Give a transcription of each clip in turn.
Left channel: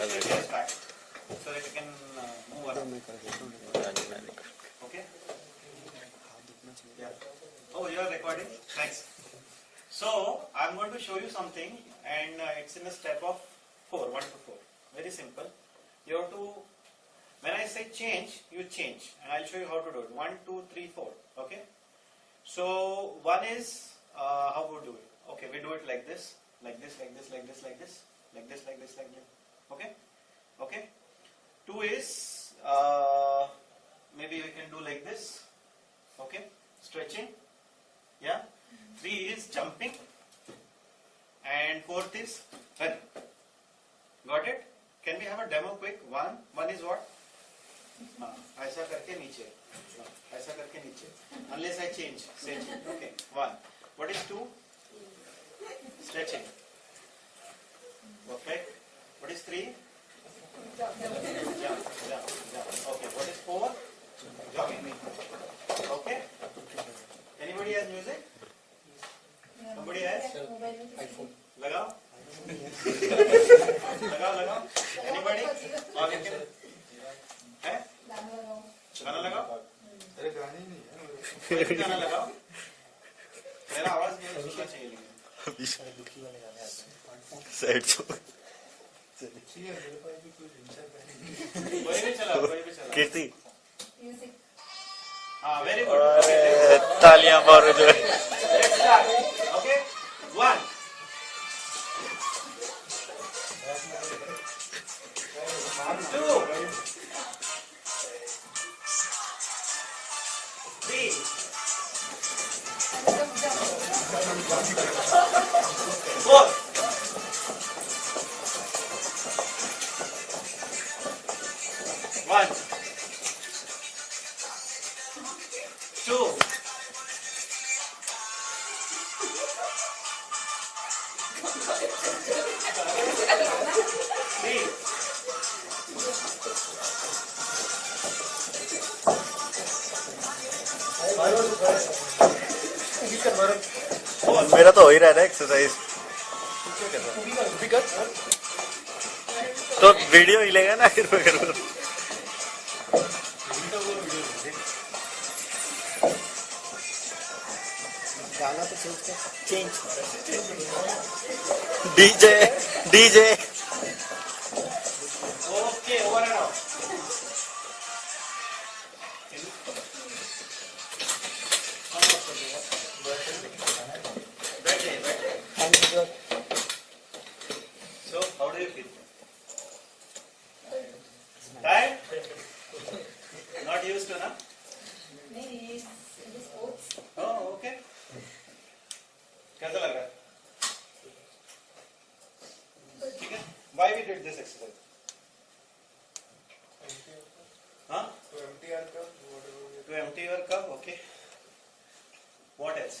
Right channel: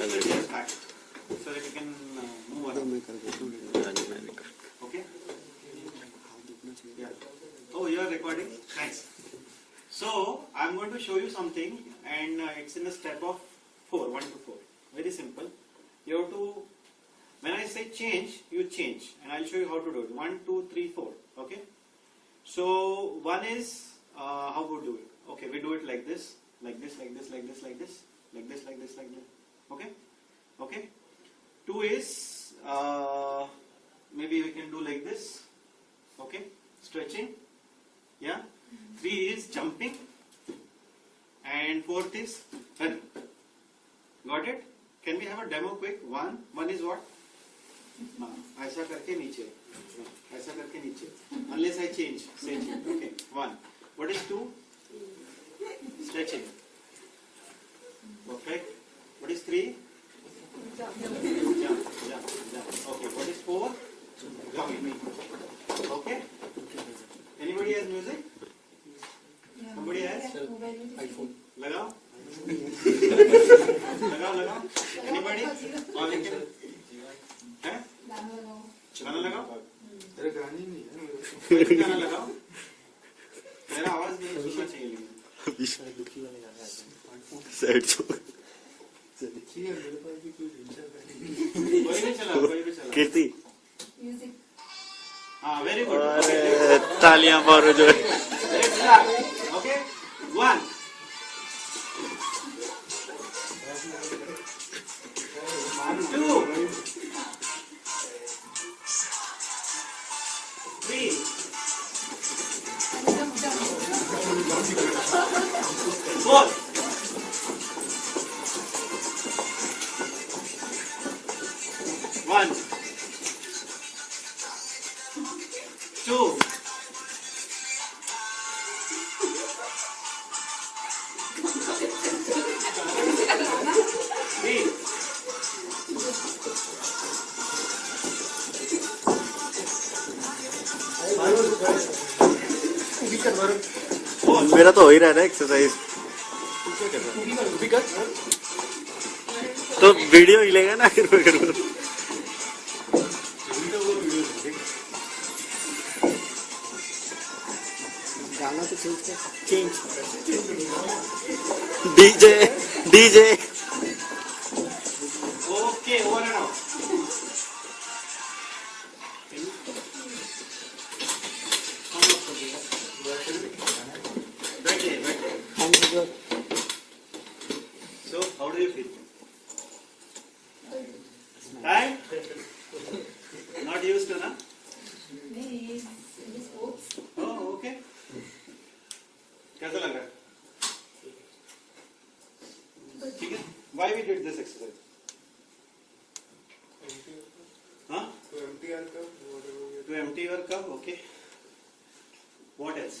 push your chairs back so that you can move around. Okay? Yeah. Oh, you are recording? Thanks. So, I am going to show you something, and it's in a step of 4, 1 to 4. Very simple. You have to, when I say change, you change, and I'll show you how to do it. 1, 2, 3, 4. Okay? So, one is, how we do it? Okay, we do it like this, like this, like this, like this, like this, like this, like this, like this. Okay? Okay? 2 is, maybe we can do like this. Okay? Stretching. Yeah? 3 is jumping. And 4th is running. Got it? Can we have a demo quick? 1 is what? ऐसा करके नीचे. ऐसा करके नीचे. Unless I change. Say change. Okay. 1. What is 2? Stretching. Perfect. What is 3? Jump. Okay. What is 4? Jogging. Okay. Anybody has music? Somebody has? iPhone. लगाओ. लगाओ. Anybody? Or you can. है? गाना लगाओ. अरे गाने नहीं है. कोई गाना लगाओ. मेरा आवाज नहीं सुनना चाहिए लेकिन. विशाल दुखी वाले गाने आते हैं. Sad song. चलिए मेरे पास भी कोई इंटर कोई भी चला. कीर्ति. म्यूजिक. हाँ, very good. अरे तालियां मारो जो. Let's start. Okay. 1. 2. 3. 4. 1. 2. 3. 4. मेरा तो हो ही रहा है एक्सरसाइज. तो वीडियो हिलेगा ना फिर गाना तो change DJ. Okay, over and out. बैठे. So, how do you feel? Tired? Not used to, na? Oh, okay. कैसा लग रहा है? ठीक है? Why we did this exercise? Huh? To empty your cup, okay. What else?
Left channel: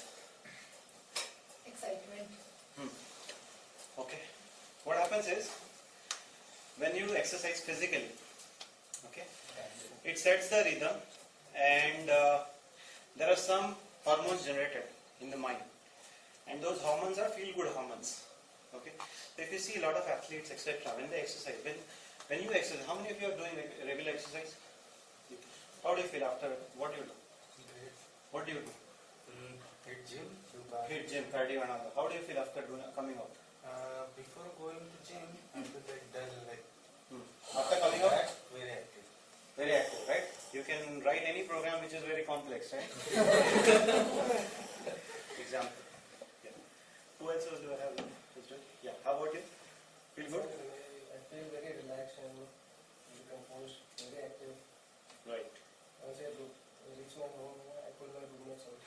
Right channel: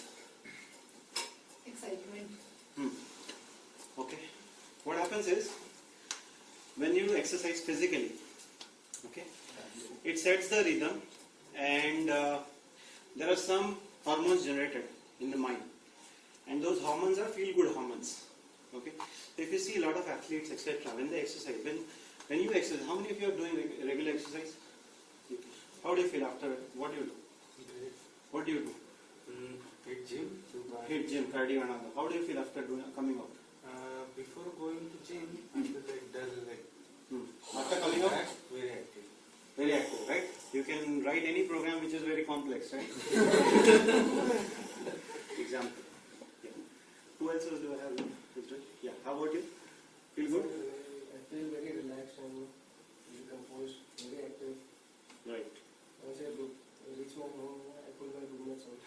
Excitement. Okay. What happens is, when you exercise physically, okay, it sets the rhythm, and there are some hormones generated in the mind, and those hormones are feel-good hormones. Okay. So if you see a lot of athletes, etc., when they exercise, when you exercise, how many of you are doing regular exercise? How do you feel after? What do you do? What do you do? Hit gym, cardio and all that. How do you feel after coming out? Before going to gym, I feel like dull. After coming out? Very active. Very active, right? You can write any program which is very complex, right? Example. Yeah. Who else do I have? Yeah. How about you? Feel good? I feel very relaxed and very composed, very active. Right. Once I reach my home, I call my roommates out.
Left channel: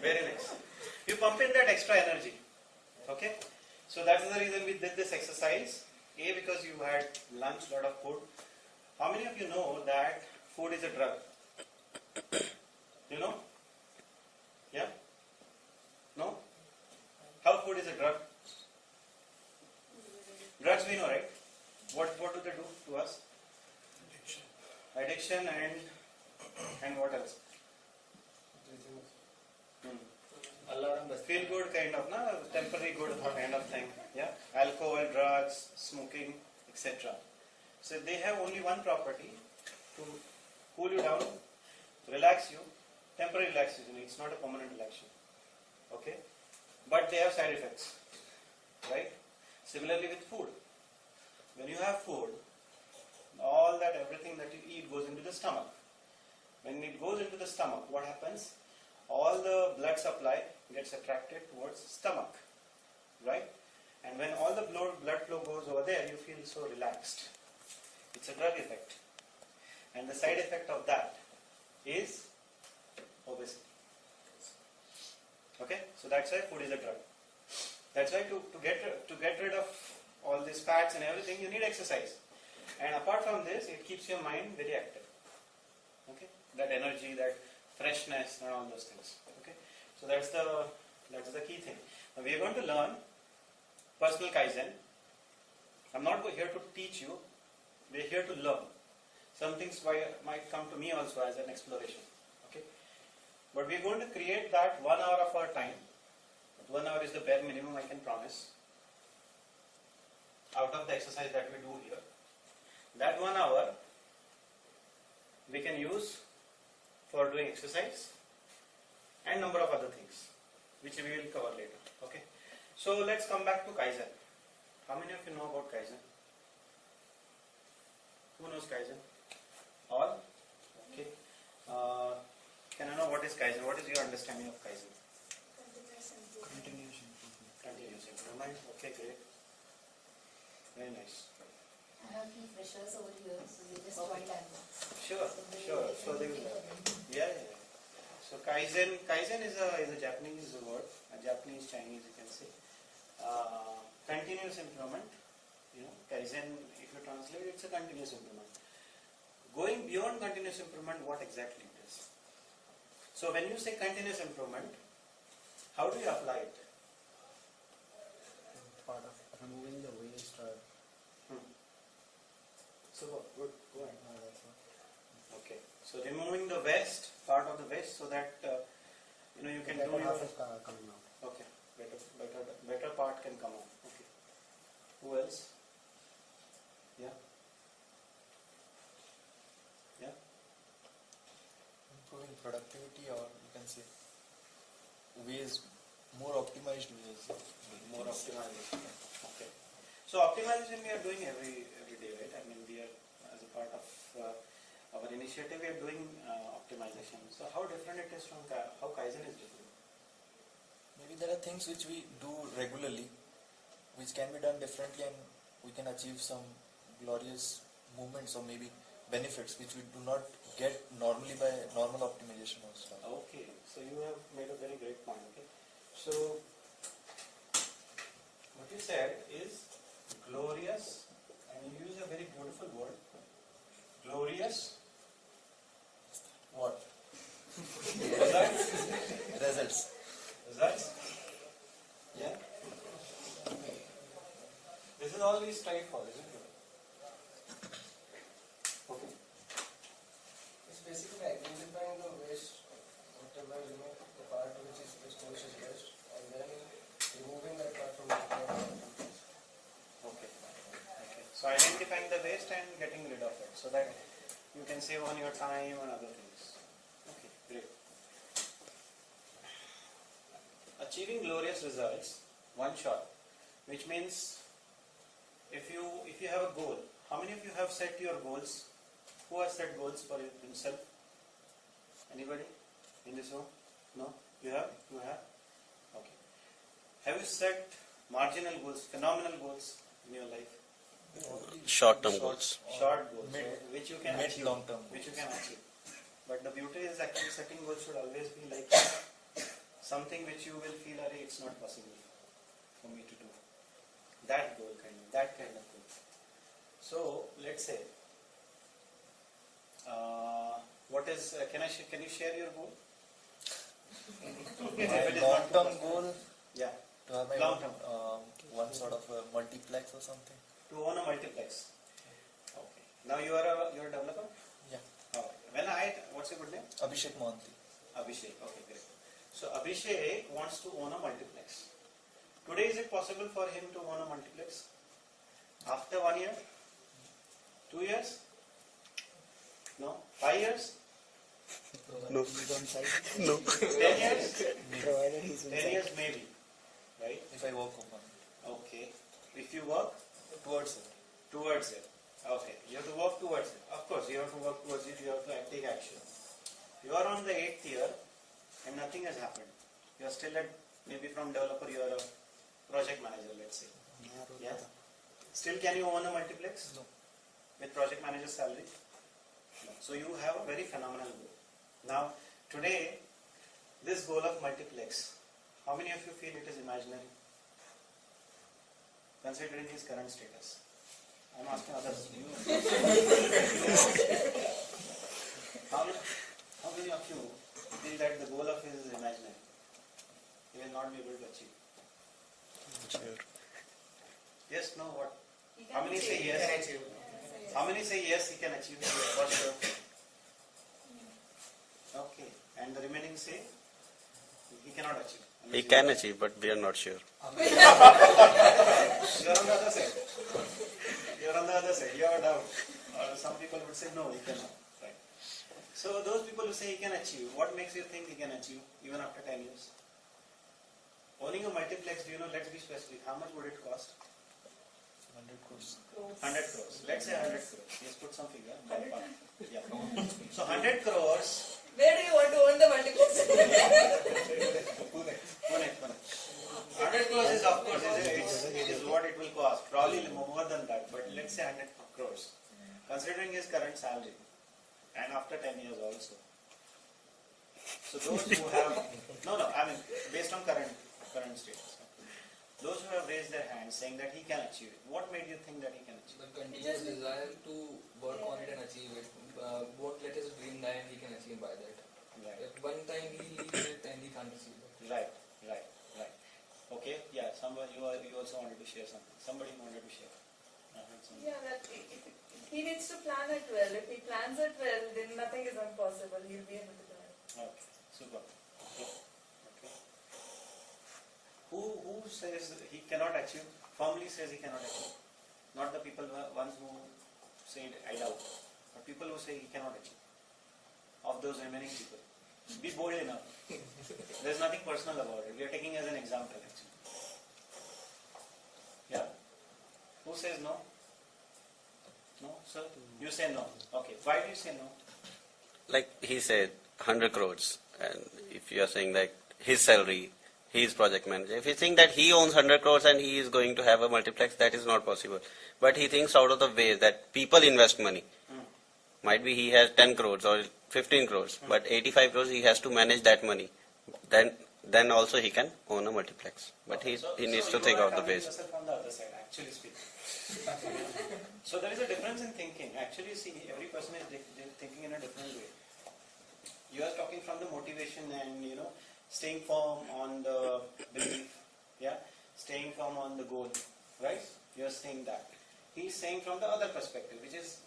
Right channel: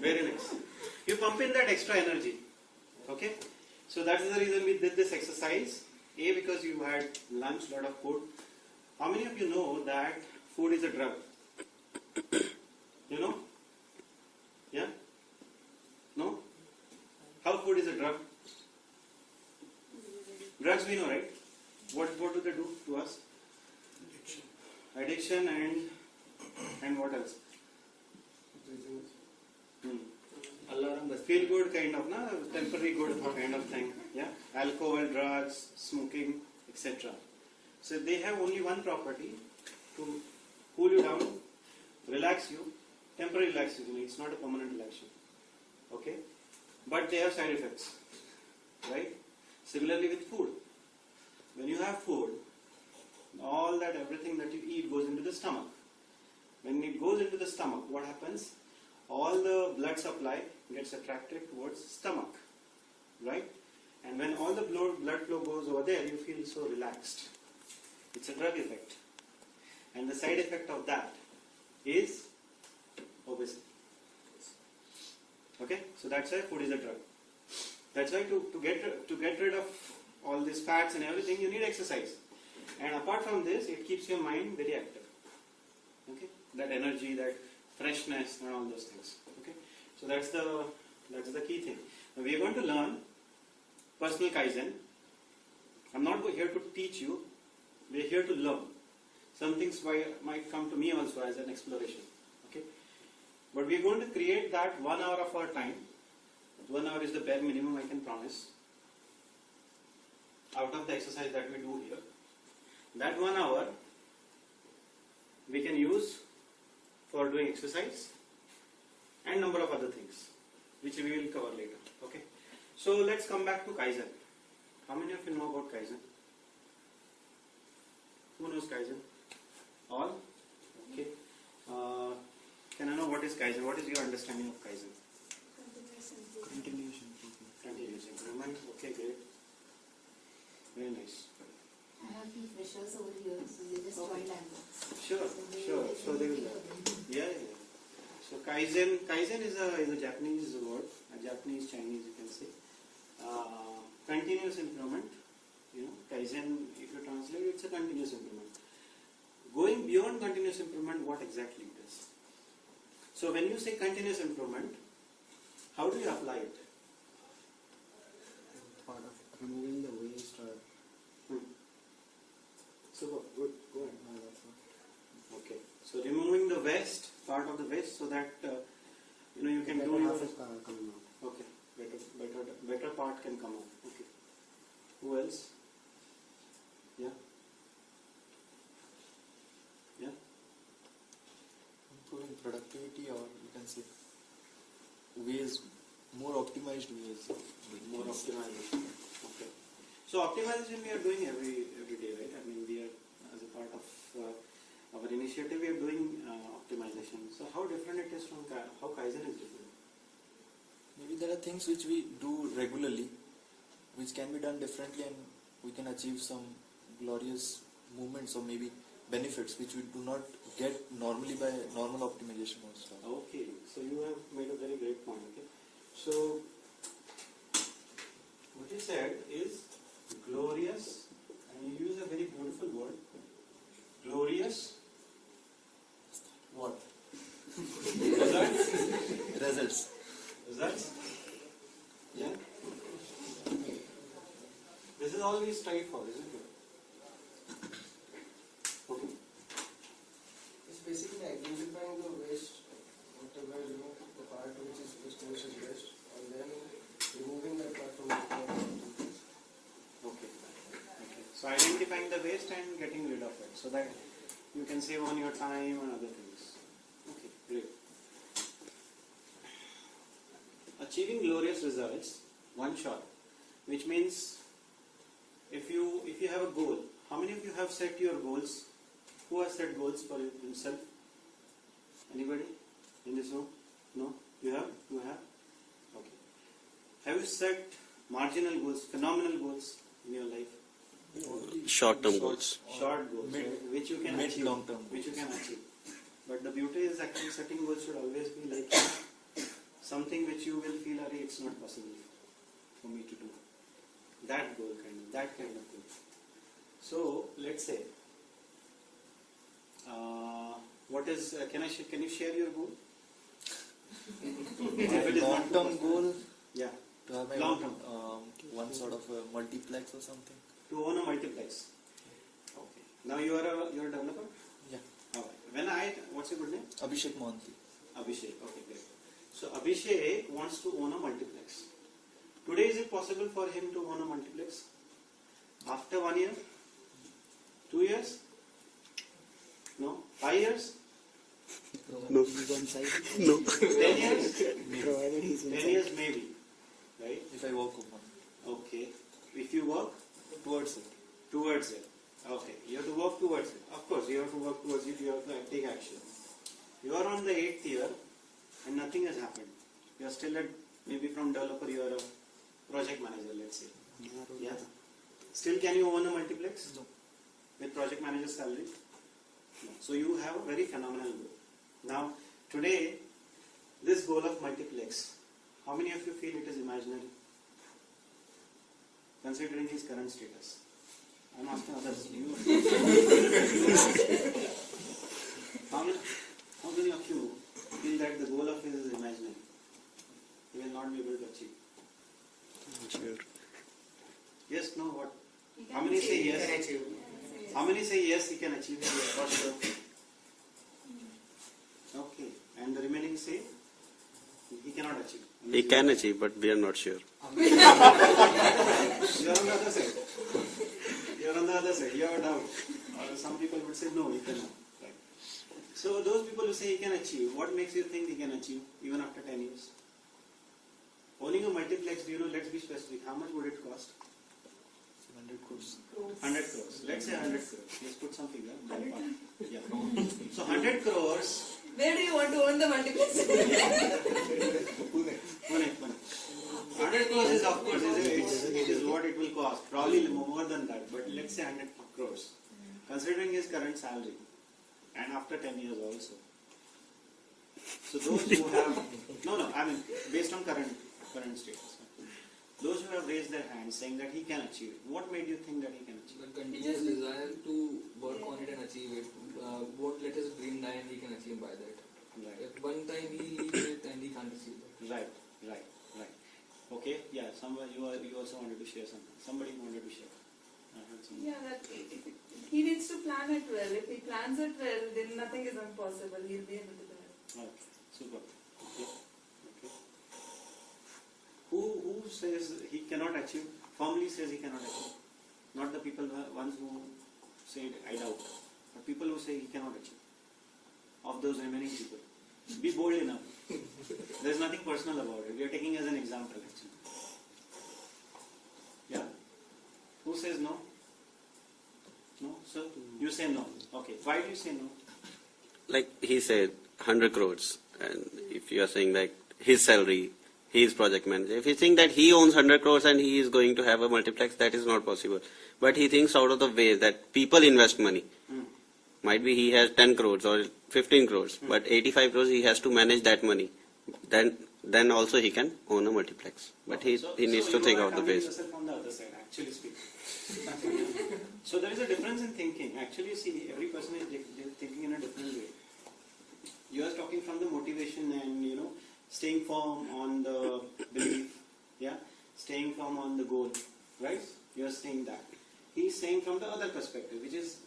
Very nice. You pump in that extra energy. Okay? So that is the reason we did this exercise. A, because you had lunch, lot of food. How many of you know that food is a drug? You know? Yeah? No? How food is a drug? Drugs we know, right? What do they do to us? Addiction and what else? feel good kind of, temporary good kind of thing. Yeah, alcohol, drugs, smoking, etc. So they have only one property: to cool you down, relax you, temporary relaxation. It's not a permanent relaxation. Okay, but they have side effects, right? Similarly with food. When you have food, everything that you eat goes into the stomach. When it goes into the stomach, what happens? All the blood supply gets attracted towards stomach, right? And when all the blood flow goes over there, you feel so relaxed. It's a drug effect. And the side effect of that is obesity. Okay? So that's why food is a drug. That's why to get rid of all these fats and everything, you need exercise. And apart from this, it keeps your mind very active. Okay? That energy, that freshness and all those things. Okay? So that's the key thing. Now we are going to learn personal Kaizen. I'm not here to teach you. We are here to learn. Some things might come to me also as an exploration. Okay? But we are going to create that 1 hour of our time. 1 hour is the bare minimum I can promise. Out of the exercise that we do here. That 1 hour we can use for doing exercise and number of other things which we will cover later. Okay. So let's come back to Kaizen. How many of you know about Kaizen? Who knows Kaizen? All? Okay. Can I know what is Kaizen? What is your understanding of Kaizen? Continuous improvement. Continuous improvement. Okay, great. Very nice. I have few freshers over here, so they just joined Ambox. Sure. So they will learn. Yeah. So Kaizen is a Japanese word, a Japanese Chinese you can say. Continuous improvement. Kaizen, if you translate, it's a continuous improvement. Going beyond continuous improvement, what exactly it is? So when you say continuous improvement, how do you apply it? Part of removing the waste or. So good. Go ahead. No, that's what. Okay. So removing the waste, part of the waste, so that you can Better do your. half is coming out. Okay. Better part can come out. Okay. Who else? Yeah. Improving productivity, or you can say ways, more optimized ways. More optimization. Okay. So optimization we are doing every day, right? I mean, we are, as a part of our initiative, we are doing optimization. So how different it is from how Kaizen is different? Maybe there are things which we do regularly, which can be done differently, and we can achieve some glorious movements or maybe benefits which we do not get normally by normal optimization or stuff. Okay. So you have made a very great point. Okay. So what you said is glorious, and you use a very beautiful word. Glorious. What? Results. Results? Yeah? This is all we strive for, isn't it? Okay. It's basically identifying the waste, whatever, the part which is waste, and then removing that part from the part. Okay. So identifying the waste and getting rid of it, so that you can save on your time and other things. Okay, great. Achieving glorious results, one shot, which means if you have a goal, how many of you have set your goals? Who has set goals for himself? Anybody in this room? No? You have? You have? Okay. Have you set marginal goals, phenomenal goals in your life? Short-term goals. Short goals, Mid- right? Which you can mid achieve. long-term Which you can achieve. But the beauty is actually setting goals should always be like something which you will feel, it's not possible for me to do. That goal that kind of goal. So let's say, can you share your goal? If it is not too long-term personal. goal, Yeah. to have my Long-term. one sort of a multiplex or something. To own a multiplex. Okay. Now you're a developer? Yeah. Alright. What's your good name? Abhishek Mohanty. Abhishek. Okay, great. So Abhishek wants to own a multiplex. Today is it possible for him to own a multiplex? After 1 year? 2 years? No? 5 years? No. He's on site. No. 10 years? Provided he's on 10 site. years maybe. Right? If I work on Okay. If you work towards it. towards it. Okay. You have to work towards it. Of course, you have to work towards it. You have to take action. You are on the 8th year and nothing has happened. You are still at, maybe from developer you are a project manager, let's say. Yeah. Still can you own a multiplex? No. With project manager salary? No. So you have a very phenomenal goal. Now, today, this goal of multiplex, how many of you feel it is imaginary? Considering his current status. I am asking others. How many of you feel that the goal of his is imaginary? He will not be able to achieve. Sure. Yes, no, what? You How can many say achieve. yes? Yes, yes. How many say yes, he can achieve it for sure? Okay. And the remaining say he cannot achieve. He can achieve, but we are not sure. You are on the other side. You are on the other side. You have a doubt. Or some people would say no, he cannot. Right. So those people who say he can achieve, what makes you think he can achieve even after 10 years? Owning a multiplex, do you know, let's be specific, how much would it cost? 100 crores. 100 crores. Let's say 100 crores. Let's put some figure. Yeah. So 100 crores. Where do you want to own the multiplex? Pune. 100 crores is of course it is what it will cost. Probably more than that. But let's say 100 crores. Considering his current salary and after 10 years also. So those who have I mean based on current status. Those who have raised their hands saying that he can achieve it. What made you think that he can achieve it? The continuous desire to work on it and achieve it. Won't let his dream die and he can achieve by that. Right. If one time he leaves it and he can't achieve it. Right. Okay, yeah, somebody you also wanted to share something. Somebody wanted to share. I heard something. Yeah, that he needs to plan it well. If he plans it well, then nothing is impossible. He'll be able to do it. Okay, super. Okay. Who says he cannot achieve? Firmly says he cannot achieve. Not the people ones who say I doubt, but people who say he cannot achieve. Of those remaining people, be bold enough. There is nothing personal about it. We are taking as an example actually. Yeah. Who says no? No, sir. You say no. Okay. Why do you say no? Like he said, 100 crores. And if you are saying like his salary, he is project manager. If you think that he owns 100 crores and he is going to have a multiplex, that is not possible. But he thinks out of the way that people invest money. Might be he has 10 crores or 15 crores, but 85 crores he has to manage that money. Then also he can own a multiplex. But Okay, he needs to think out the ways. yourself on the other side, actually speaking. So there is a difference in thinking. Actually, see, every person is thinking in a different way. You are talking from the motivation and staying firm on the belief, staying firm on the goal, right? You are saying that. He is saying from the other perspective, which is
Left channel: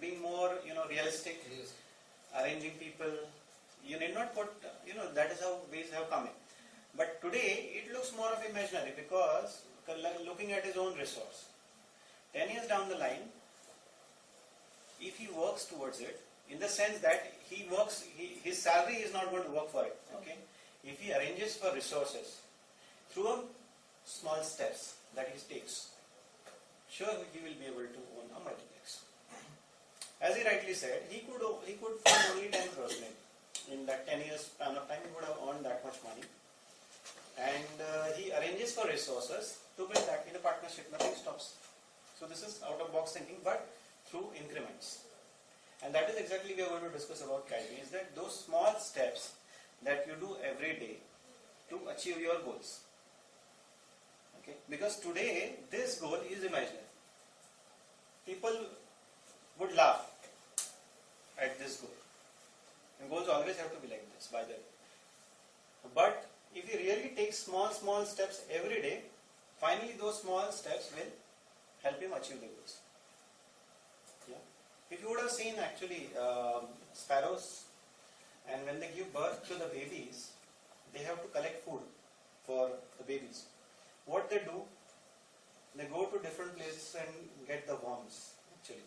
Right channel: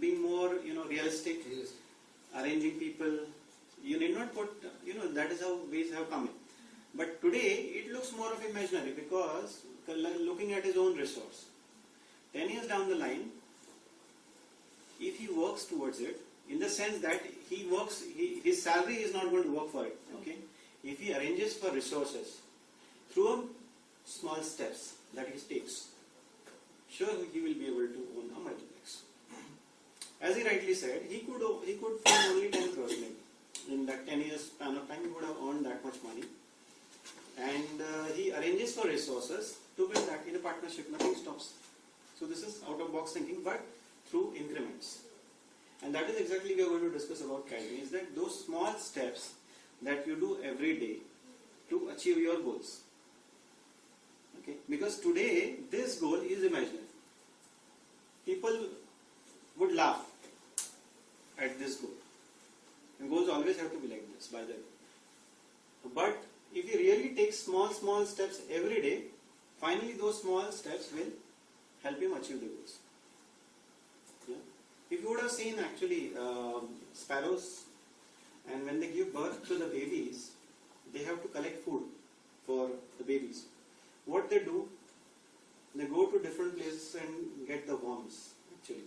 being more realistic, arranging people. You need not put that is how ways have come in. But today it looks more of imaginary because looking at his own resource. 10 years down the line, if he works towards it, in the sense that his salary is not going to work for it. Okay, if he arranges for resources through small steps that he takes, sure he will be able to own a multiplex. As he rightly said, he could fund only 10 crores maybe. In that 10 years span of time, he would have earned that much money. And he arranges for resources to build that in a partnership. Nothing stops. So this is out of box thinking, but through increments. And that is exactly we are going to discuss about Kaizen. Is that those small steps that you do every day to achieve your goals. Okay, because today this goal is imaginary. People would laugh at this goal. And goals always have to be like this, by the way. But if you really take small steps every day, finally those small steps will help him achieve the goals. Yeah? If you would have seen actually sparrows, and when they give birth to the babies, they have to collect food for the babies. What they do, they go to different places and get the worms, actually.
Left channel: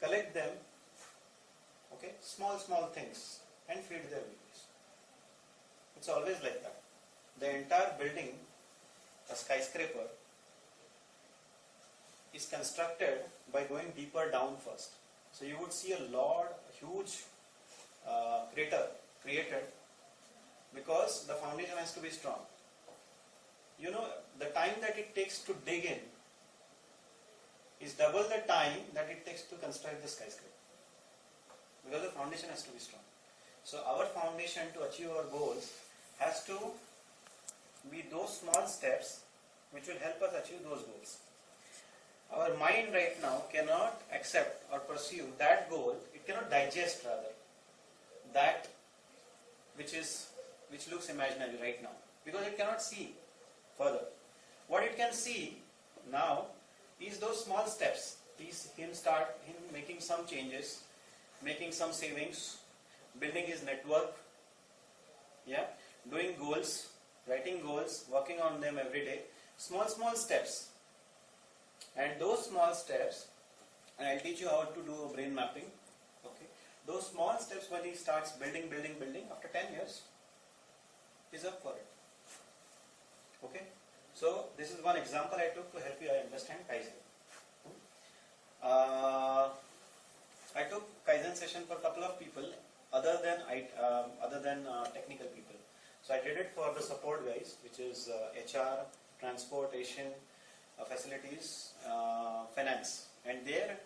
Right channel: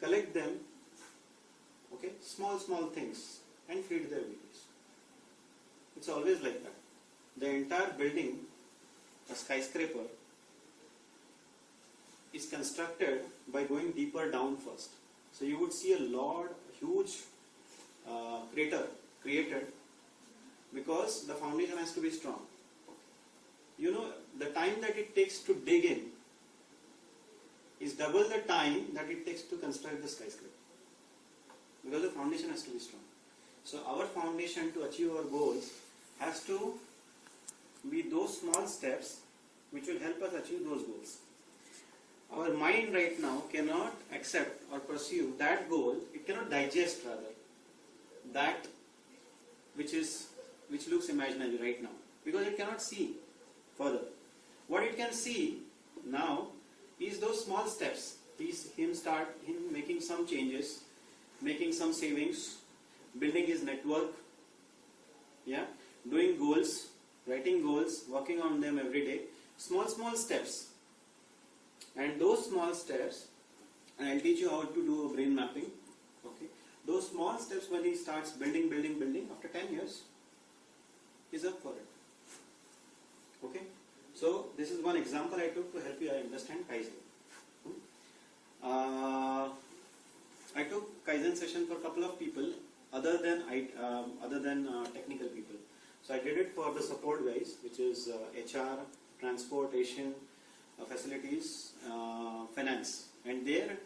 Collect them, okay, small things, and feed their babies. It's always like that. The entire building, a skyscraper, is constructed by going deeper down first. So you would see a huge crater created because the foundation has to be strong. You know, the time that it takes to dig in is double the time that it takes to construct the skyscraper, because the foundation has to be strong. So our foundation to achieve our goals has to be those small steps which will help us achieve those goals. Our mind right now cannot accept or pursue that goal, it cannot digest rather that which looks imaginary right now, because it cannot see further. What it can see now is those small steps. Him making some changes, making some savings, building his network, doing goals, writing goals, working on them every day. Small steps. And those small steps, and I'll teach you how to do a brain mapping. Okay. Those small steps, when he starts building, after 10 years, he's up for it. Okay. So this is one example I took to help you understand Kaizen. I took Kaizen session for a couple of people other than technical people. So I did it for the support guys, which is HR, transportation, facilities, finance, and their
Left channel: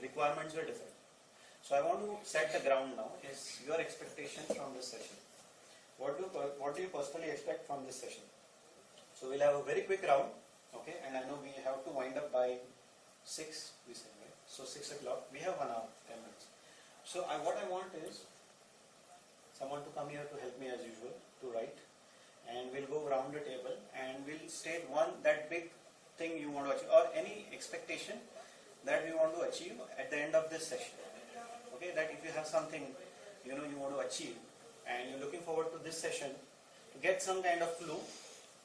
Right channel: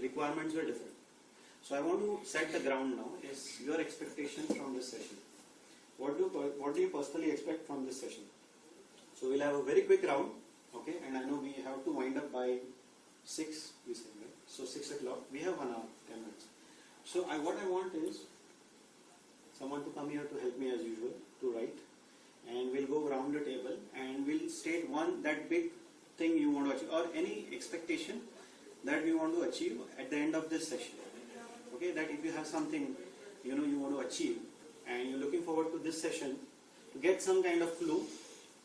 requirements were different. So I want to set the ground now. Is your expectation from this session? What do you personally expect from this session? So we'll have a very quick round, okay? And I know we have to wind up by 6, we said, right? So 6 o'clock. We have 1 hour, 10 minutes. So what I want is someone to come here to help me as usual to write, and we'll go around the table and we'll state that big thing you want to achieve, or any expectation that we want to achieve at the end of this session. Okay, that if you have something you want to achieve and you're looking forward to this session to get some kind of clue.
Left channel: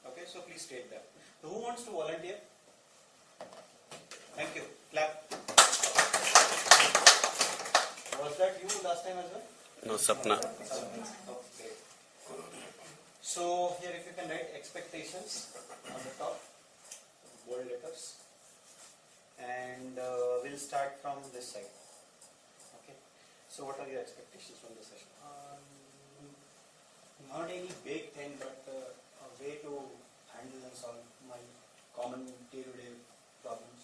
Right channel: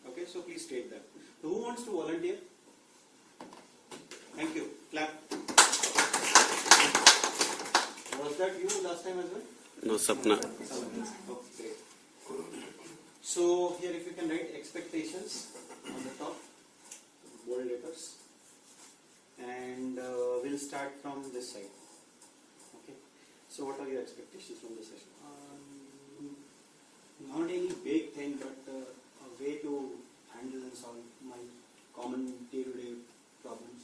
Okay, so please state that. So who wants to volunteer? Thank you. Clap. Was that you last time as well? No, Sapna. Oh, great. So here, if you can write expectations on the top, bold letters, and we'll start from this side. Okay. So what are your expectations from this session? Not any big thing, but a way to handle and solve my common day-to-day problems.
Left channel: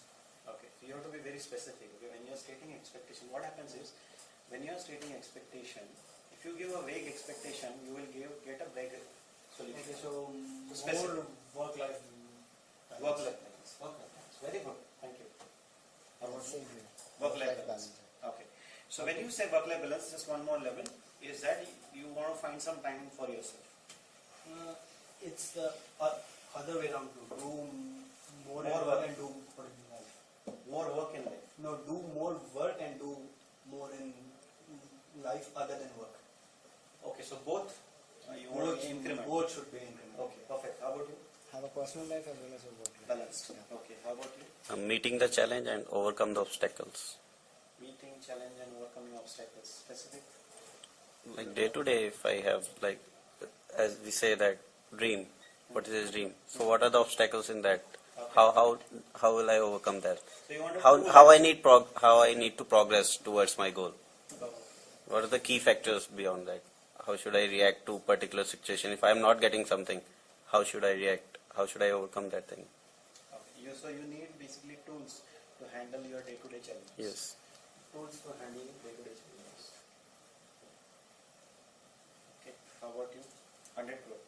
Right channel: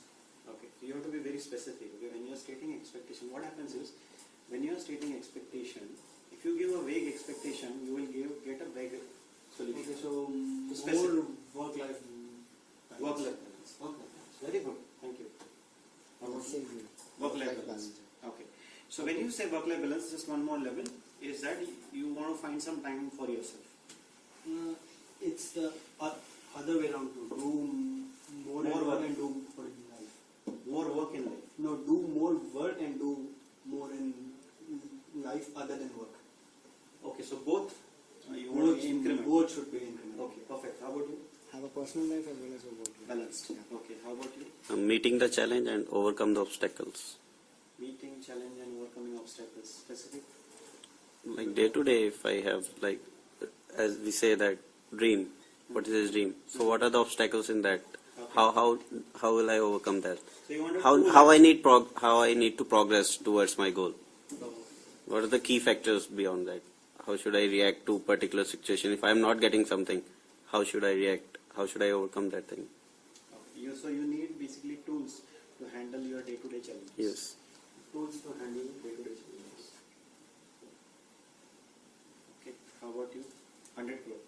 Okay. So you have to be very specific. Okay. When you are stating expectation, what happens is, when you are stating expectation, if you give a vague expectation, you will get a vague solution. Okay, so Specific. more work-life balance. Work-life balance. Very good. Thank you. How about you? Work-life balance. Okay. So when you say work-life balance, just one more level, is that you want to find some time for yourself. It's the other way around, to do more More work work. and do more in life. More work in life. No, do more work and do more in life other than work. Okay, so both you want to increment. Both should be increment. Okay, perfect. How about you? Have a personal life as well as a work life. Balanced. Yeah. Okay, how about you? Meeting the challenge and overcome the obstacles. Meeting, challenge, and overcoming obstacles. Specific? Like day to day, if I have, like, as we say, that dream. What is his dream? So what are the obstacles in that? Okay. How will I overcome that? So you want to How I need to progress towards my goal? What are the key factors beyond that? How should I react to particular situation? If I am not getting something, how should I react? How should I overcome that thing? Okay. So you need basically tools to handle your day-to-day challenges. Yes. Tools to handle day-to-day challenges. Okay. How about you? 100 crore.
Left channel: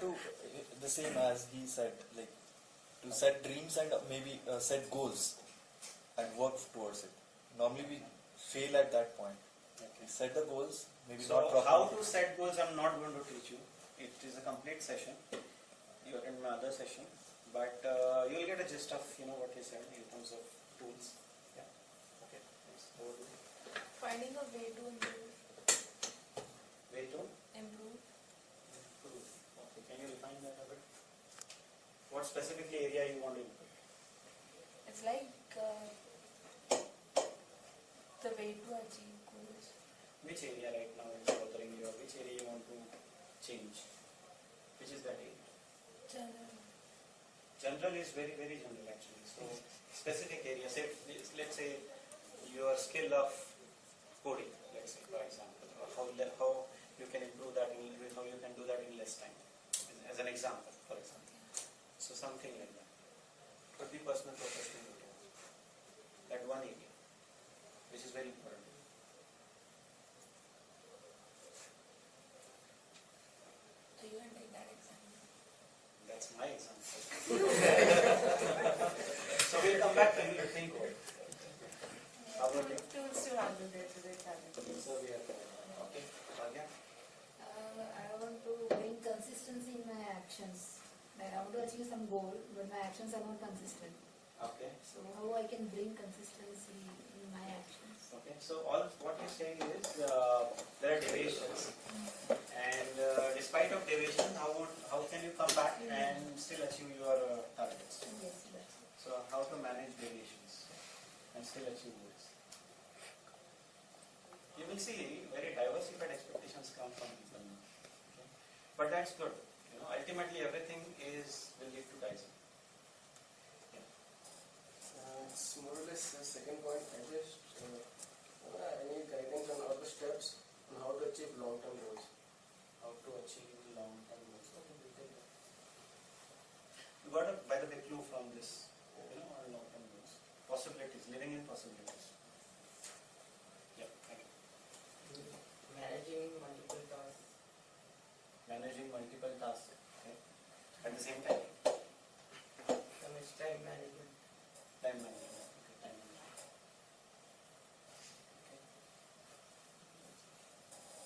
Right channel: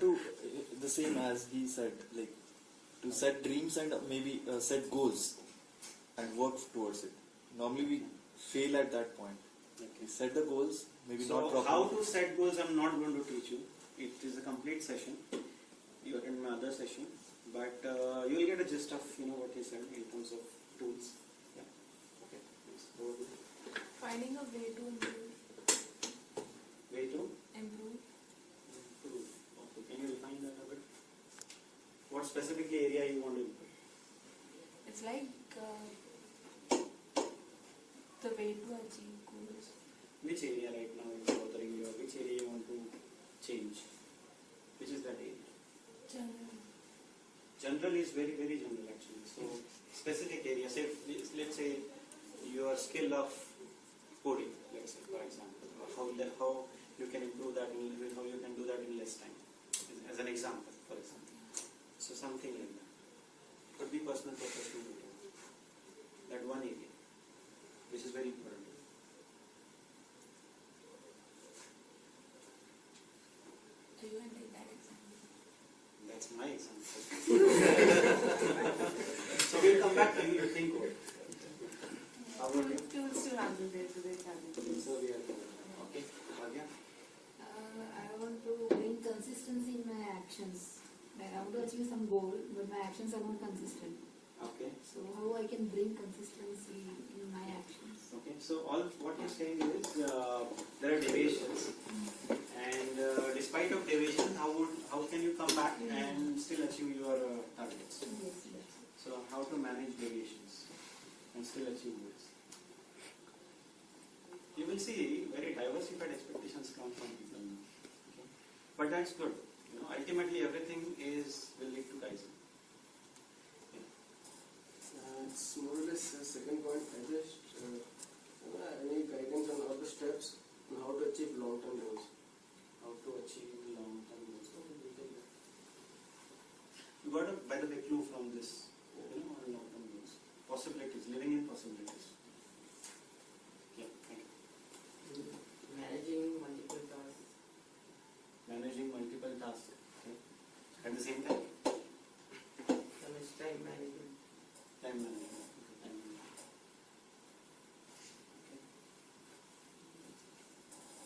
To the same as he said, like to set dreams and maybe set goals and work towards it. Normally we fail at that point. We set the goals, maybe not So properly. how to set goals, I'm not going to teach you. It is a complete session. You attend my other session, but you will get a gist of what he said in terms of tools. Yeah. Okay. Thanks. Over to you. Finding a way to improve. Way to Improve. improve. Okay, can you refine that a bit? What specific area you want to improve? It's like the way to achieve goals. Which area right now is bothering you, or which area you want to change? Which is that area? General. General is very, very general actually. So specific area, say, let's say your skill of coding, let's say for example, or how you can improve that, how you can do that in less time, as an example, for example. So something like that. Could be personal, professional, whatever. That one area, which is very important. So you can take that example. That's my example. So we'll come back to you to think over. How about you? Tools to handle day-to-day challenges. So we are okay. Bhagya? I want to bring consistency in my actions. Like I want to achieve some goal, but my actions are not consistent. Okay. So how I can bring consistency in my actions? Okay. So all what you're saying is there are deviations, and despite of deviation, how can you come back and still achieve your targets? Yes, that's it. So how to manage deviations and still achieve goals? You will see very diversified expectations come from people now. Okay? But that's good. You know, ultimately everything will lead to Kaizen. It's more or less the second point. I just I need guidance on all the steps on how to achieve long-term goals. How to achieve long-term goals. Okay, we'll take that. You got a, by the way, clue from this, on long-term goals. Possibilities, living in possibilities. Yeah, thank you. Managing multiple tasks. Managing multiple tasks. Okay. At the same time, Some is time management. time management. Okay, time management. Okay.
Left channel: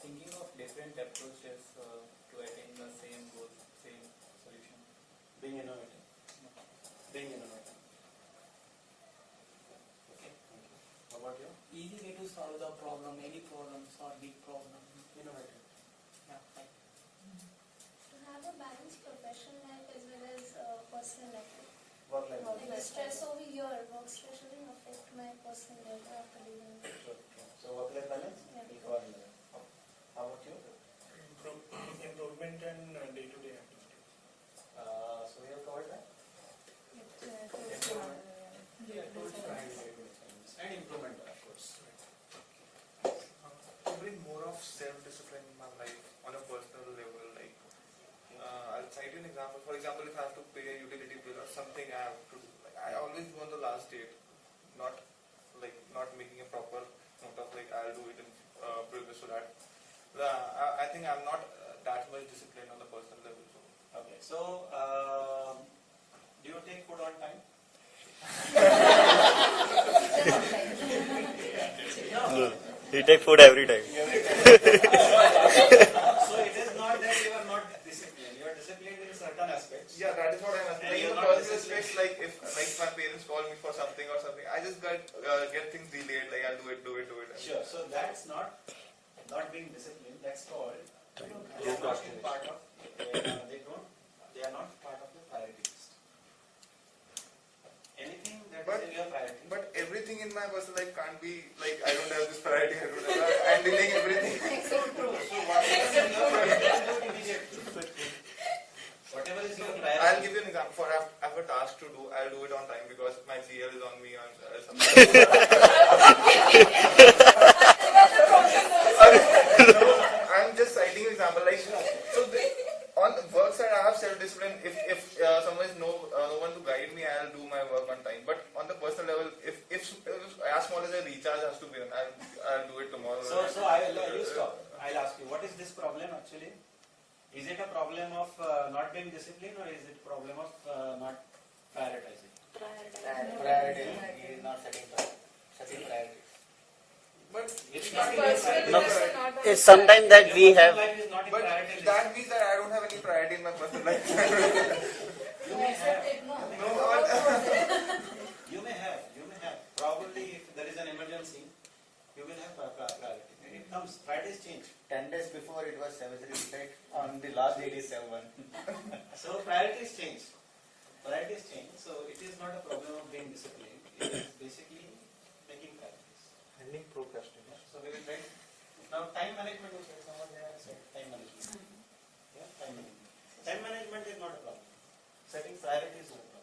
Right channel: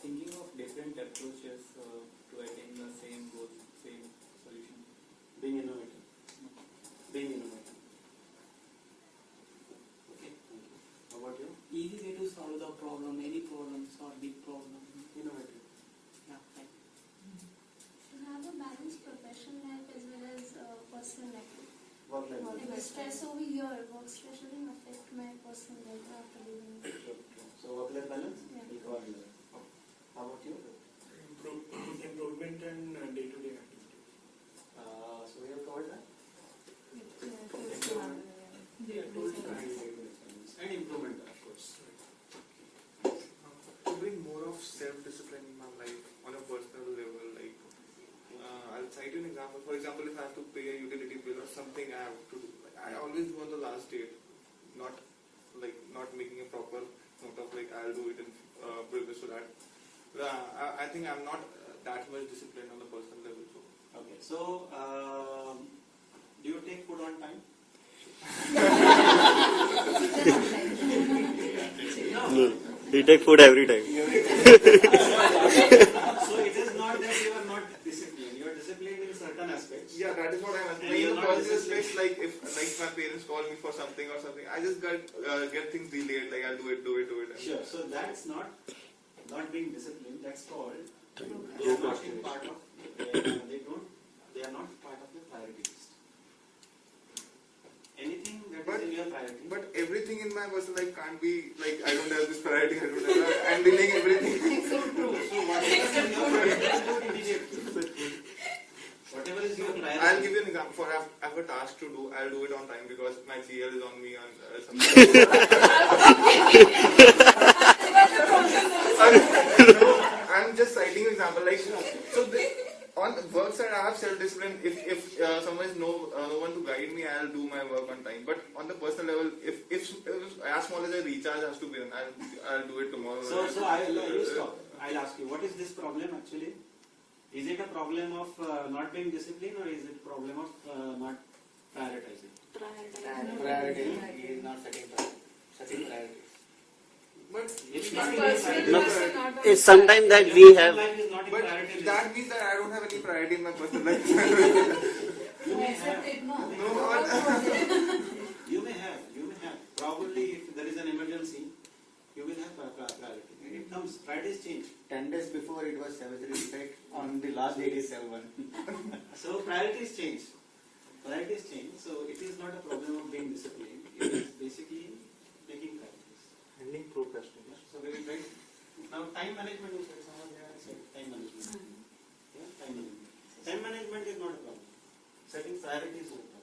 Thinking of different approaches to attain the same goal, same solution. Being innovative. Being innovative. Okay, thank you. How about you? Easy way to solve the problem, any problem, solve big problem. Innovative. Yeah, thank you. To have a balanced professional life as well as personal life. Work-life balance. Like the stress over here, work stress shouldn't affect my personal life after leaving. Sure. So work-life balance? Yeah. We'll cover that. How about you? Improvement and day-to-day activities. So we have covered that? Tools to handle day-to-day challenges. And improvement, of course. To bring more of self-discipline in my life on a personal level, like I'll cite you an example. For example, if I have to pay a utility bill or something I have to do, like, I always do on the last date, not making a proper note of like I'll do it in previous to that. I think I'm not that much disciplined on the personal level. So. Okay, so do you take food on time? No, he take food every time. So it is not that you are not disciplined. You are disciplined in certain aspects. Yeah, that is what I'm asking. And Like you're in the not personal disciplined. aspects, like if my parents call me for something or something, I just get things delayed. Like I'll do it. Sure. So that's not being disciplined. That's called they are not in part of. They are not part of your priority list. Anything that is in your priority. But everything in my personal life can't be like I don't have this priority. I'm delaying everything. So true. So whatever is your priority, do it immediately. Whatever is your priority. I'll give you an example. For I have a task to do, I'll do it on time because my GL is on me on something. I'm just citing an example. Like so, on work side, I have self-discipline. If someone is no one to guide me, I'll do my work on time. But on the personal level, if as small as a recharge has to be done, I'll do it tomorrow. So you stop. I'll ask you, what is this problem actually? Is it a problem of not being disciplined, or is it a problem of not prioritizing? Priority. He is not setting priorities. But It's Not not personal No, life and not on it's sometimes that we have. Life is not in but priority list. that means that I don't have any priority in my personal life. You may Accept have. it, no? You may have. Probably if there is an emergency, you will have before it was 7:35. On the last date is 7:1. So priorities change. Priorities change. So it is not a problem of being disciplined. It is basically making priorities. Handling procrastination. So we will try. Now time management is someone there said time management. Yeah, time management. Time management is not a problem. Setting priorities is not a problem.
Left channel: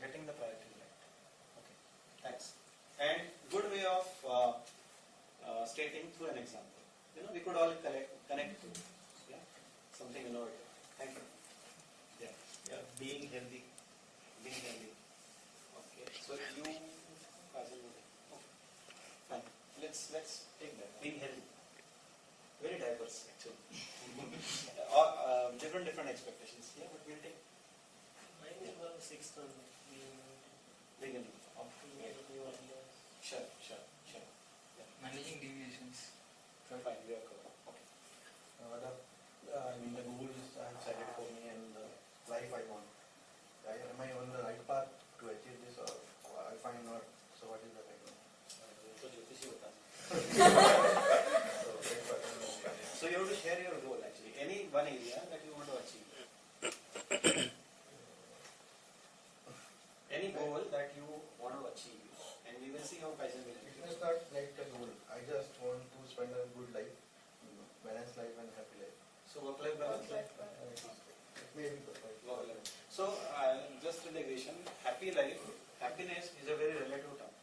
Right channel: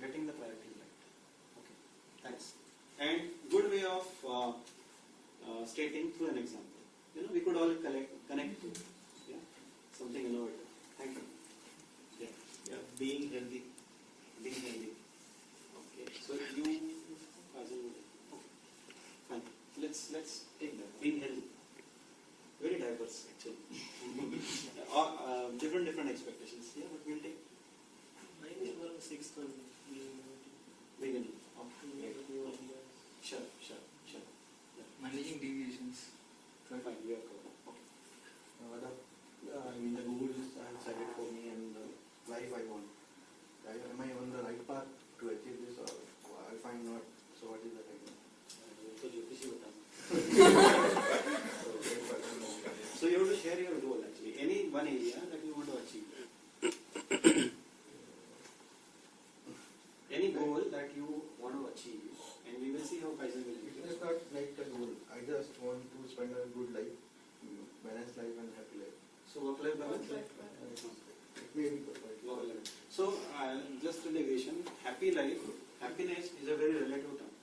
Getting the priorities right. Okay. Thanks. And good way of stating through an example. You know, we could all connect to. Yeah. Something innovative. Thank you. Yeah. Yeah. Being healthy. Being healthy. Okay. So you, Kaizen. Okay. Fine. Let's take that. Being healthy. Very diverse actually. Different expectations. Yeah, but we'll take. Mine is one sixth one. Beginning. Okay. Sure. Yeah. Managing deviations. Fine. We are covered. Okay. The goals I have set it for me and the life I want. Am I on the right path to achieve this or I find not? So what is the right path? So Jyotishi bata. So you have to share your goal actually. Any one area that you want to achieve. Any goal that you want to achieve, and we will see how Kaizen will help you. It is not like a goal. I just want to spend a good life, balanced life and happy life. So work-life balance. It may be perfect. So just a digression. Happy life, happiness is a very relative term.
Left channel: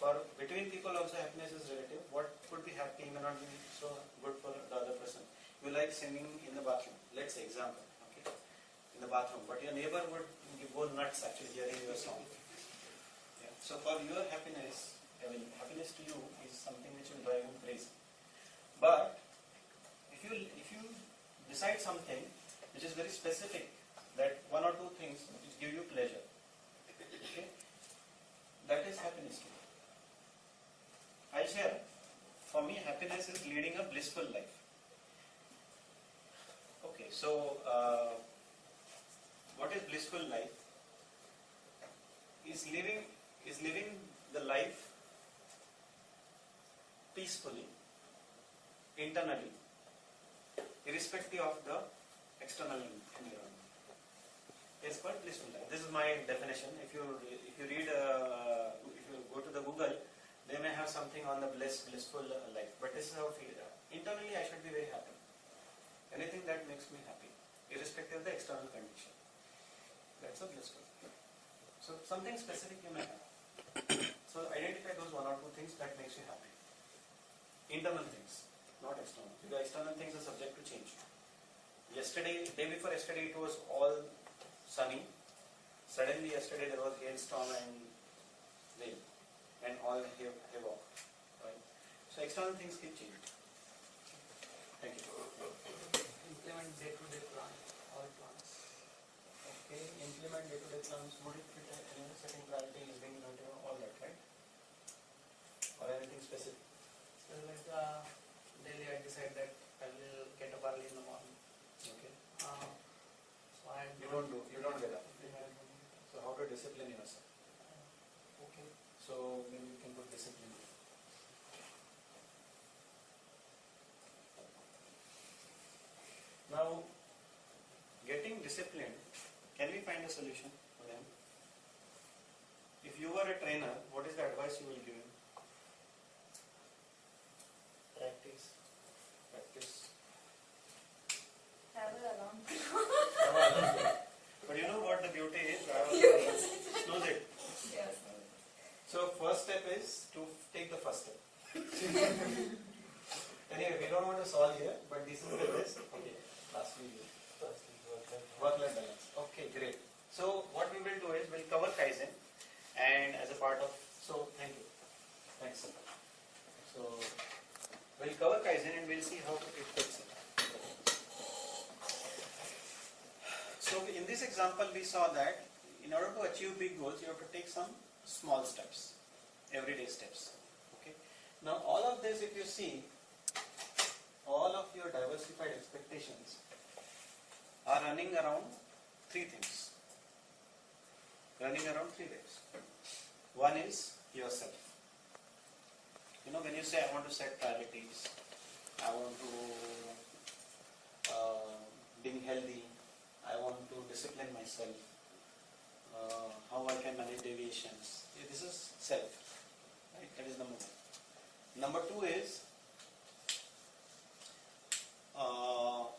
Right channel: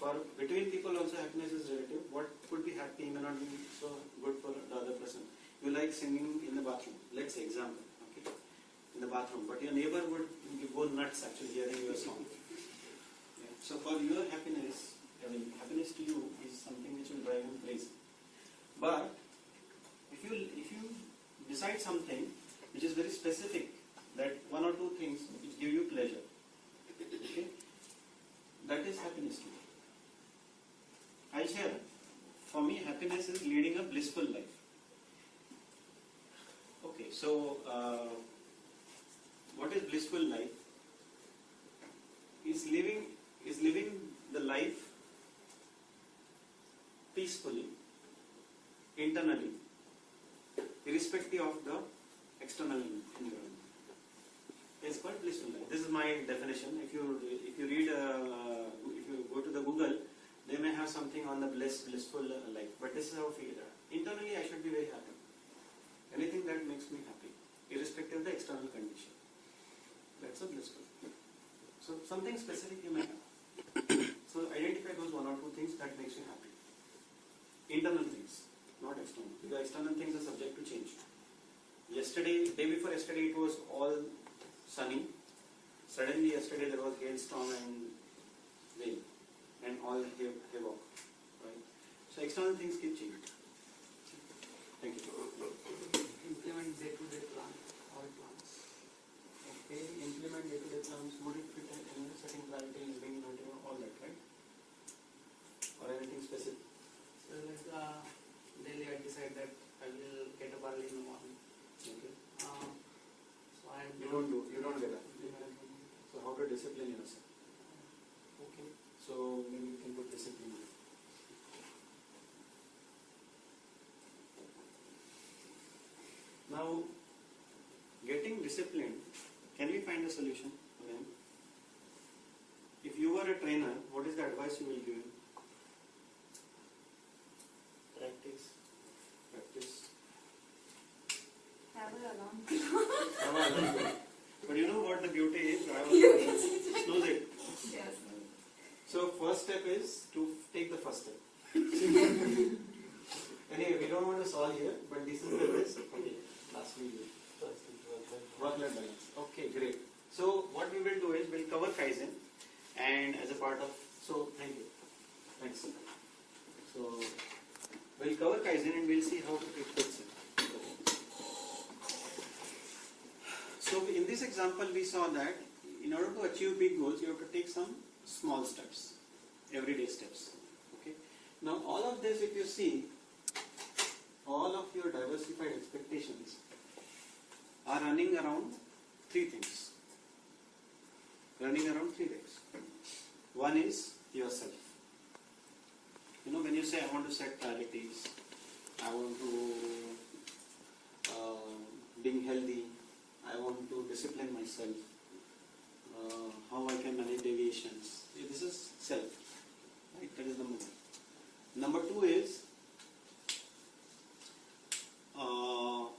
For between people also happiness is relative. What could be happy may not be so good for the other person. You like singing in the bathroom. Let's say example. Okay, in the bathroom, but your neighbor would go nuts actually hearing your song. Yeah. So for your happiness, I mean happiness to you is something which will drive him crazy. But if you decide something which is very specific, that one or two things which give you pleasure, okay, that is happiness to you. I'll share. For me, happiness is leading a blissful life. Okay, so what is blissful life? Is living the life peacefully, internally, irrespective of the external environment. It's called blissful life. This is my definition. If you read, if you go to the Google, they may have something on the blissful life. But this is how I feel. Internally, I should be very happy. Anything that makes me happy, irrespective of the external condition. That's a blissful life. So something specific you may have. So identify those one or two things that makes you happy. Internal things, not external. The external things are subject to change. Day before yesterday, it was all sunny. Suddenly yesterday there was hailstorm and rain and all havoc. Right? So external things keep changing. Thank you. Implement day-to-day plan, all plans. Okay, implement day-to-day plans. Would it fit in setting priorities, being all that, right? Or anything specific? So like daily I decide that I will get up early in the morning. Okay. So I You don't get up. So how to discipline yourself? Okay. So maybe you can put discipline. Now, getting disciplined, can we find a solution again? If you were a trainer, what is the advice you will give him? Practice. Have an alarm. But you know what the beauty is? You can say that. Snooze it. Yes. So first step is to take the first step. Anyway, we don't want to solve here, but this is the best. Okay, lastly, work-life balance. Okay, great. So what we will do is we'll cover Kaizen, and as a part of thank you. Thanks. So we'll cover Kaizen and we'll see how it fits in. So in this example, we saw that in order to achieve big goals, you have to take some small steps, everyday steps. Okay. Now all of this, if you see, all of your diversified expectations are running around three things. Running around three things. One is yourself. when you say I want to set priorities, I want to being healthy, I want to discipline myself, how I can manage deviations. This is self, right? That is number one. Number two is how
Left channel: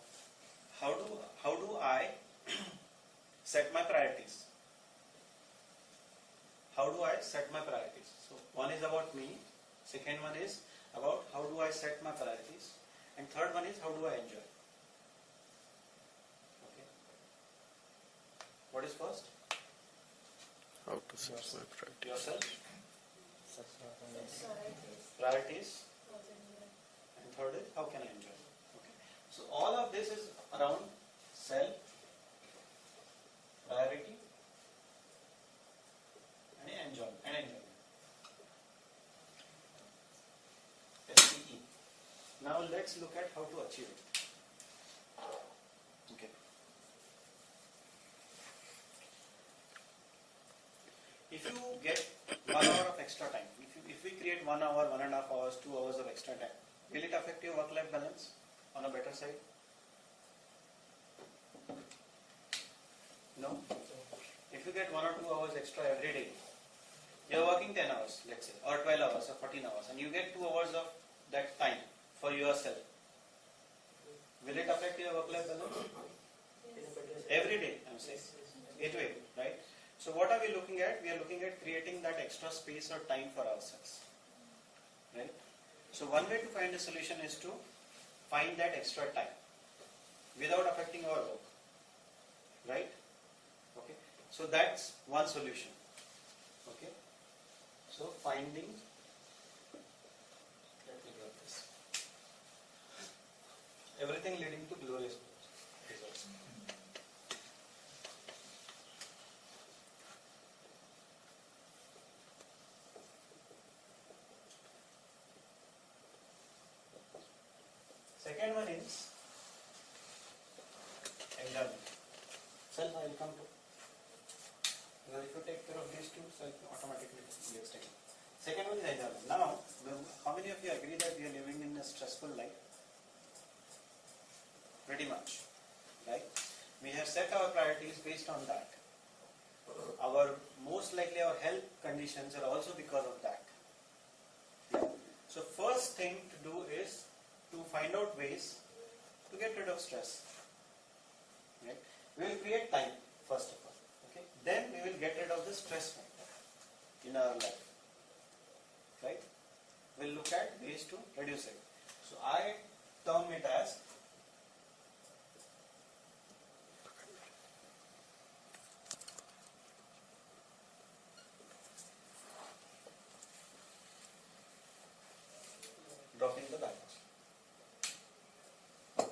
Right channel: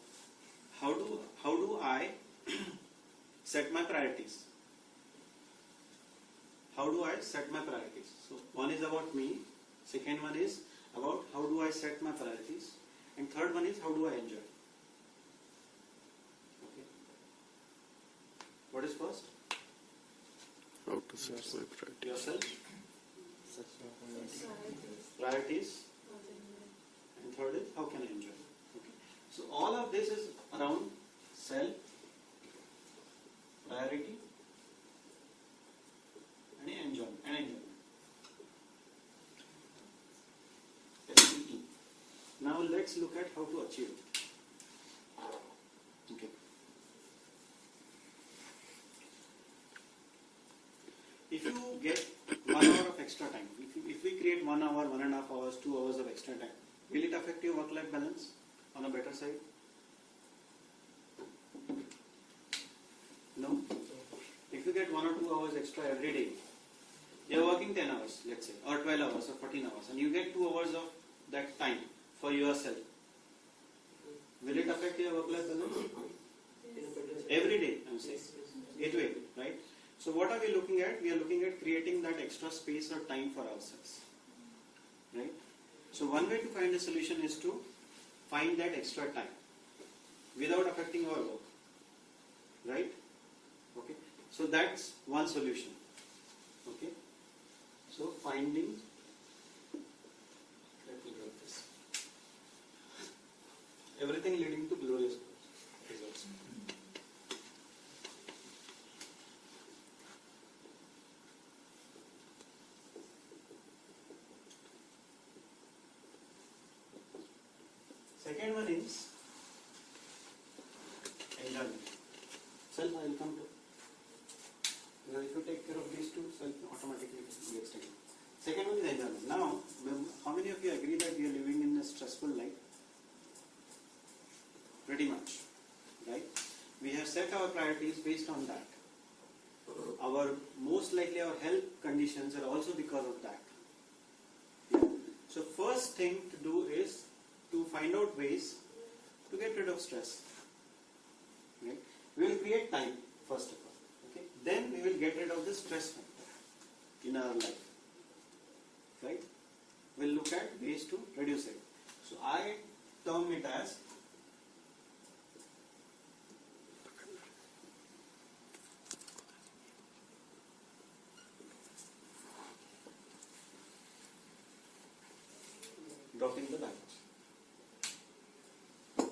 do I set my priorities? How do I set my priorities? So one is about me, second one is about how do I set my priorities, and third one is how do I enjoy. Okay. What is first? How to set my priority. Yourself. Priorities. And third is how can I enjoy. Okay. So all of this is around self, priority, and enjoyment. SPE. Now let's look at how to achieve it. Okay. If you get 1 hour of extra time, if we create 1 hour, 1.5 hours, 2 hours of extra time, will it affect your work-life balance on a better side? No? If you get 1 or 2 hours extra every day, you are working 10 hours, let's say, or 12 hours or 14 hours, and you get 2 hours of that time for yourself. Will it affect your work-life balance? Every day, I'm saying. It will, right? So what are we looking at? We are looking at creating that extra space or time for ourselves, right? So one way to find a solution is to find that extra time without affecting our work, right? Okay. So that's one solution. Okay. So finding. Let me grab this. Everything leading to glorious results. Second one is enjoyment. Self I will come to. Because if you take care of these two, self automatically gets taken. Second one is enjoyment. Now, how many of you agree that we are living in a stressful life? Pretty much, right? We have set our priorities based on that. Most likely our health conditions are also because of that. Yeah. So first thing to do is to find out ways to get rid of stress. Right? We will create time first of all. Okay? Then we will get rid of the stress factor in our life. Right? We'll look at ways to reduce it. So I term it as dropping the baggage.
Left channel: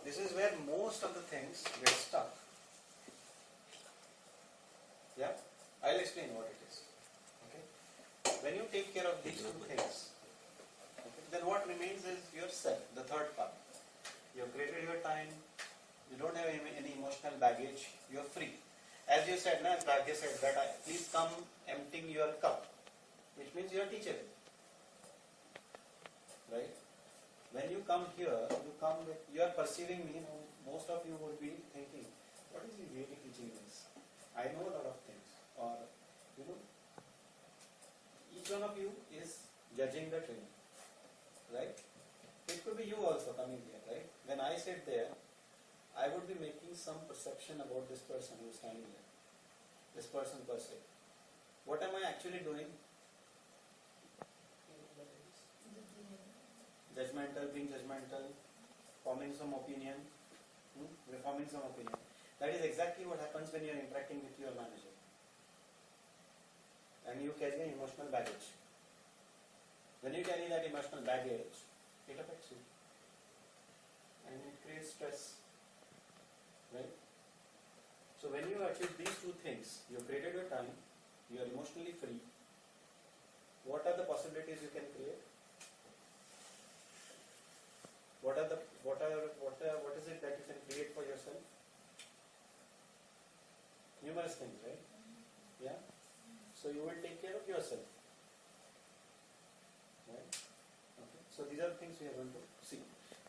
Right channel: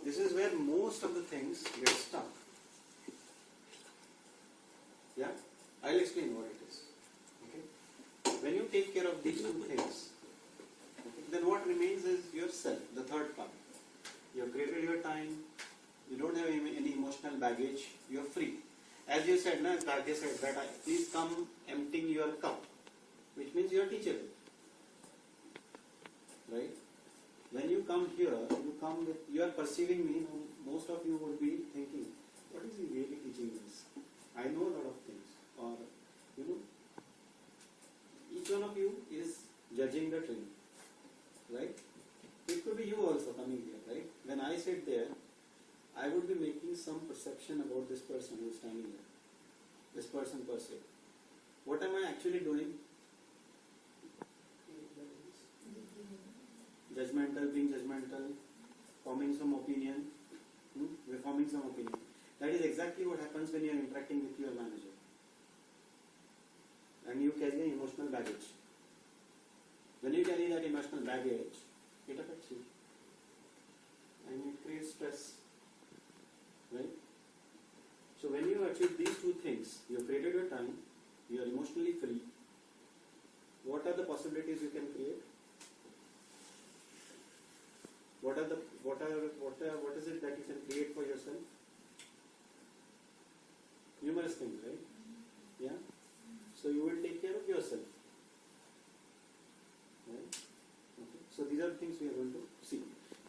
This is where most of the things get stuck. Yeah? I'll explain what it is. Okay? When you take care of these two things, okay, then what remains is yourself, the third part. You have created your time, you don't have any emotional baggage, you are free. As you said, as Bhagya said, that please come emptying your cup, which means you are teachable. Right? When you come here, you are perceiving me, most of you would be thinking, what is he really teaching us? I know a lot of things. Or, each one of you is judging the training. Right? It could be you also coming here, right? When I sit there, I would be making some perception about this person who is standing there. This person per se. What am I actually doing? Judgmental, being judgmental, forming some opinion, reforming some opinion. That is exactly what happens when you are interacting with your manager. And you carry an emotional baggage. When you carry that emotional baggage, it affects you. And it creates stress. Right? So when you achieve these two things, you have created your time, you are emotionally free. What are the possibilities you can create? What is it that you can create for yourself? Numerous things, right? Yeah? So you will take care of yourself. Right? Okay. So these are the things we are going to see.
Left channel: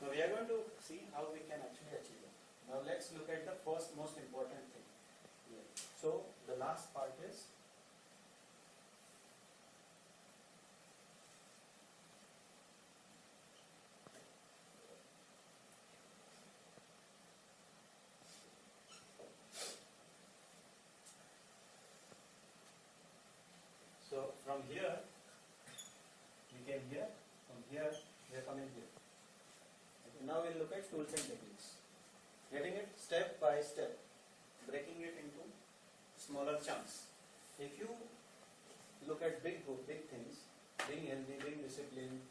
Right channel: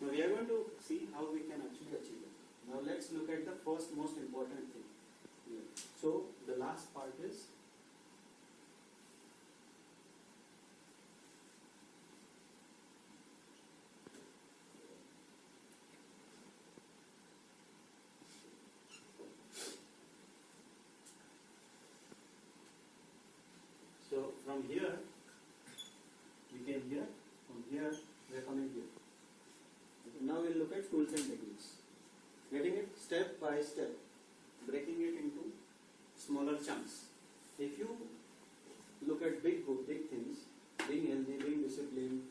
Now we are going to see how we can actually achieve it. Now let's look at the first most important thing. So the last part is so from here we came here, from here we are coming here. Okay, now we'll look at tools and techniques. Getting it step by step, breaking it into smaller chunks. If you look at big things, being healthy, being disciplined,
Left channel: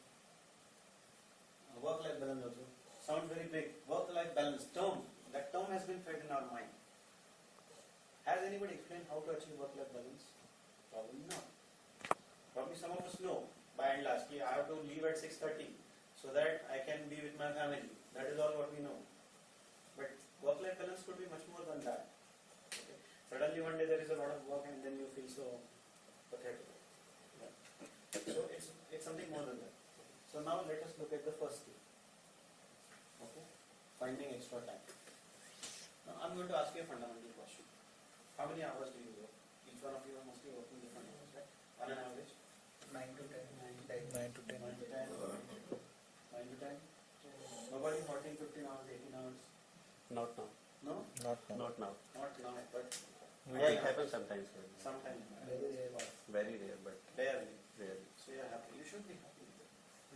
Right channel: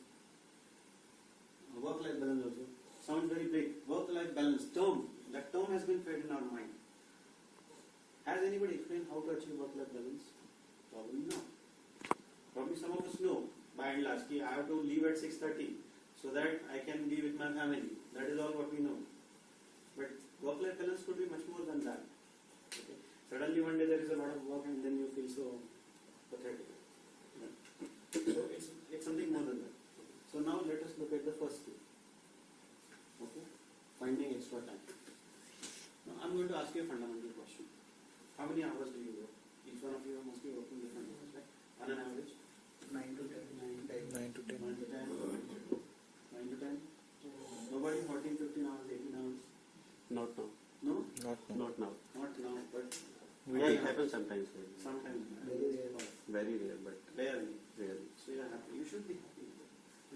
work-life balance also sounds very big. Work-life balance term, that term has been fed in our mind. Has anybody explained how to achieve work-life balance? Probably not. Probably some of us know by and large, I have to leave at 6:30 so that I can be with my family. That is all what we know. But work-life balance could be much more than that. Okay. Suddenly one day there is a lot of work and then you feel so pathetic. Yeah. So it's something more than that. So now let us look at the first skill. Okay. Finding extra time. Now I'm going to ask you a fundamental question. How many hours do you work? Each one of you must be working different hours, right? On an average? 9 to 10. 9 to 10. 9 to 10. 9 to 10. Nobody 14, 15 hours, 18 hours. Not now. No? Not now. Not now. Not now, but Yeah, it happens sometimes. sometimes. Very rare. Very rare, but Rarely. rarely. So you are happy. You should be happy.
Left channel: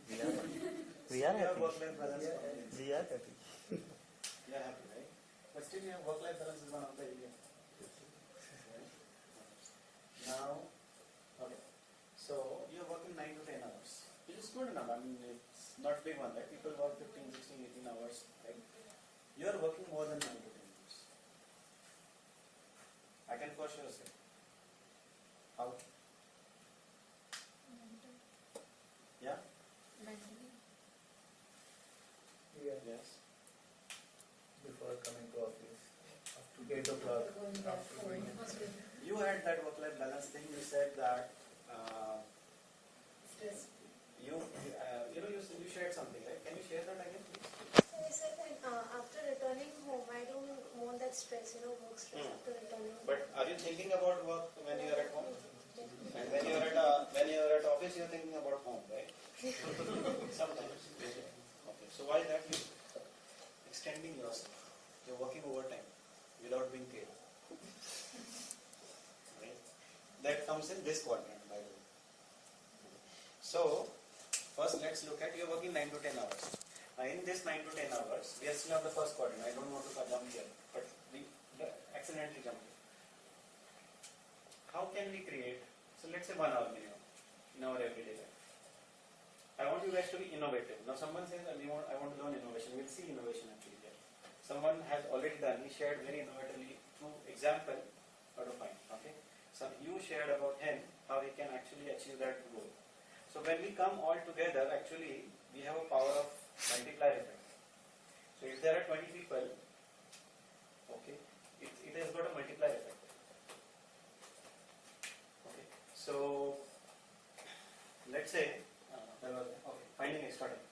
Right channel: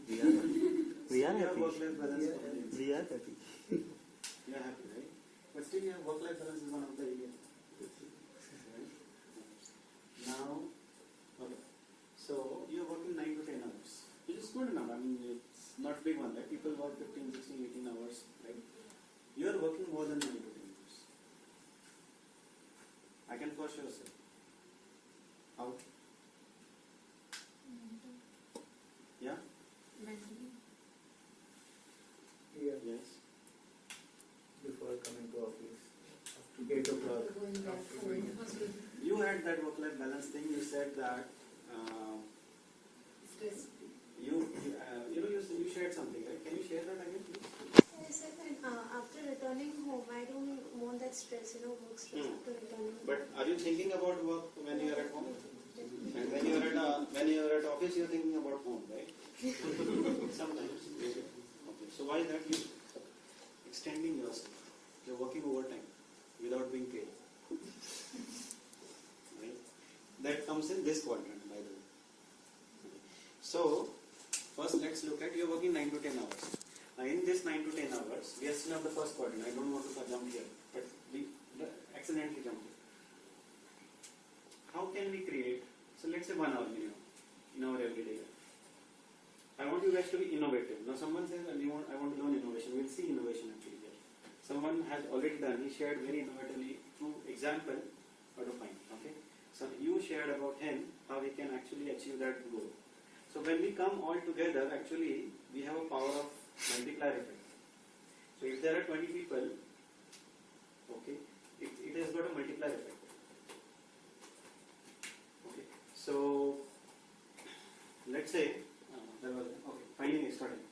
We are happy. We are You have happy. work-life balance. complete. We are happy. You are happy, right? But still, your work-life balance is one of the areas. Right? Now, okay. So you are working 9 to 10 hours, which is good enough. I mean, it's not big one, right? People work 15, 16, 18 hours, right? You are working more than 9 to 10 hours. I can for sure say. How? Yeah? Mentally. Yeah. Yes. Before coming to office. After 8 o'clock. Going back After home. going. You had that work-life balance thing. You said that Stress. you shared something, right? Can you share that again, please? I said that after returning home, I don't want that stress, work stress after returning home. But are you thinking about work when you are at home? And when you are at office, you are thinking about home, right? Sometimes. Okay. So why is that? You extending yourself. You are working overtime without being paid. Right? That comes in this quadrant, by the way. So first, let's look at you are working 9 to 10 hours. Now, in this 9 to 10 hours, we are still on the first quadrant. I don't want to jump here, but we accidentally jumped here. How can we create? So let's say 1 hour minimum in our everyday life. I want you guys to be innovative. Now, someone says, I want to learn innovation. We'll see innovation actually here. Someone has already done. He shared very innovatively through example how to find. Okay. So you shared about him how he can actually achieve that goal. So when we come all together, actually we have a power of multiplier effect. So if there are 20 people, okay, it has got a multiplier effect. Okay, so let's say, finding extra time.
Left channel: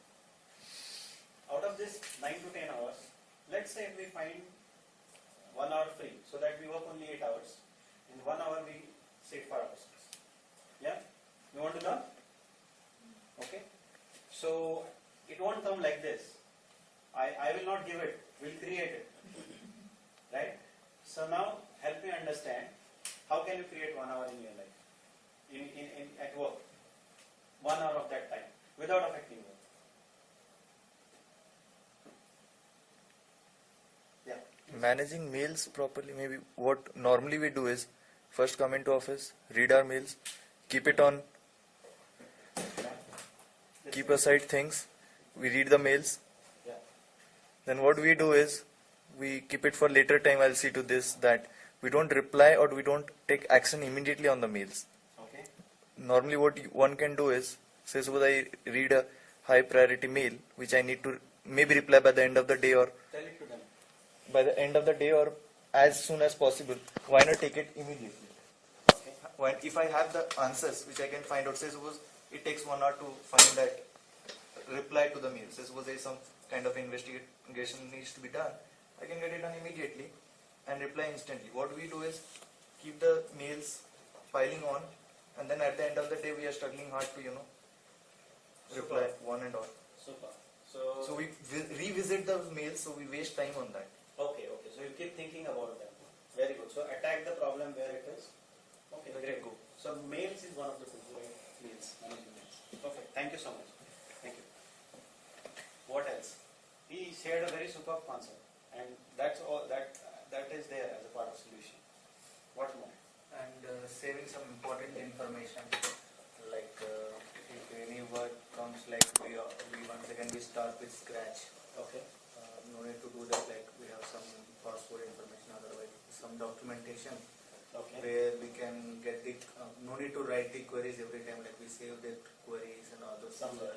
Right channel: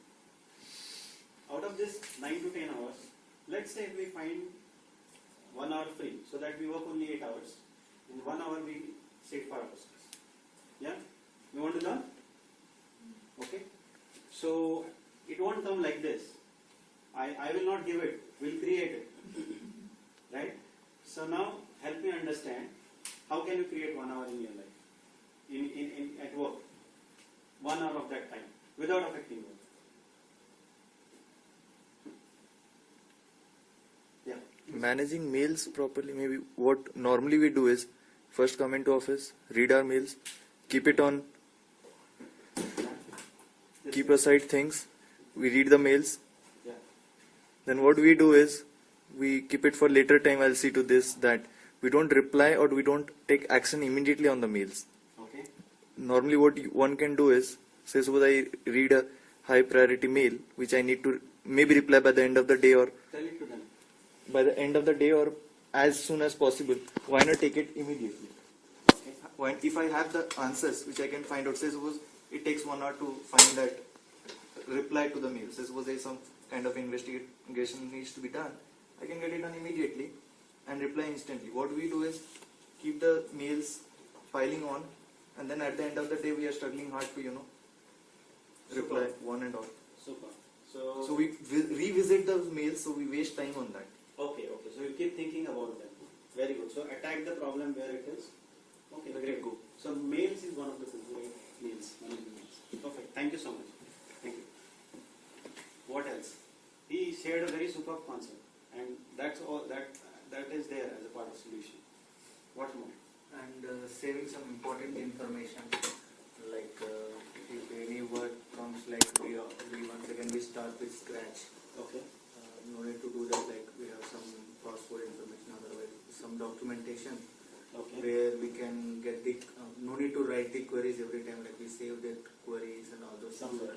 Out of this 9 to 10 hours, let's say we find 1 hour free, so that we work only 8 hours. In 1 hour we sit for ourselves. Yeah? You want to learn? Okay? So it won't come like this. I will not give it, we'll create it. Right? So now help me understand, how can you create 1 hour in your life? At work. 1 hour of that time without affecting work. Yeah. Managing mails properly, maybe what normally we do is first come into office, read our mails, keep it on, keep aside things, we read the mails. Yeah. Then what we do is we keep it for later time. I'll see to this that we don't reply or we don't take action immediately on the mails. Okay. Normally what one can do is, say suppose I read a high priority mail which I need to maybe reply by the end of the day or Tell it to them. by the end of the day or as soon as possible. Why not take it immediately? Okay. If I have the answers which I can find out, say suppose it takes 1 hour to find that reply to the mails. Suppose there is some kind of investigation needs to be done, I can get it done immediately and reply instantly. What we do is keep the mails piling on, and then at the end of the day we are struggling hard to reply one and all. Super. So we revisit those mails, so we waste time on that. Okay. So you keep thinking about that. Very good. So attack the problem where it is. Okay, great. Go. So mails is one of the tools, right? Mails, managing mails. Perfect. Thank you so much. Thank you. What else? He shared a very superb concept, and that's all. That is there as a part of solution. What more? And saving some important information, like if any word comes, like we once again we start with scratch. Okay. No need to do that, like we have some password information, otherwise some documentation. Okay. Where we can get the, no need to write the queries every time, like we save the queries and all those things. Somewhere.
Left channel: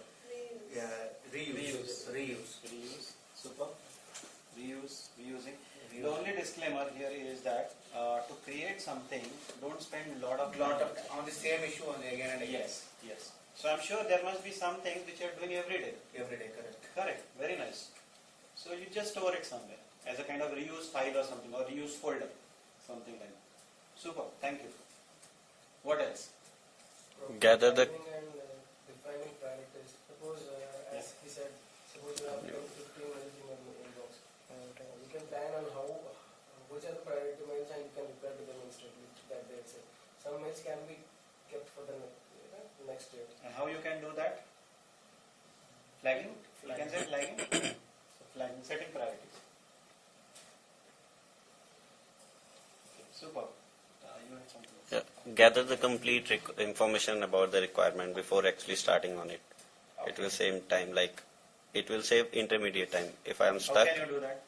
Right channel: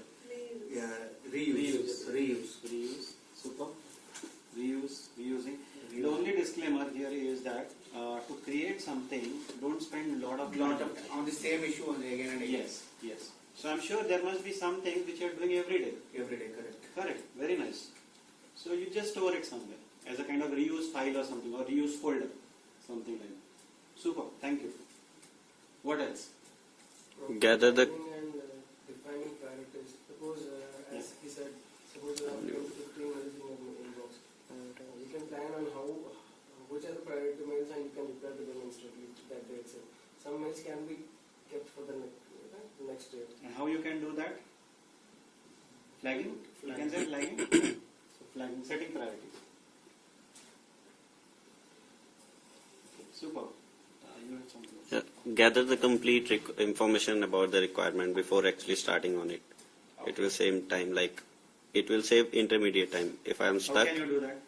Yeah, reuse. Super. Reusing. The only disclaimer here is that to create something, don't spend a lot of time on the same issue only again and again. Yes. So I'm sure there must be some things which you are doing every day. Correct. Very nice. So you just store it somewhere as a kind of reuse file or something, or reuse folder, something like that. Super. Thank you. What else? Gather the Defining priorities. Suppose, as he said, suppose you have 10 to 15 mails in your inbox. You can plan on which are the priority mails, and you can reply to them instantly that day itself. Some mails can be kept for the next day. And how you can do that? Flagging? You can say flagging. So flagging, setting priorities. Super. You had something. Yeah, gather the complete information about the requirement before actually starting on it. Okay. It will save time, like it will save intermediate time. If I am stuck, How can you do that?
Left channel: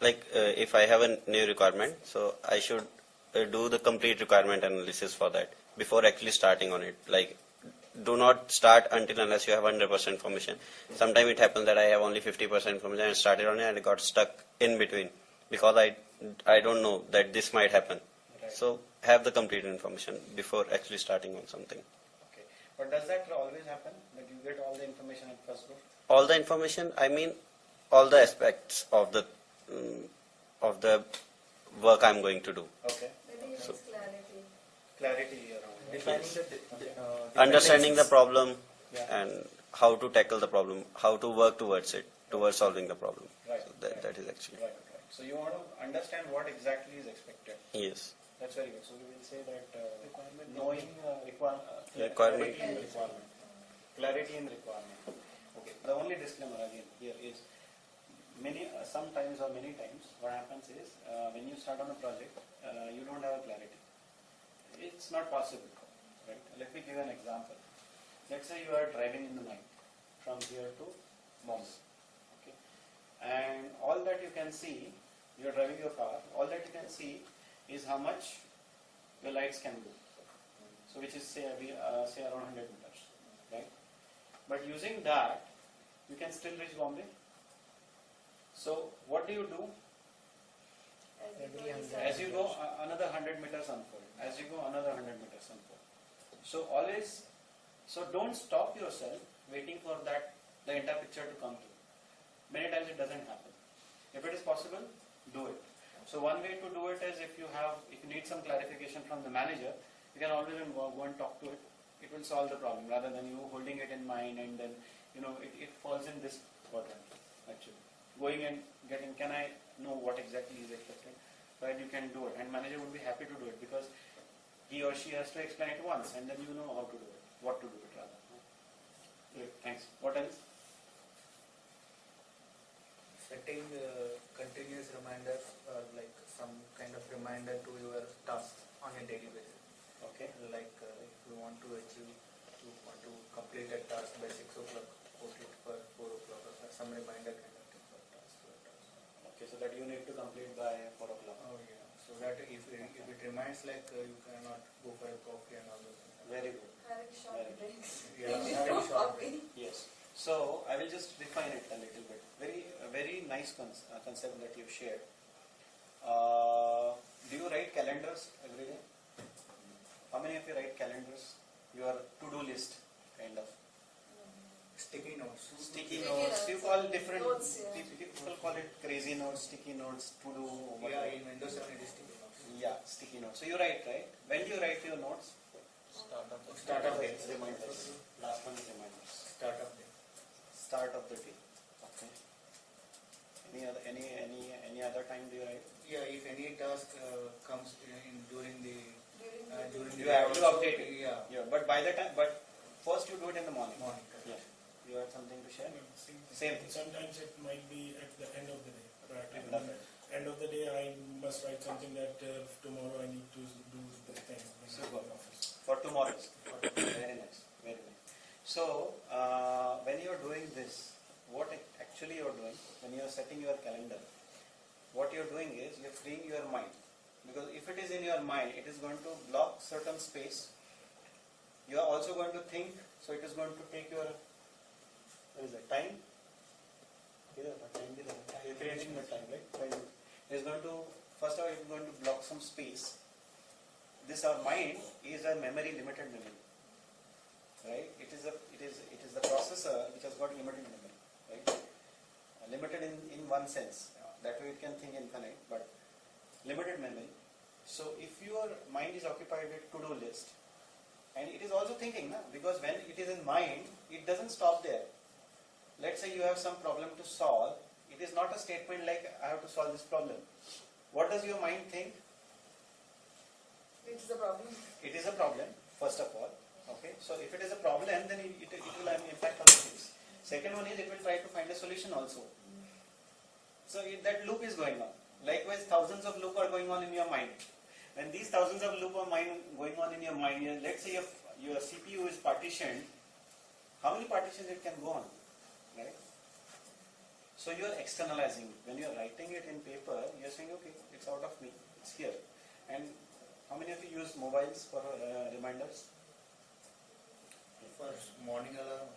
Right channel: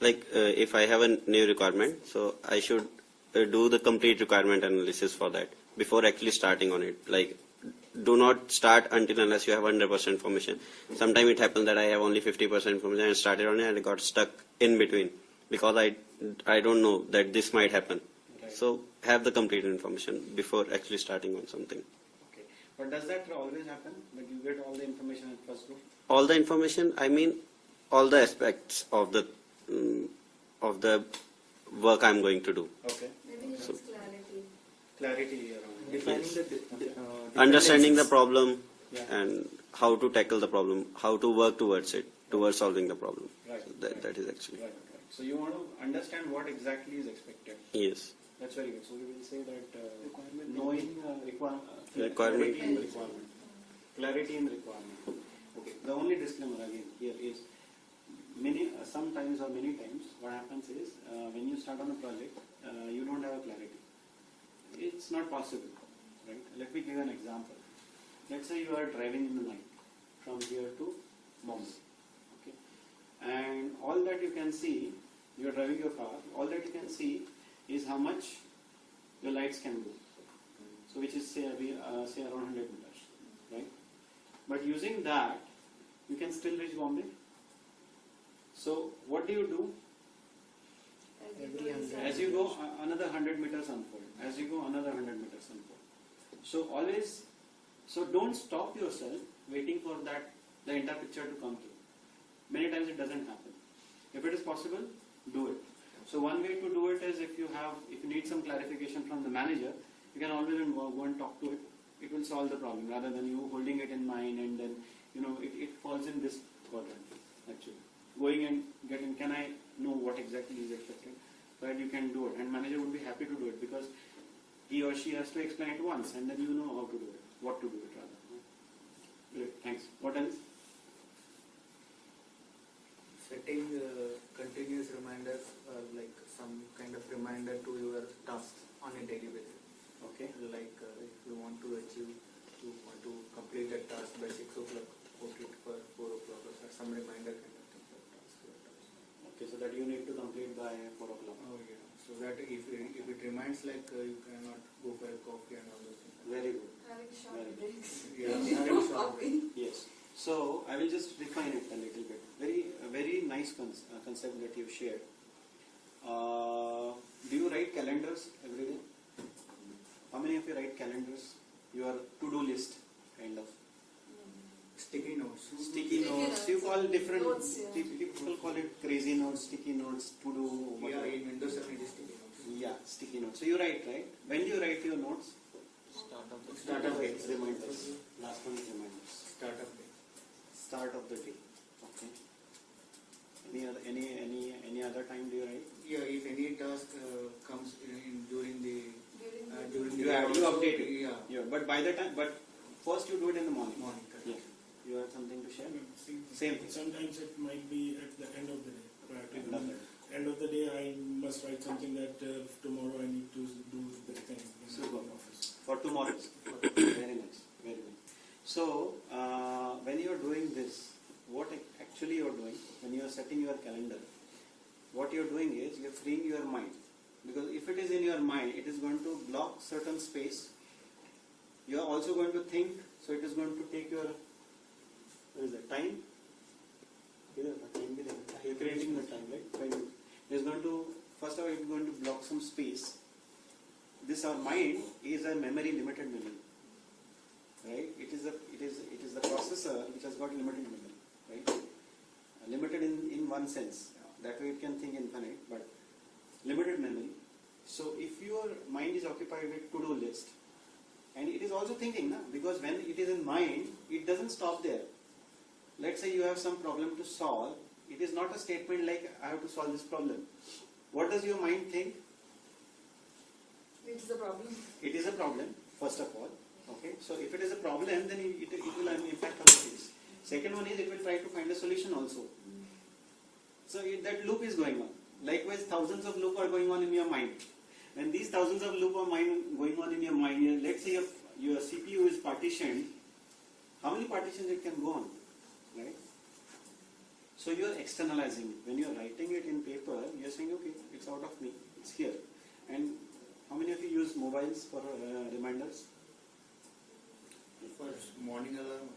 like if I have a new requirement, so I should do the complete requirement analysis for that before actually starting on it. Like, do not start until unless you have 100% information. Sometimes it happens that I have only 50% information and started on it and I got stuck in between because I don't know that this might happen. Right. So have the complete information before actually starting on something. Okay. But does that always happen? That you get all the information at first go? All the information, I mean all the aspects of the work I'm going to do. Okay. Maybe it's clarity. Clarity around. Defining Yes. the Understanding the problem Yeah. and how to tackle the problem, how to work towards it, towards solving the problem. Right. So that is actually. Right. So you want to understand what exactly is expected. Yes. That's very good. So we will say that knowing Requirement. clarity in requirement. Clarity in requirement. Okay. The only disclaimer again here is sometimes or many times what happens is when you start on a project you don't have a clarity. It's not possible, right? Let me give you an example. Let's say you are driving in the night from here to Bombay, okay, and all that you can see, you are driving your car, all that you can see is how much your lights can go. So which is say around 100 meters, right? But using that, you can still reach Bombay. So what do you do? As you go, another 100 meters unfold. As you go, another 100 meters unfold. So don't stop yourself waiting for the entire picture to come through. Many times it doesn't happen. If it is possible, do it. So one way to do it is if you need some clarification from the manager, you can always go and talk to it. It will solve the problem rather than you holding it in mind and then it falls in this quadrant actually. Going and getting, can I know what exactly is expected? Right, you can do it, and manager would be happy to do it because he or she has to explain it once, and then you know how to do it, what to do it rather. Great, thanks. What else? setting continuous reminders, like some kind of reminder to your tasks on a daily basis. Okay. Like if you want to complete a task by 6 o'clock, put it for 4 o'clock or some reminder kind of thing for task. Okay, so that you need to complete by 4 o'clock. Oh yeah. So that if it reminds, like you cannot go for a coffee and all those things. Very good. Having short breaks. Yeah, Maybe having no short coffee. Yes. So I will just define it a little bit. Very nice concept that you shared. Do you write calendars every day? How many of you write calendars? Your to-do list, kind of. Sticky notes. Sticky Sticky notes. notes. You call different. Notes, yeah. People call it crazy notes, sticky notes, to do. Yeah, Whatever. in Windows 7 it is sticky notes. Yeah, sticky notes. So you write, right? When do you write your notes? Start of day. Reminders. Last one is reminders. Start of day. Start of the day. Okay. Any other time do you write? Yeah, if any task comes during the You update it. Yeah. But by the time, but first you do it in the morning. Morning. Correct. Yeah. You have something to share? Same Same thing. Sometimes it might be at the end of the day. Right? End of the day. End of the day, I must write something that tomorrow I need to do this thing in Super. the office. For tomorrow. Very nice. Very nice. So, when you are doing this, what actually you are doing, when you are setting your calendar, what you are doing is you are freeing your mind. Because if it is in your mind, it is going to block certain space. You are also going to think, so it is going to take your, what is it, time? You are creating the time, right? Time. It is going to, first of all, it is going to block some space. This our mind is a memory, limited memory, right? It is the processor which has got limited memory, right? Limited in one sense. That way it can think infinite, but limited memory. So if your mind is occupied with to-do list, and it is also thinking, na? Because when it is in mind, it doesn't stop there. Let's say you have some problem to solve. It is not a statement like I have to solve this problem. What does your mind think? It's the problem. It is a problem, first of all. Okay, so if it is a problem, then it will impact other things. Second one is it will try to find a solution also. So that loop is going on. Likewise, thousands of loops are going on in your mind. When these thousands of loops are going on in your mind, let's say your CPU is partitioned, how many partitions it can go on, right? So you are externalizing. When you are writing it in paper, you are saying, okay, it's out of me, it's here. And how many of you use mobiles for reminders? For morning alarm.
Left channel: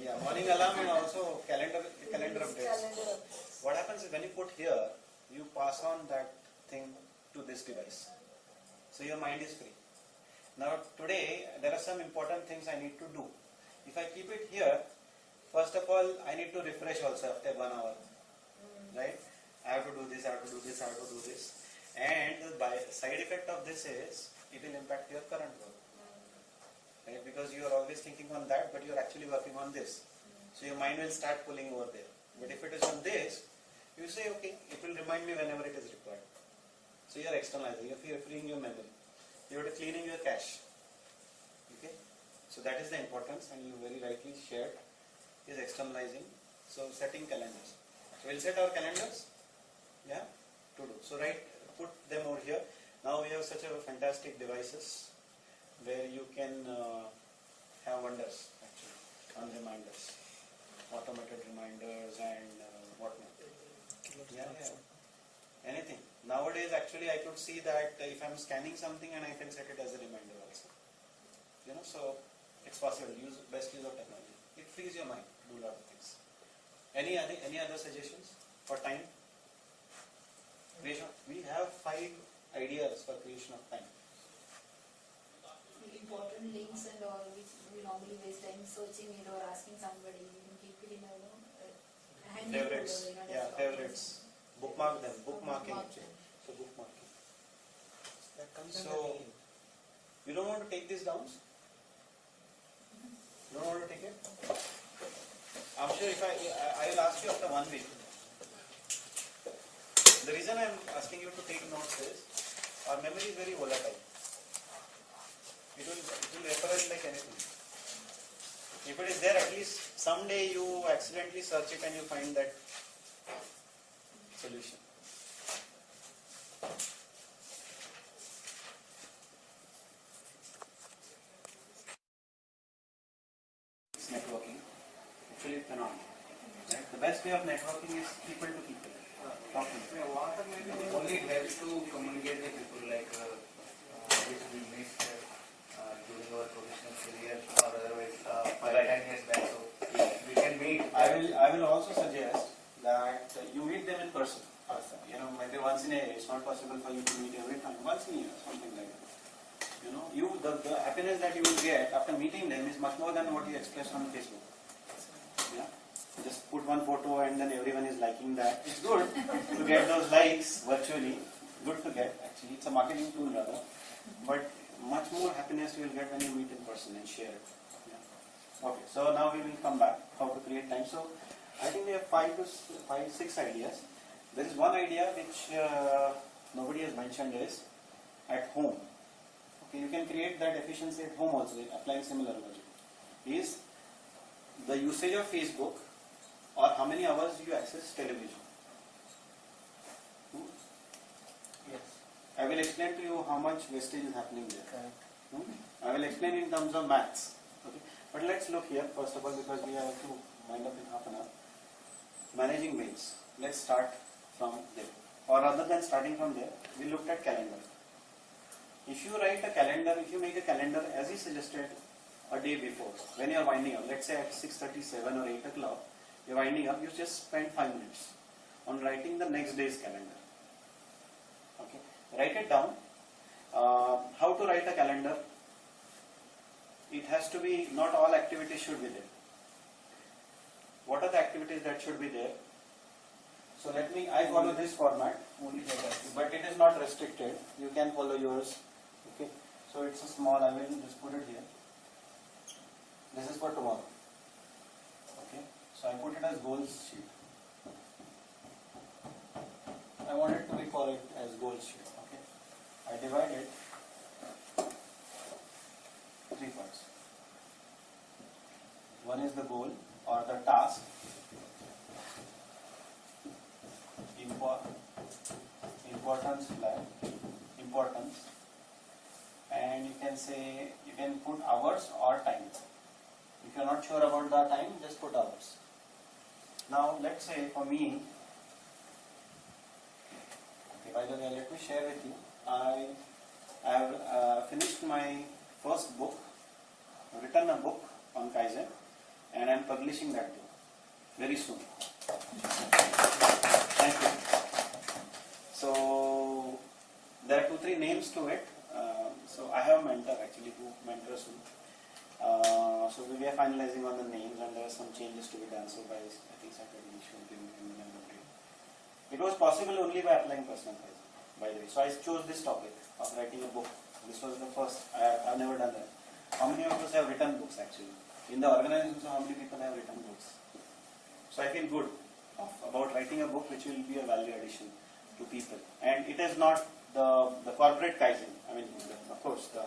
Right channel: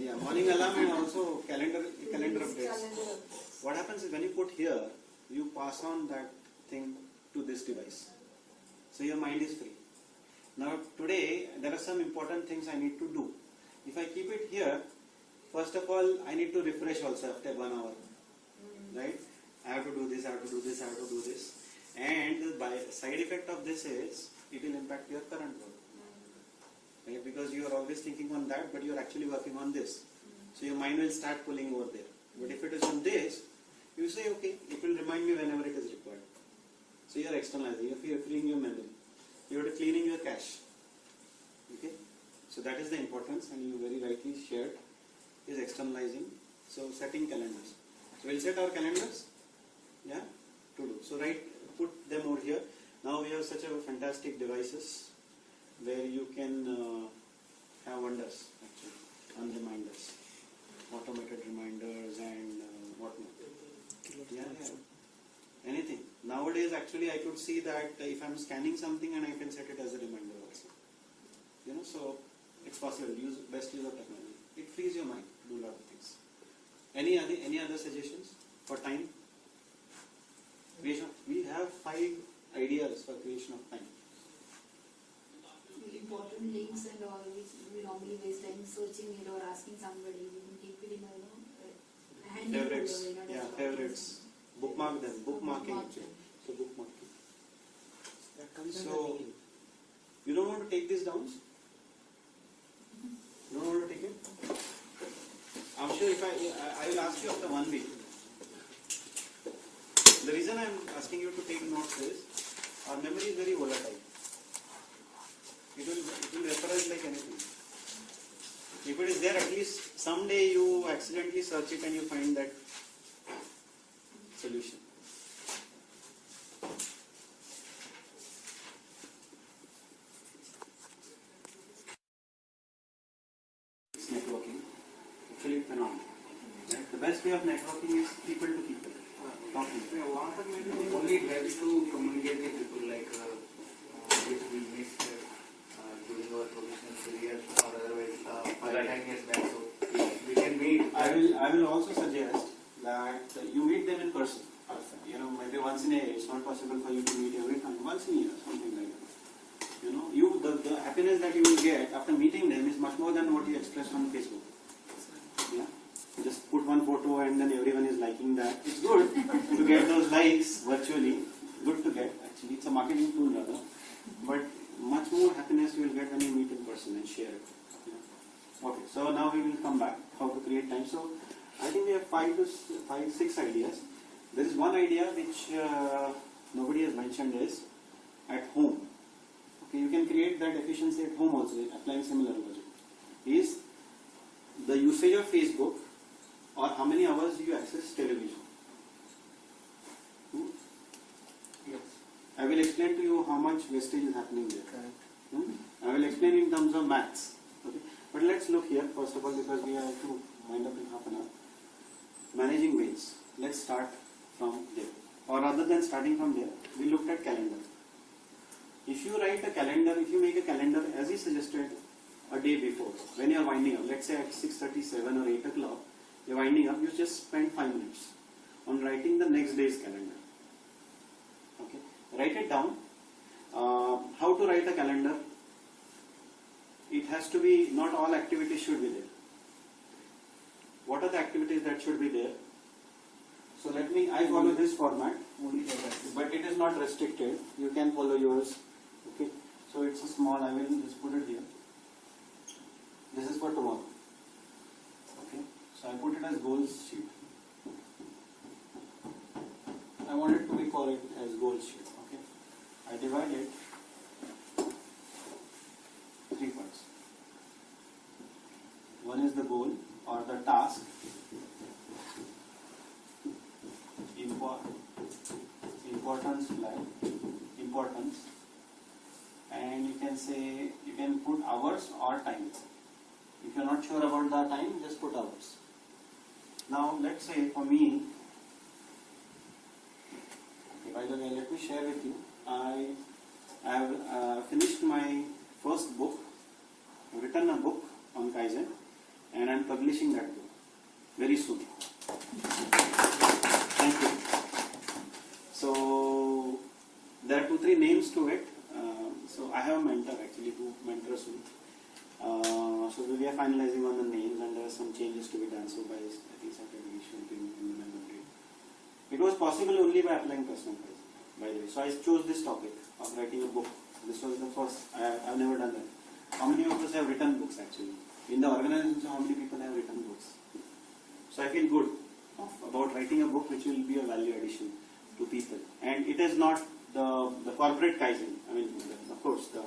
Yeah, morning alarm and also calendar updates. Calendar. What happens is when you put here, you pass on that thing to this device. So your mind is free. Now today, there are some important things I need to do. If I keep it here, first of all, I need to refresh also after 1 hour. Right? I have to do this, I have to do this, I have to do this. And the side effect of this is, it will impact your current work. Right? Because you are always thinking on that, but you are actually working on this. So your mind will start pulling over there. But if it is on this, you say, okay, it will remind me whenever it is required. So you are externalizing, you are freeing your memory. You are cleaning your cache. Okay? So that is the importance, and you very rightly shared, is externalizing. So setting calendars. So we'll set our calendars, yeah, to do. So put them over here. Now we have such a fantastic devices where you can have wonders actually on reminders, automated reminders and whatnot. Yeah. Anything. Nowadays, actually, I could see that if I'm scanning something and I can set it as a reminder also. So it's possible. Best use of technology. It frees your mind to do a lot of things. Any other suggestions for time? Creation. We have 5 ideas for creation of time. Important links and all, which we normally waste time searching it or asking somebody. We can keep it in a handy Favorites. folder, Yeah, desktop. favorites. Bookmark them. Bookmarking. Bookmark. So bookmarking. So you don't want to take this down? You don't want to take it? I'm sure if I will ask you after 1 week. The reason I'm asking you to take notes is our memory is very volatile. It will vaporize like anything. If it is there, at least someday you accidentally search it and you find that solution. It's networking. Actually, it's phenomenal. Right? The best way of networking is people to people. Talking. Only it helps to communicate with people like which we missed during our professional career or otherwise 5-10 years back. So we can meet. I will also suggest that you meet them in person. Maybe once in a year. It's not possible for you to meet every time. Once in a year, something like that. The happiness that you will get after meeting them is much more than what you express on Facebook. Yeah. Just put one photo and then everyone is liking that. It's good to get those likes virtually. Good to get actually. It's a marketing tool rather. But much more happiness you will get when you meet in person and share it. Yeah. Okay. So now we will come back how to create time. So I think we have 6 ideas. There is one idea which nobody has mentioned is at home. Okay, you can create that efficiency at home also applying similar logic. Is the usage of Facebook or how many hours do you access television? Yes. I will explain to you how much wastage is happening there. Correct. I will explain in terms of maths. Okay. But let's look here first of all because we have to wind up in half an hour. Managing mails. Let's start from there. Or rather than starting from there, we looked at calendar. If you write a calendar, if you make a calendar as he suggested a day before, when you are winding up, let's say at 6:37 or 8 o'clock, you are winding up, you just spend 5 minutes on writing the next day's calendar. Okay, write it down. How to write a calendar? It has to be, not all activities should be there. What are the activities that should be there? So I follow this format, Only that. but it is not restricted. You can follow yours. Okay, so it's a small, I will just put it here. This is for tomorrow. Okay, so I put it as goals sheet. I want it to be called as goals sheet. Okay, I divide it 3 parts. One is the goal or the task. Importance flag, importance, and you can say, you can put hours or time. If you are not sure about the time, just put hours. Now let's say for me, okay, by the way, let me share with you, I have finished my first book, written a book on Kaizen, and I am publishing that book very soon. Thank you. So there are 2-3 names to it. So I have a mentor actually who mentors me. So we are finalizing on the names and there are some changes to be done. So by I think Saturday we should be in the member grade. It was possible only by applying personal Kaizen, by the way. So I chose this topic of writing a book. This was the first. I have never done that. How many of us have written books actually? In the organization, so how many people have written books? So I feel good about writing a book which will be a value addition to people. And it is not the corporate Kaizen. I mean, of course, the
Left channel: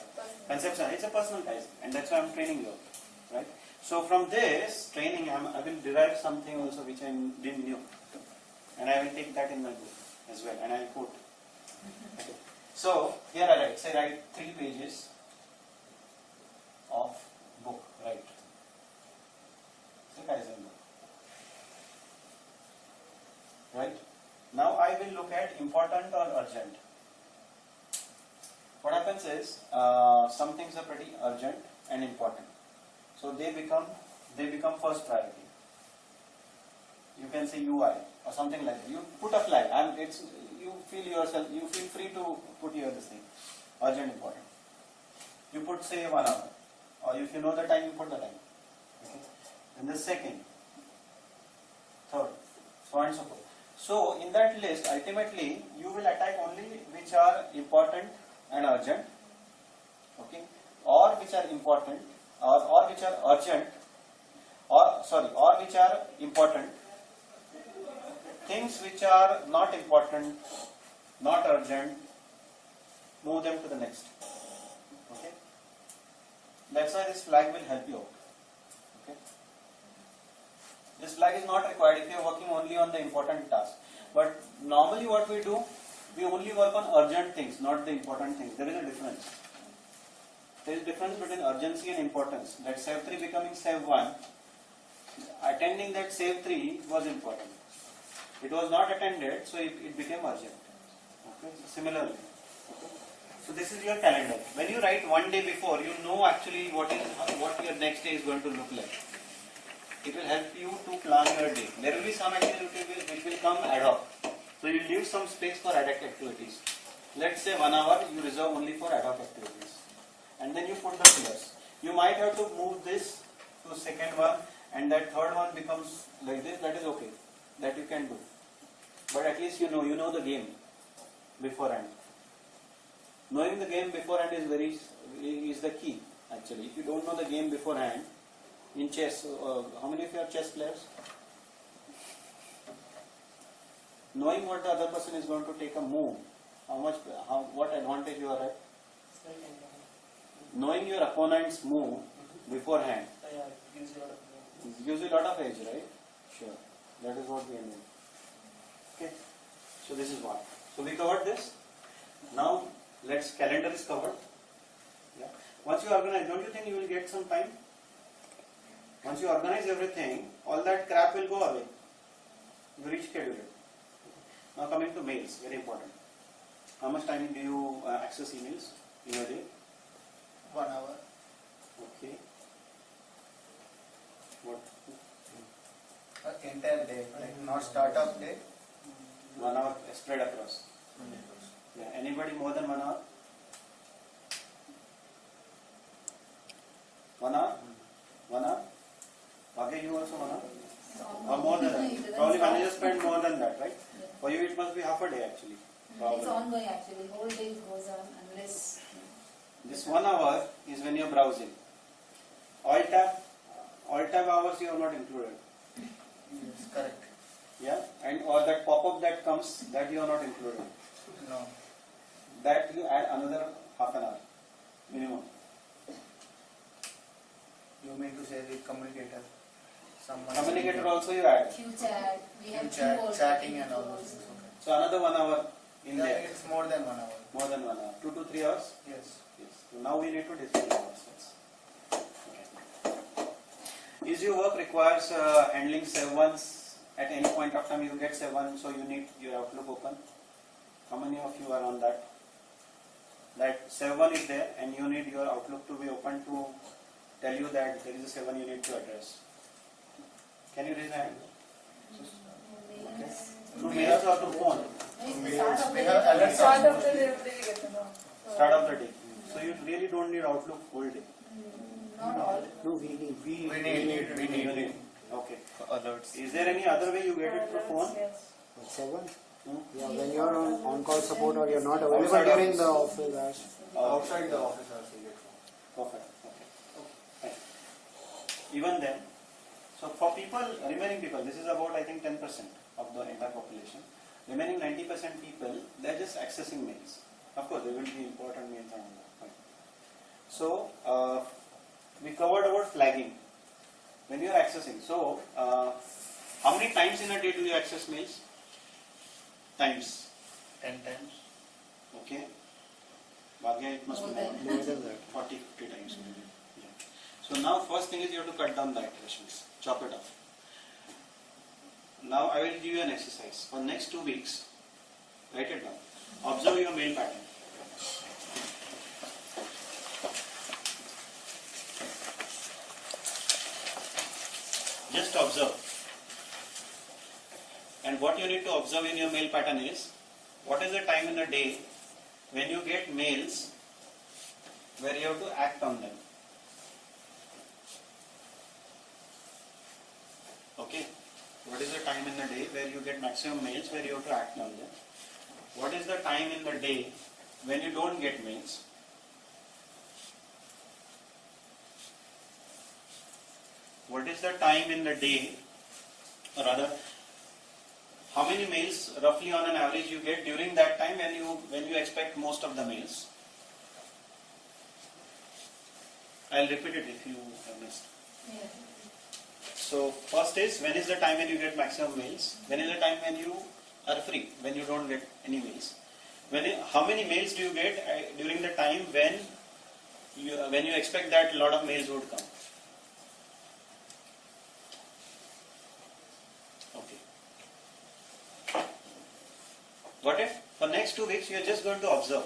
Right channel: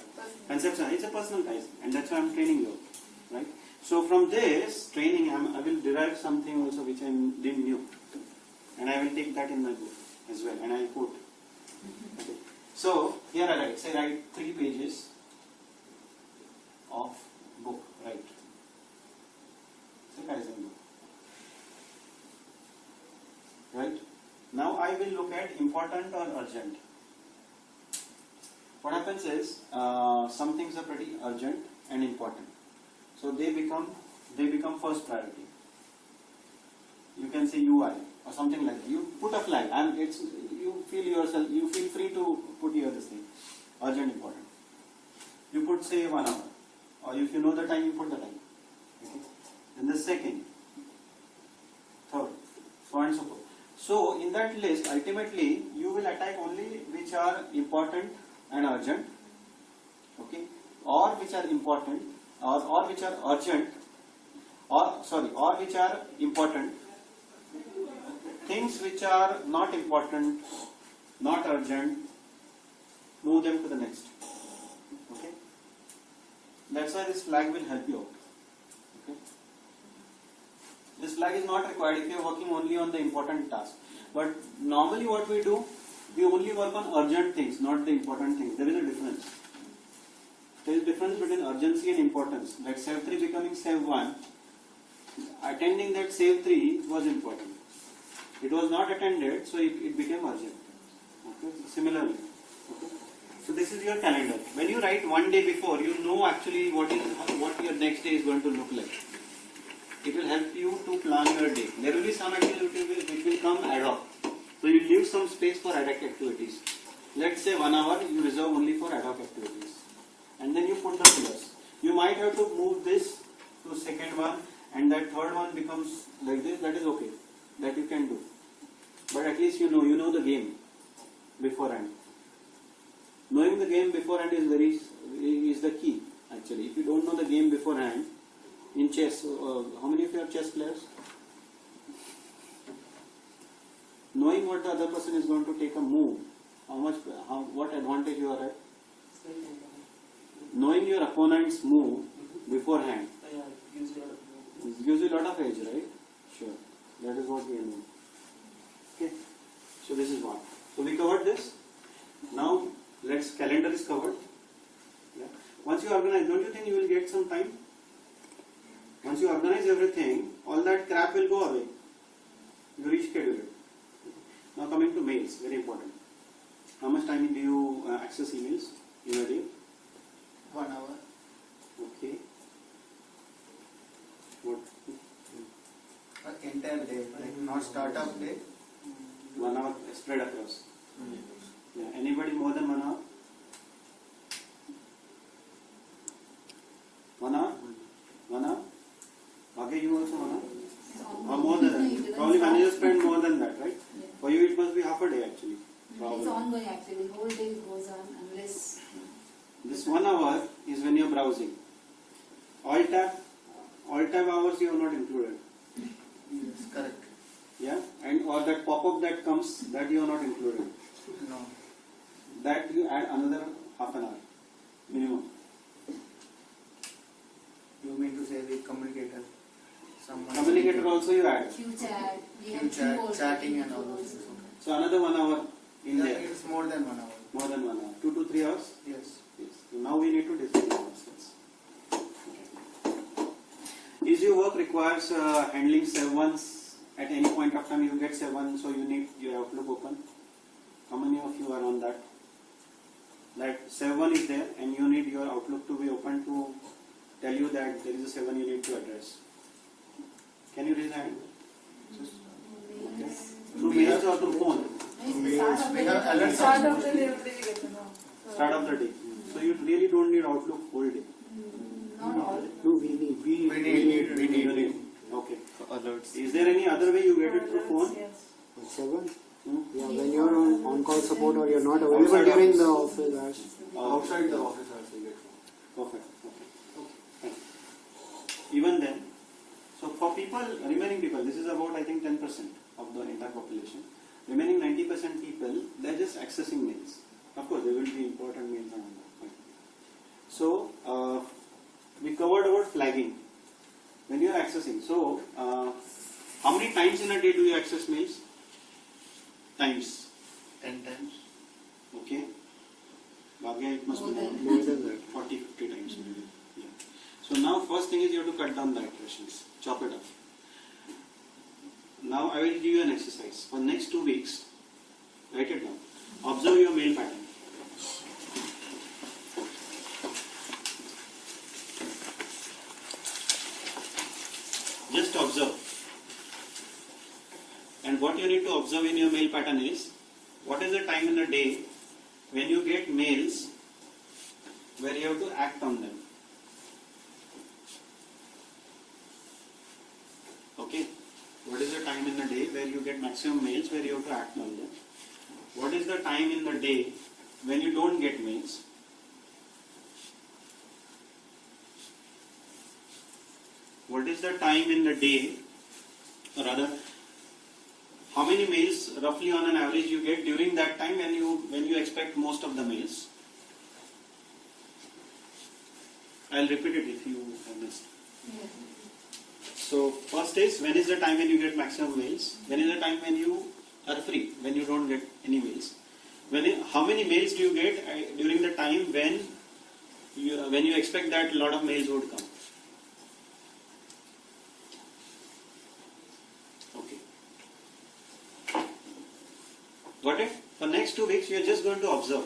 conception, it's a personal Kaizen. And that's why I'm training you. Right? So from this training, I will derive something also which I didn't know. And I will take that in my book as well. And I will quote. Okay. So here I write, say write 3 pages of book, right? Say Kaizen book. Right? Now I will look at important or urgent. What happens is some things are pretty urgent and important, so they become first priority. You can say UI or something like that. You put a flag, and you feel free to put here this thing, urgent, important. You put say 1 hour, or if you know the time, you put the time. Okay. Then the second, third, so on and so forth. So in that list, ultimately you will attack only which are important and urgent, okay, or which are important, or which are urgent, or which are important. Things which are not important, not urgent, move them to the next. Okay, that's why this flag will help you out. Okay. This flag is not required if you are working only on the important task. But normally what we do, we only work on urgent things, not the important things. There is a difference. There is a difference between urgency and importance. Like SAVE 3 becoming SAVE 1, attending that SAVE 3 was important. It was not attended, so it became urgent. Okay? So similarly. Okay? So this is your calendar. When you write 1 day before, you know actually what your next day is going to look like. It will help you to plan your day. There will be some activities which will come ad hoc. So you leave some space for ad hoc activities. Let's say 1 hour you reserve only for ad hoc activities. And then you put the pillars. You might have to move this to second one and that third one becomes like this, that is okay. That you can do. But at least you know the game beforehand. Knowing the game beforehand is the key actually. If you don't know the game beforehand, in chess, how many of you are chess players? Knowing what the other person is going to take a move, what advantage you are at? Knowing your opponent's move beforehand gives you a lot of edge, right? Sure. That is what we are doing. Okay. So this is one. So we covered this. Now calendar is covered. Yeah. Once you organize, don't you think you will get some time? Once you organize everything, all that crap will go away. You reschedule it. Now coming to mails, very important. How much time do you access emails in a day? 1 hour. Okay. What? Entire day, like not start of day. 1 hour spread across. Yeah. Anybody more than 1 hour? 1 hour? 1 hour? Okay, you also 1 hour? Or more than that? Probably managers spend more than that, right? Yeah. For you it must be half a day actually. It's ongoing actually. Whole day goes on unless. This 1 hour is when you are browsing. All tab hours you have not included. Yes, correct. Yeah, and or that pop-up that comes, that you are not included. No. That you add another half an hour minimum. You mean to say the communicator? Communicator also you add. Q chat, we have chat, Q also, chatting and all Q those also. things. So another 1 hour in Yeah, there. it's more than 1 hour. More than 1 hour. 2 to 3 hours. Yes. Yes. So now we need to discuss ourselves. Okay. Is your work requires handling 7s at any point of time? You get 7, so you need your Outlook open. How many of you are on that? That 7 is there, and you need your Outlook to be open to tell you that there is a 7 you need to address. Can you raise a hand? Okay. Through mails or through phone? We have alerts. Start of the day, every day we get to know. Start of the day. So you really don't need Outlook whole day. Not all. No, we need. We need. Okay. Alerts. Is there any other way you get it through phone? Yes. 7? Hmm? Yeah, when you're on call support or you're not available Outside during office. the office hours. Outside the office also you get phone. Perfect. Okay. Fine. Even then, so for remaining people, this is about I think 10% of the entire population. Remaining 90% people, they're just accessing mails. Of course, there will be important mails and all that. Fine. So we covered about flagging. When you are accessing, so how many times in a day do you access mails? Times. 10 times. Okay. Bhagya, it must be More than that. 40, 50 times maybe. Yeah. So now first thing is you have to cut down the iterations. Chop it off. Now I will give you an exercise. For next 2 weeks, write it down. Observe your mail pattern. Just observe. And what you need to observe in your mail pattern is, what is the time in the day when you get mails where you have to act on them. Okay? What is the time in the day where you get maximum mails where you have to act on them? What is the time in the day when you don't get mails? What is the time in the day, or rather, how many mails roughly on an average you get during that time when you expect most of the mails? I'll repeat it if you have missed. Yeah. So first is, when is the time when you get maximum mails? When is the time when you are free, when you don't get any mails? How many mails do you get during the time when you expect that a lot of mails would come? Okay. Got it? For next 2 weeks, you are just going to observe.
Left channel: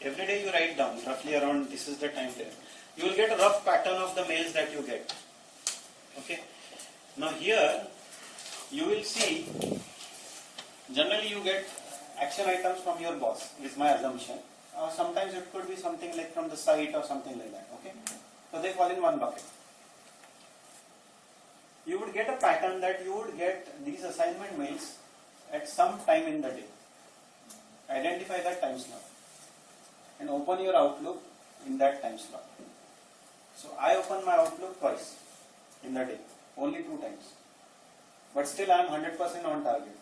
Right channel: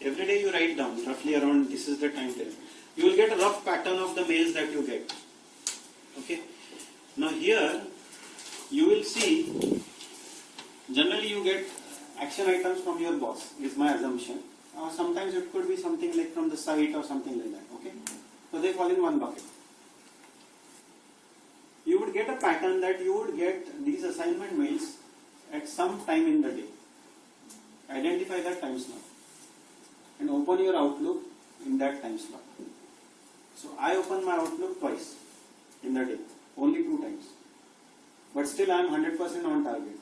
Every day you write down roughly around this is the time there. You will get a rough pattern of the mails that you get. Okay. Now here you will see generally you get action items from your boss, is my assumption. Sometimes it could be something like from the site or something like that. Okay. So they fall in one bucket. get a pattern that you would get these assignment mails at some time in the day. Identify that time slot and open your Outlook in that time slot. So I open my Outlook twice in the day, only 2 times. But still I am 100% on target.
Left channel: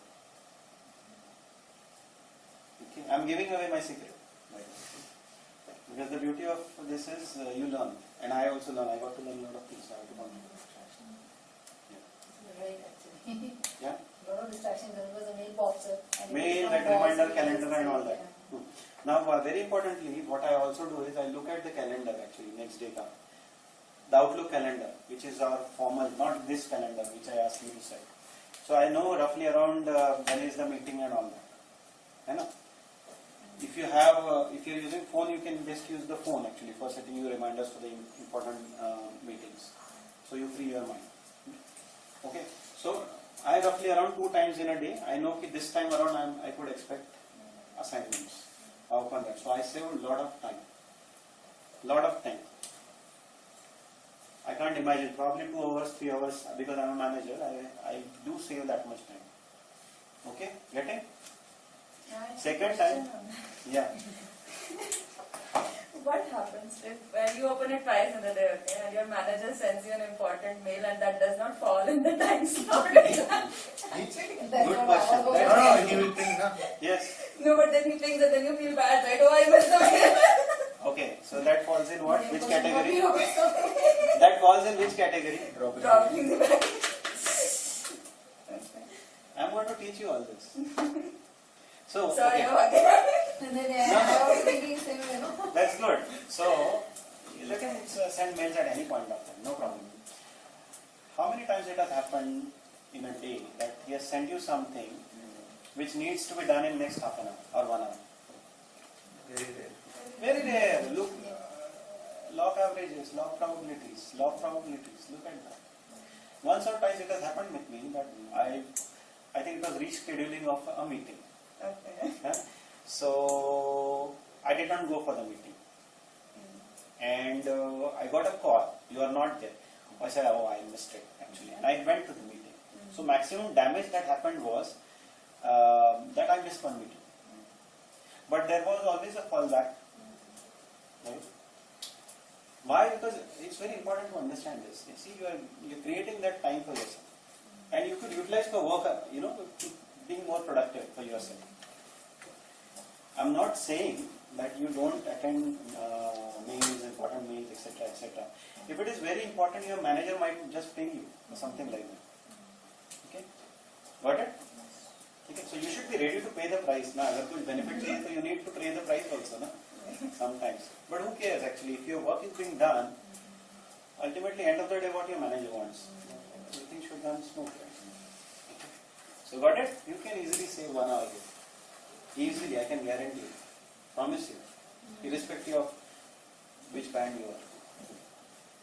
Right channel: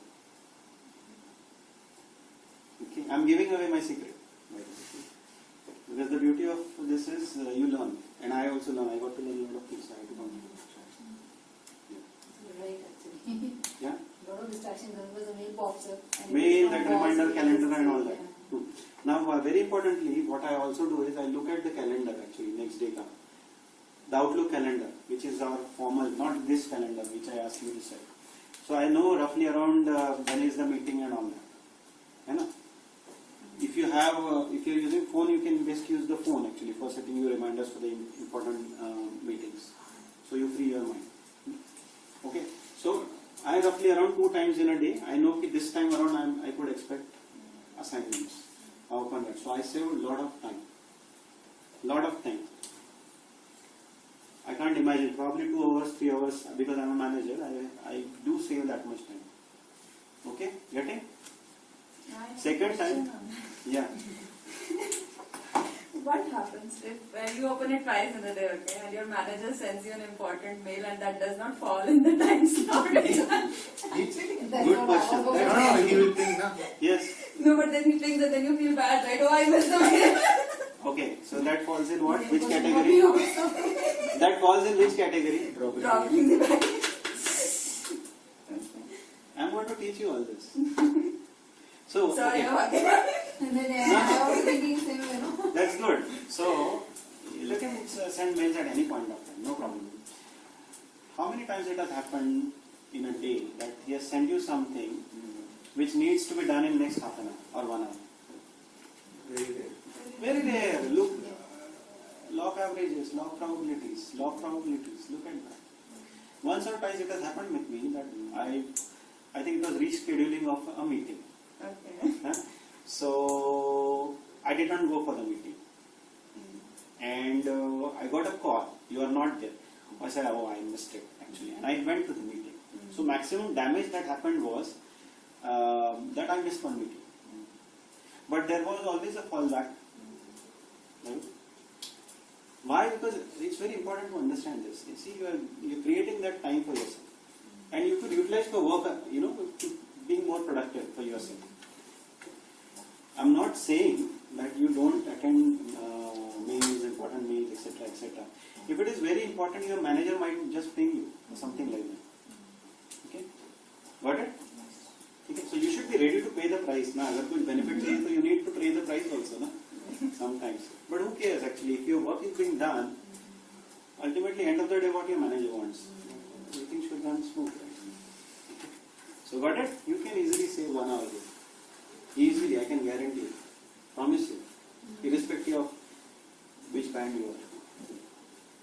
Okay, I am giving away my secret. Because the beauty of this is you learn, and I also learn. I got to learn a lot of things. I have to contribute. You're right, actually. Yeah. A lot of distractions because the mail pops up. And Mail, that reminder, calls, calendar, and all that. Yeah. Now, very importantly, what I also do is I look at the calendar actually next day. The Outlook calendar, which is our formal, not this calendar which I asked you to set. So I know roughly around when is the meeting and all that. Right? If you have, if you're using phone, you can best use the phone actually for setting your reminders for the important meetings. So you free your mind. Okay. So I roughly around 2 times in a day. I know that this time around I could expect assignments. I open that. So I save a lot of time. Lot of time. I can't imagine. Probably 2 hours, 3 hours because I'm a manager. I do save that much time. Okay. Getting? Second time. Yeah. What happens if you open it twice in a day, okay, and your manager sends you an important mail and that does not fall in the time slot? Good question. No, he will think, no? Yes. No, but then he thinks that then you feel bad, right? Oh, I missed the mail. Okay. So that falls in what? Which category? That falls in which category? Dropping the package. I'm going to teach you all this. So, Sorry, okay. And then I was thinking same, That's good. So, you can send mails at any point of time, no problem. How many times it has happened in a day that he has sent you something which needs to be done in next half an hour or 1 hour? Very rare. Very rare. Look, log averages, log probabilities, look at that. Once or twice it has happened with me that I think it was rescheduling of a meeting. Okay. So I did not go for the meeting, and I got a call. You are not there. I said, oh, I missed it actually, and I went to the meeting. So maximum damage that happened was that I missed one meeting, but there was always a fallback. Right? Why? Because it's very important to understand this. You see, you're creating that time for yourself, and you could utilize for work. Being more productive for yourself. I'm not saying that you don't attend mails, important mails, etc., etc. If it is very important, your manager might just ping you or something like that. Okay, got it? Okay, so you should be ready to pay the price. Now, if there is benefit to you, so you need to pay the price also, na? Sometimes. But who cares actually? If your work is being done, ultimately, end of the day, what your manager wants, everything should run smooth. Right? So got it? You can easily save 1 hour here. Easily, I can guarantee you. Promise you. Irrespective of which band you are.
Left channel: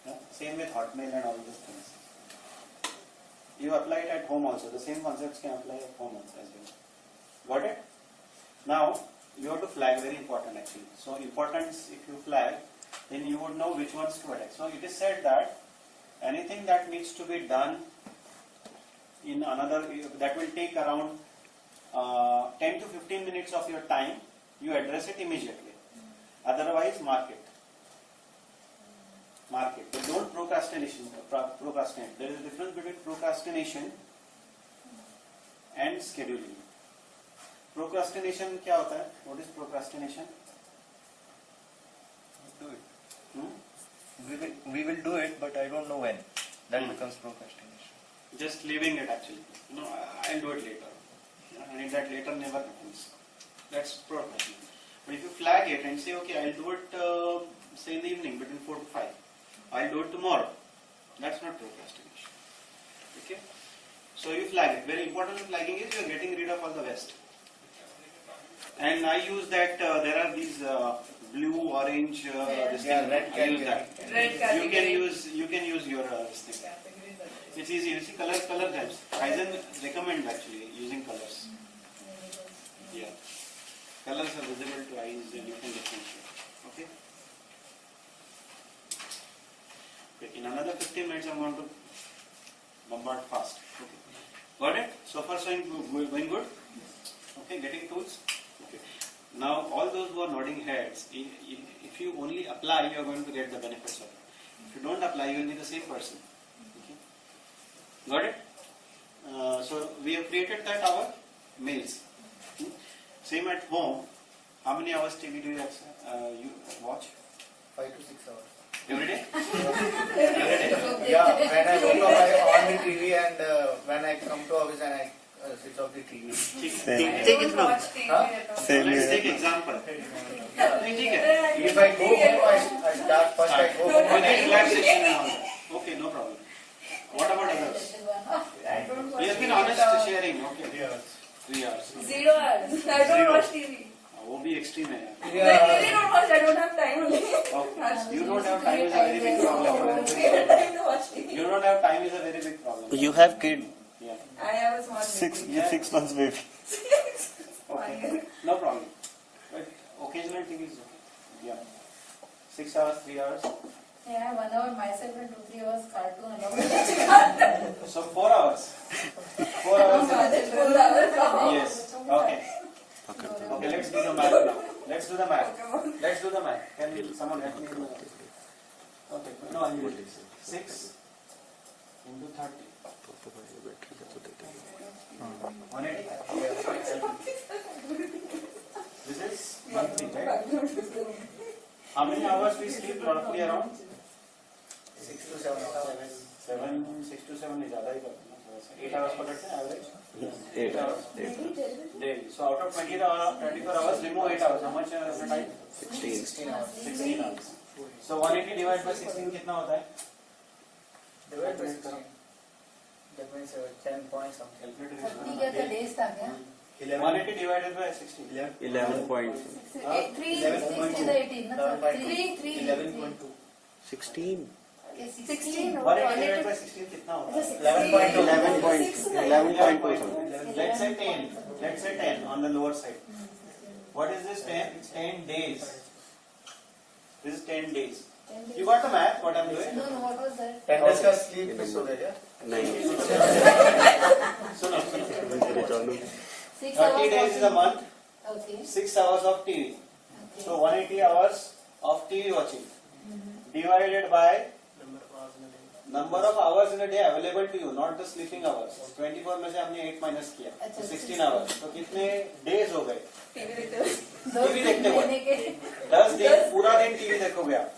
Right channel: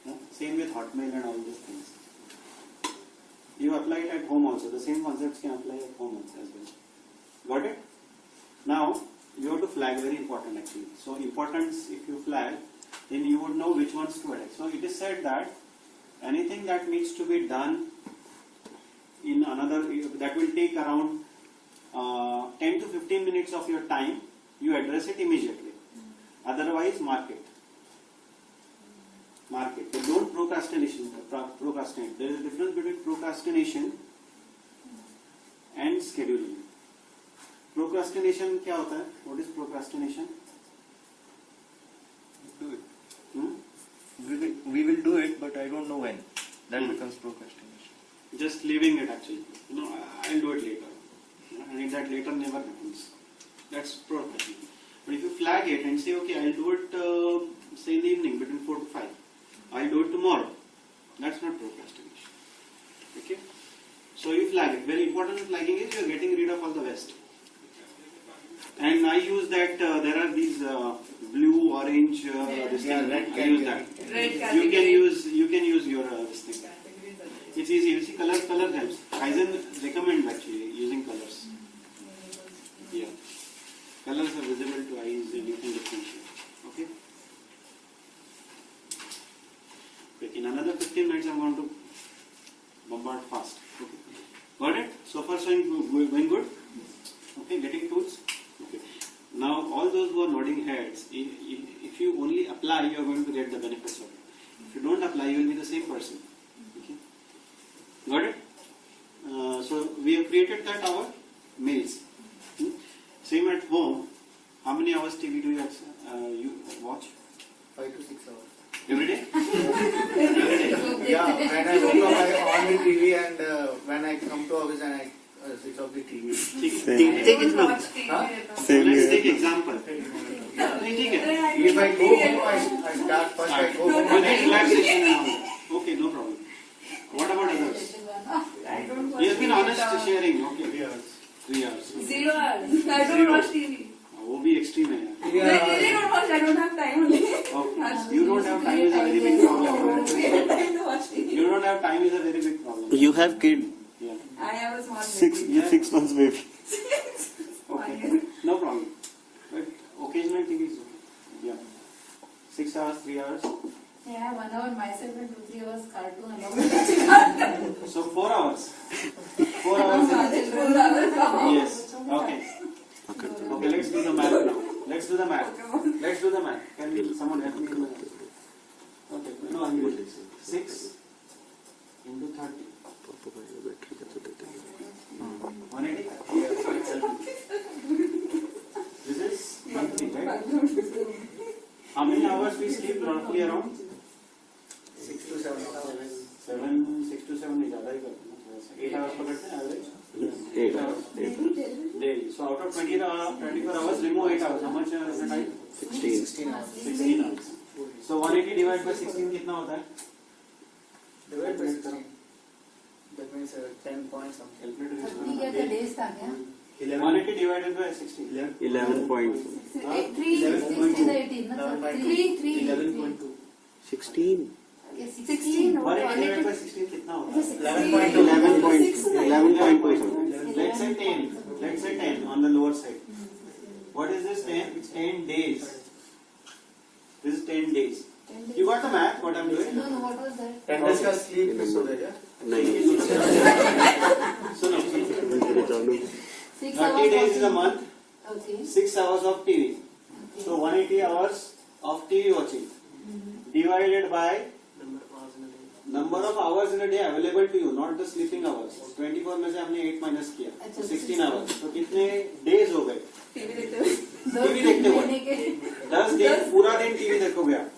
Yeah? Same with Hotmail and all these things. You apply it at home also. The same concepts can apply at home also as well. Got it? Now, you have to flag, very important actually. So importance, if you flag, then you would know which ones to attack. So it is said that anything that needs to be done in another, that will take around 10 to 15 minutes of your time, you address it immediately. Otherwise, mark it. Mark it. But don't procrastinate. There is a difference between procrastination and scheduling. Procrastination क्या होता है? What is procrastination? Do it. We will do it, but I don't know when. That becomes procrastination. Just leaving it actually. I'll do it later. And that later never happens. That's procrastination. But if you flag it and say, okay, I'll do it say in the evening between 4 to 5. I'll do it tomorrow. That's not procrastination. Okay? So you flag it. Very important flagging is you're getting rid of all the waste. And I use that, there are these blue, orange, this thing. red I use that. Red category. You can use your this thing. It's easy. You see, color helps. Kaizen recommend actually using colors. Yeah. Colors are visible to eyes and you can differentiate. Okay? In another 15 minutes I'm going to bombard fast. So far, so going good. Okay, getting tools. Okay. Now, all those who are nodding heads, if you only apply, you are going to get the benefits of it. If you don't apply, you will be the same person. Okay. Got it? So we have created that our males. Same at home. How many hours TV do you watch? 5 to 6 hours. Every day? Yeah, when I go to on the TV and when I come to office and I switch off the TV. Take it now. Watch TV Huh? at all. Let's take example. If I go home, I start first. I go home and I Relaxation and all that. Okay, no problem. What about others? I don't watch You have been TV honest at all. sharing. Okay. 3 hours. 0 hours. I don't Zero. watch TV. वो भी extreme है यार. I really don't watch. I don't have time only. Okay. You don't have time is a very big problem. Time to watch TV. You don't have time is a very big problem. You have kid. Yeah. I have a small Six, baby. 6 months baby. Okay. No problem. But occasional TV is okay. Yeah. 6 hours, 3 hours. Yeah, 1 hour myself and 2-3 hours cartoon along with cartoon. So 4 hours. 4 hours. Yes. Okay. Okay, let's do the math now. Let's do the math. Can someone help me? Okay, no, I mean 6 into 30. 180. This is monthly, right? How many hours we sleep roughly around? 6 to 7 hours. 6 to 7 is ज़्यादा ही करते हैं. 8 hours पकड़ते हैं average. 8 hours. hours. Daily. So out of 24 hours, remove 8 hours. How much is the time? 16 hours. 16 hours. So 180 divided by 16 कितना होता है? Divide by 16. That means 10 point something. ठीक है तो days था क्या? 180 divided by 16. 11 point 3 16 18 ना 3 11.2. 16 16 180 divided by 16 कितना होता है? 11.2 something. Let's say 10. Let's say 10 on the lower side. What is this 10? It's 10 days. This is 10 days. You got the math? What I'm doing? No, what was that? 10 days का sleep miss हो गया. 9 So no. 6 30 days is a month. Okay. 6 hours of TV. Okay. So 180 hours of TV watching divided by number of hours in a day available to you, not the sleeping hours. 24 में से हमने 8 minus किया, अच्छा, 16 hours. तो कितने days हो गए? TV देखते हुए. TV देखते हुए 10 दिन पूरा दिन TV देखोगे आप.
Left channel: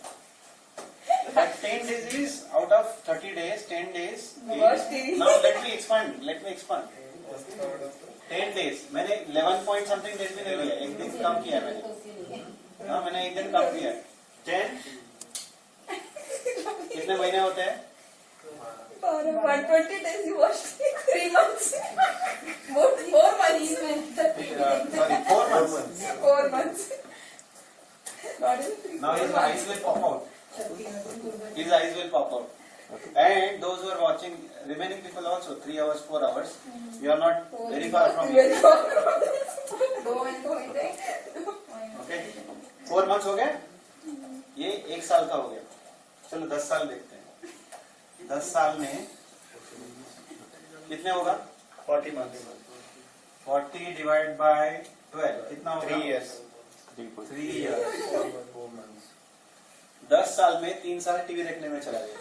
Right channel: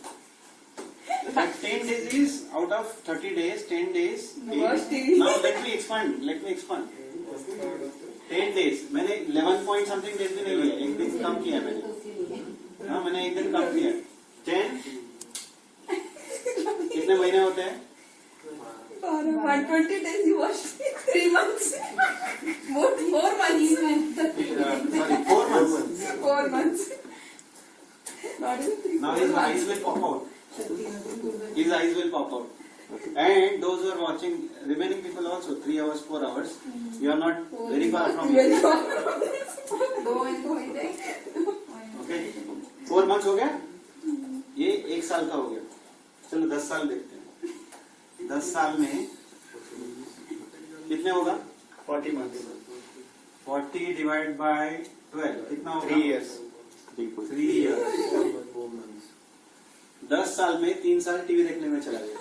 But 10 days is out of 30 days, 10 days. Watch TV. Now let me expand. 10 days. मैंने 11 point something days भी नहीं लिया, एक दिन कम किया मैंने. हाँ मैंने एक दिन कम किया. 10 कितने महीने होते हैं? For 120 days you watched 3 months. 4 months. Sorry, 4 months. 4 months. Not even 3. Now his eyes will pop out. His eyes will pop out. And those who are watching, remaining people also, 3 hours, 4 hours, you are not very far from Very it. far from this. Go and go and take. Okay? 4 months हो गया? ये 1 साल का हो गया. चलो 10 साल देखते हैं. 10 साल में कितने होगा? 40 months. 40 divided by 12 कितना होगा? 3 years. 3 years. 4 months. 10 साल में 3 साल टीवी देखने में चला गया.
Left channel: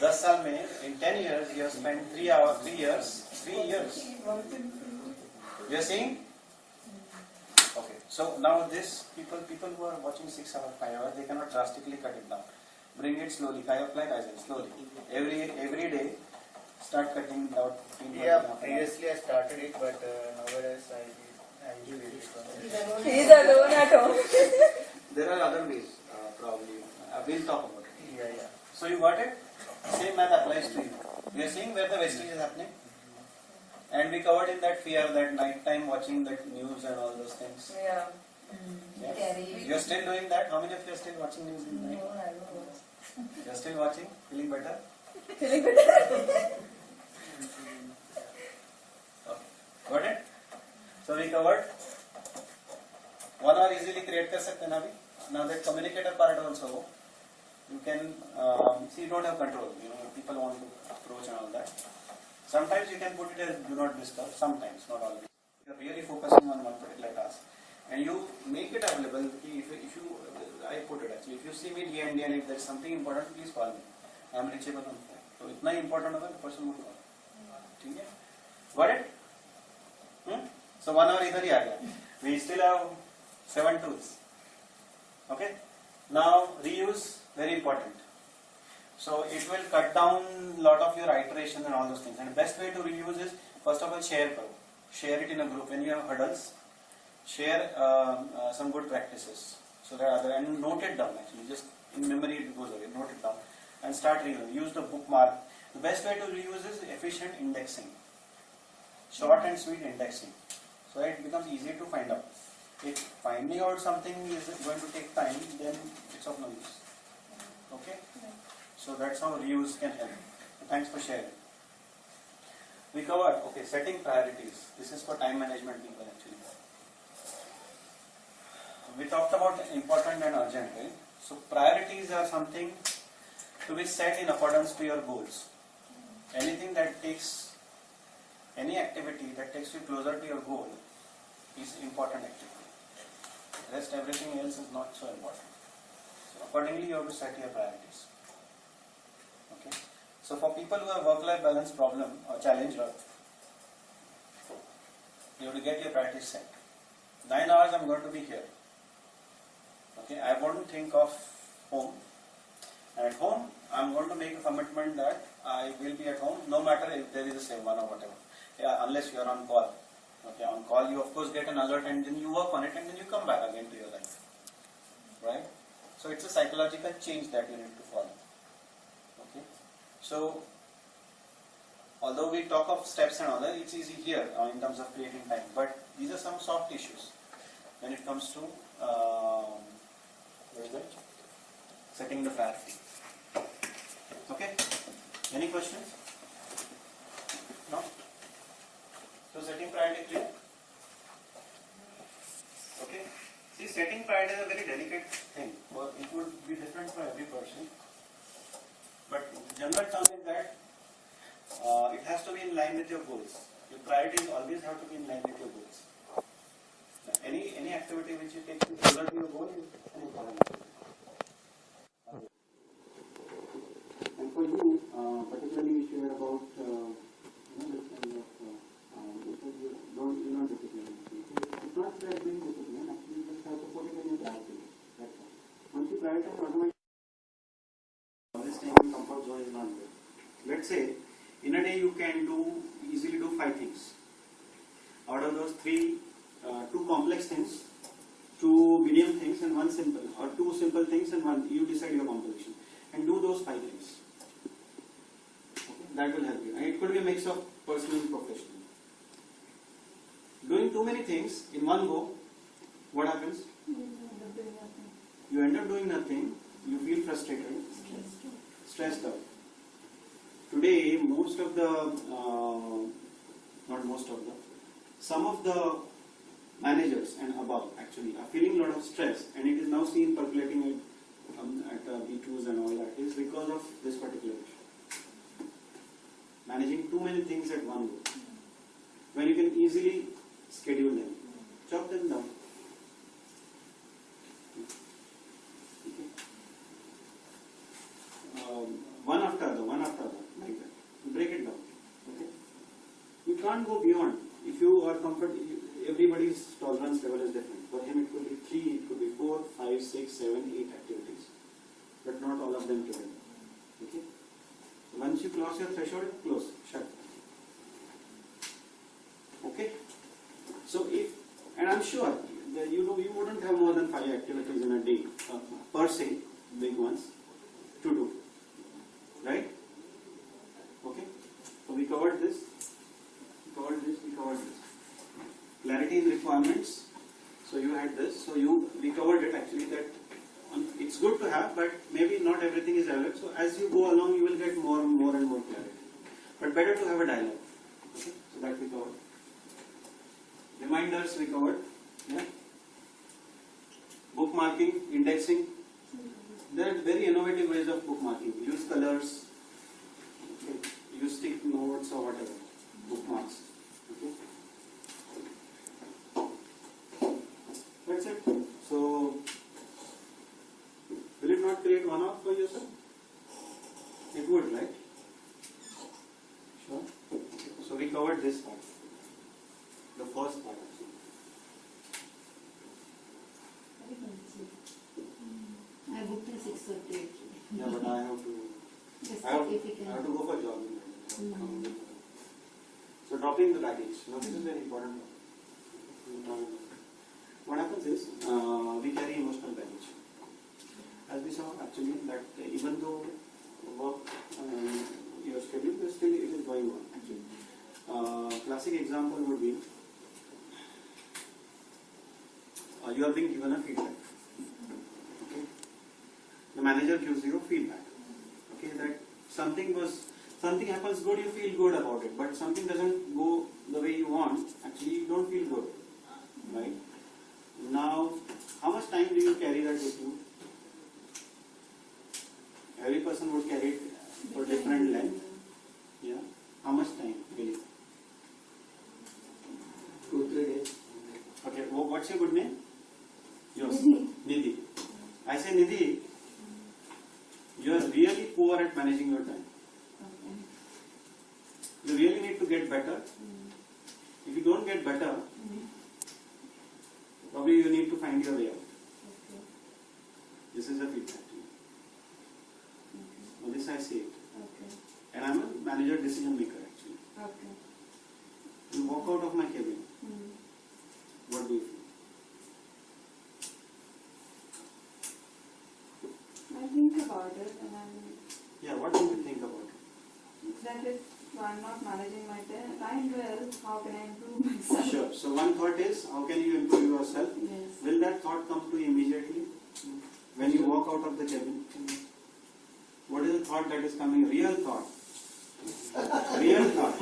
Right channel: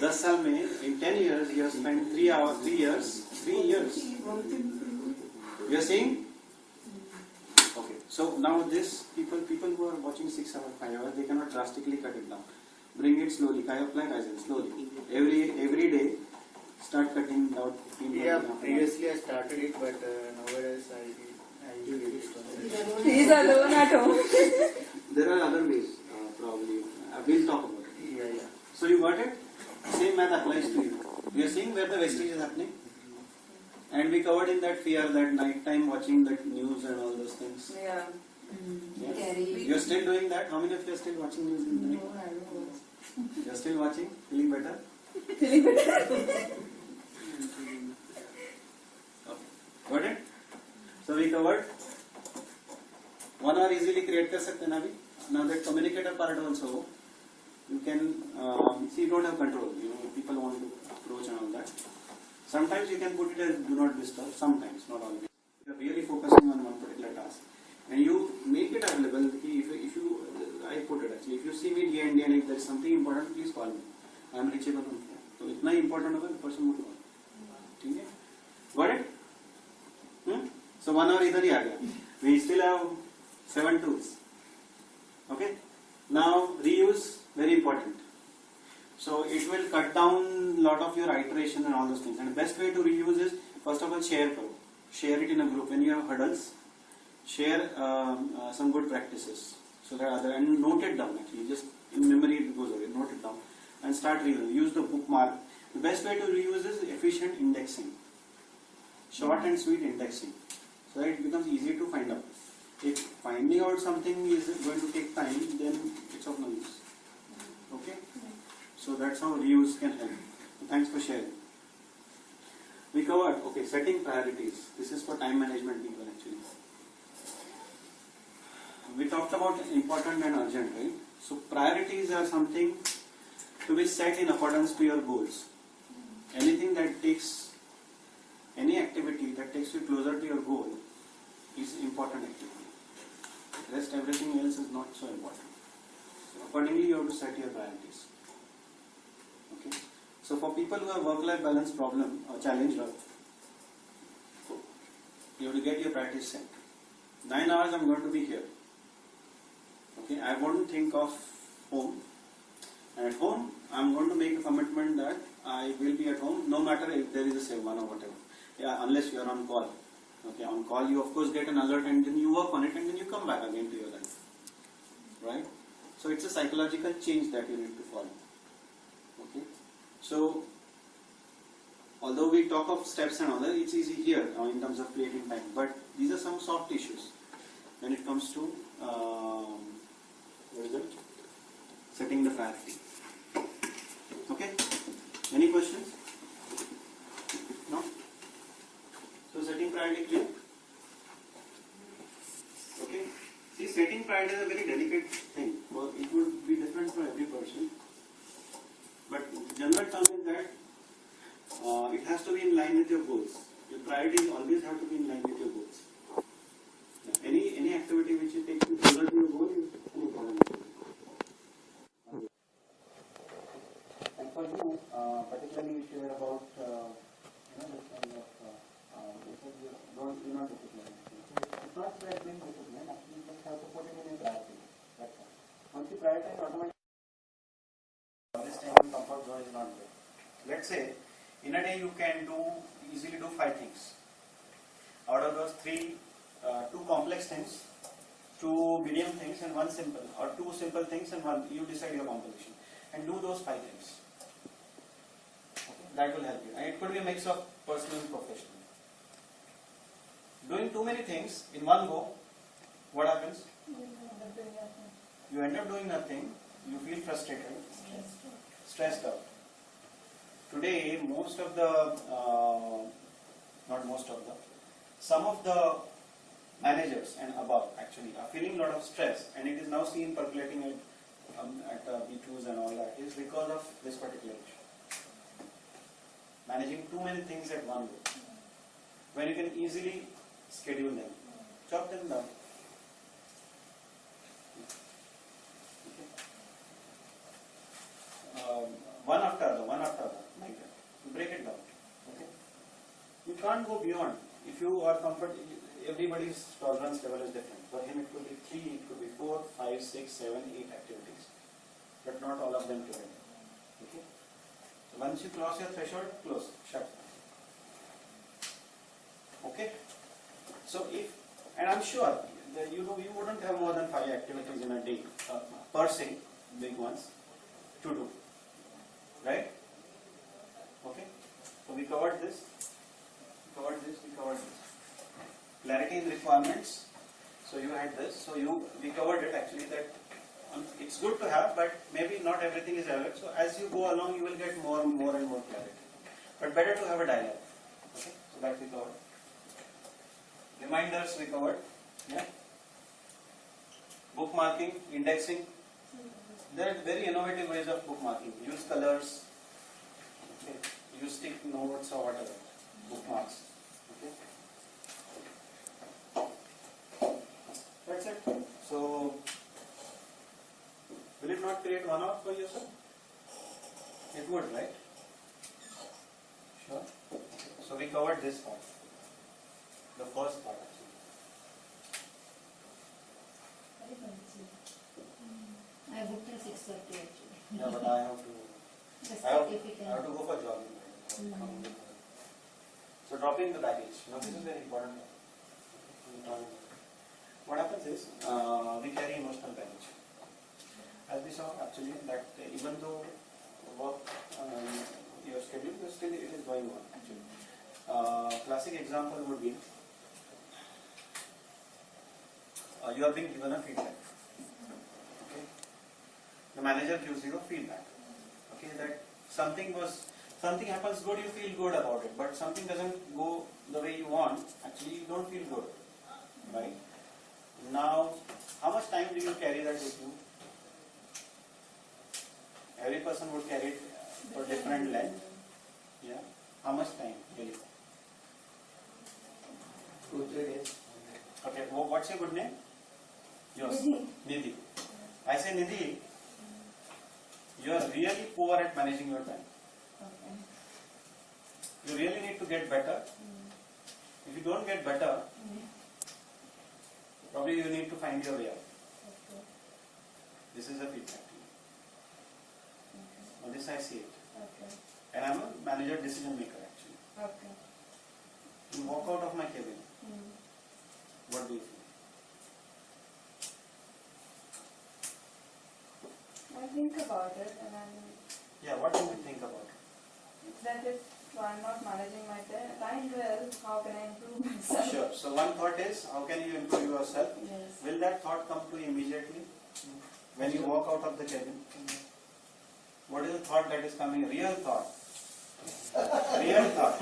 10 साल में in 10 years you have spent 3 years. You are seeing? Okay. So now this people who are watching 6 hours, 5 hours, they cannot drastically cut it down. Bring it slowly. Apply Kaizen slowly. Every day, start cutting out. Yeah, previously I started it, but nowadays I usually start. He is alone at home. There are other ways, probably. We'll talk about it. Yeah. So you got it? Same math applies to you. You are seeing where the wastage is happening? And we covered in that fear, that night time watching that news and all those things. Yeah. Yes. You are still doing that? How many of you are still watching news in the night? No, I don't know. You are still watching? Feeling better? Feeling better. Okay. Got it? So we covered. 1 hour easily create कर सकते हैं ना अभी. Now that communicator part also. you can see you don't have control. You know, people want to approach and all that. Sometimes you can put it as do not disturb. Sometimes, not always. You are really focusing on one particular task, and you make it available. If you I put it actually. If you see me day and day, and if there is something important, please call me. I am reachable on phone. So इतना ही important होगा, the person will call. ठीक है? Got it? So 1 hour इधर ही आ गया. We still have 7 tools. Okay? Now reuse, very important. So it will cut down lot of your iteration and all those things. And the best way to reuse is, first of all, share karo. Share it in a group. When you have hurdles, share some good practices. So that other, and note it down actually. Just in memory it goes away. Note it down and start reusing. Use the bookmark. The best way to reuse is efficient indexing. Short and sweet indexing. So that it becomes easy to find out. If finding out something is going to take time, then it's of no use. Okay? So that's how reuse can help. Thanks for sharing. We covered, okay, setting priorities. This is for time management people actually. We talked about important and urgent, right? So priorities are something to be set in accordance to your goals. Anything that takes, any activity that takes you closer to your goal is important activity. Rest everything else is not so important. So accordingly you have to set your priorities. Okay. So for people who have work-life balance problem or challenge, you have to get your priorities set. 9 hours I'm going to be here. Okay, I won't think of home. And at home, I'm going to make a commitment that I will be at home no matter if there is a save one or whatever. Yeah, unless you are on call. Okay, on call you of course get an alert and then you work on it and then you come back again to your life. Right? So it's a psychological change that you need to follow. Okay. So although we talk of steps and all that, it's easy here in terms of creating time. But these are some soft issues when it comes to what is it? Setting the priority. Okay? Any questions? No? So setting priority clear? Okay? See, setting priority is a very delicate thing. Well, it would be different for every person. But the general term is that it has to be in line with your goals. Your priorities always have to be in line with your goals. Any activity which takes you closer to your goal is an important activity. And for you, particularly you shared about this kind of you're not disciplined. It's not about being disciplined. Actually, you just have to put it in your priority. That's all. Once you prioritize, automatically this staying in comfort zone is not good. Let's say in a day you can easily do 5 things. Out of those 3, 2 complex things, 2 medium things and 1 simple, or 2 simple things and 1, you decide your composition and do those 5 things. Okay? That will help you. And it could be a mix of personal and professional. Doing too many things in one go, what happens? You end up doing nothing, you feel frustrated, stressed out. Today, some of the managers and above actually are feeling a lot of stress, and it is now seen percolating at B2s and all that is because of this particular issue. Managing too many things at one go. When you can easily schedule them, chop them down. One after other, like that. Break it down. Okay? You can't go beyond. If you are comfortable, everybody's tolerance level is different. For him, it could be 3, it could be 4, 5, 6, 7, 8 activities, but not all of them together. Okay? So once you cross your threshold, close, shut. Okay? So and I'm sure that you wouldn't have more than 5 activities in a day per se, big ones, to do. Right? Okay? So we covered this. We covered this. Clarity in requirements. So you had this. So we covered it actually that it's good to have, but maybe not everything is relevant. So as you go along, you will get more and more clarity. But better to have a dialogue. Okay? So that we covered. Reminders we covered. Yeah. Bookmarking, indexing. There are very innovative ways of bookmarking. Use colors, okay. Use stick notes or whatever, bookmarks. Okay. That's it. So, will it not create one out for yourself? It would, right? Sure. So we covered this part, the first part actually. I booked till 6:30 actually. Yeah, but I have to. Just I have, if you can. I have to go for jogging. So dropping the baggage. Now this is very important. What happens is we carry emotional baggage. As we saw actually that even though work your schedule, still it is going on actually. Classic example would be you are being given a feedback. Okay. The manager gives you a feedback. Okay, that something happens good, you feel good about it, but something doesn't go the way you want, actually you don't feel good, right? Now, how much time do you carry that with you? Every person would carry it for different length. Yeah. How much time, really? 2-3 days. Okay, what's your good name? Yours. Nidhi. I say, Nidhi, you are really poor at managing your time. Okay. You really need to get better. If you don't get better, probably you need to find your way out. Okay. This is a feedback to you. Now this I see it. Okay. And I'm a manager decision maker actually. Okay. You walk out of my cabin. What do you feel? I think about it and Yeah, what do you think about it? that if I'm not managing my time well, how can I improve myself? Sure. So one thought is, how can you improve yourself? Yes. Will that thought come to you immediately when you walk out of the cabin? What is the thought that is coming? Real thought. Real thought.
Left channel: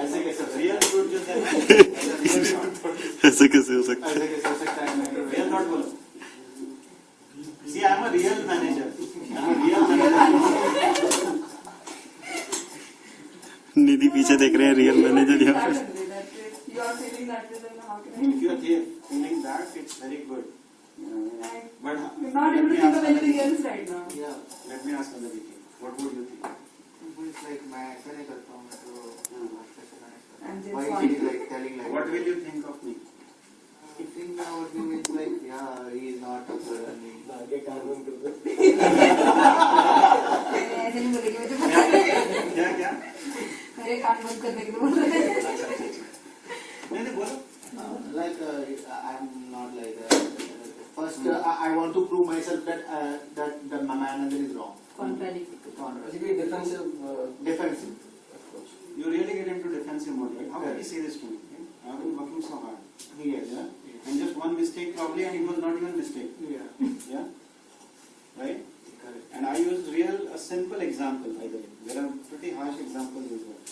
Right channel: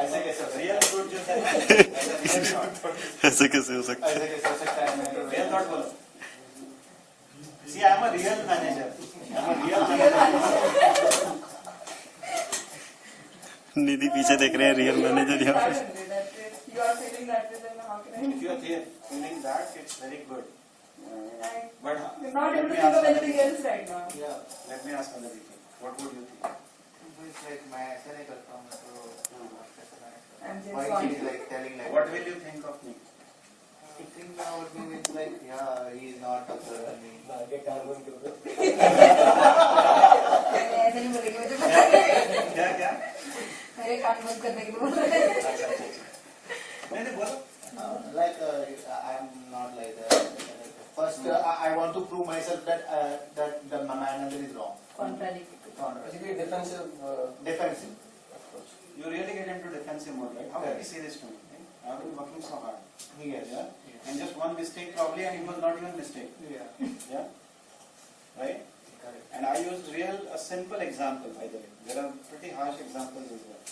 ऐसे कैसे? Real fruit जो है, ऐसा real thought. ऐसे कैसे हो सकता है? ऐसे कैसे हो सकता है? Real thought बोलो. See, I am a real manager. I am a real manager. निधि पीछे देख रहे हैं रियल मैनेजर यहाँ पे. If you are feeling that way, then how can I? If you are feeling that, it's very good. But I'm not able to think of anything else right now. Yeah. let me ask another thing. What would you think? It's like मैं ऐसा नहीं करता हूँ, मैं तो I'm just why one. she is like telling like What will you think of me? I think now would be it's like yeah, he is not a good at me. आगे काम बंद कर दो. ऐसे नहीं बोलेगी मुझे पता है. क्या क्या? मेरे कान बंद करने के लिए बोल रहे हैं. नहीं बोलो. Like I am not like that. First, I want to prove myself that that my manager is wrong. Contradictory. Basically defensive. Defensive. You really get into defensive mode, right? How can you say this to me? Right? I have been working so hard. Yes. Yeah? And just one mistake probably, and it was not even mistake. Yeah. Yeah? Right? Correct. And I used a simple example, by the way. There are pretty harsh examples as well.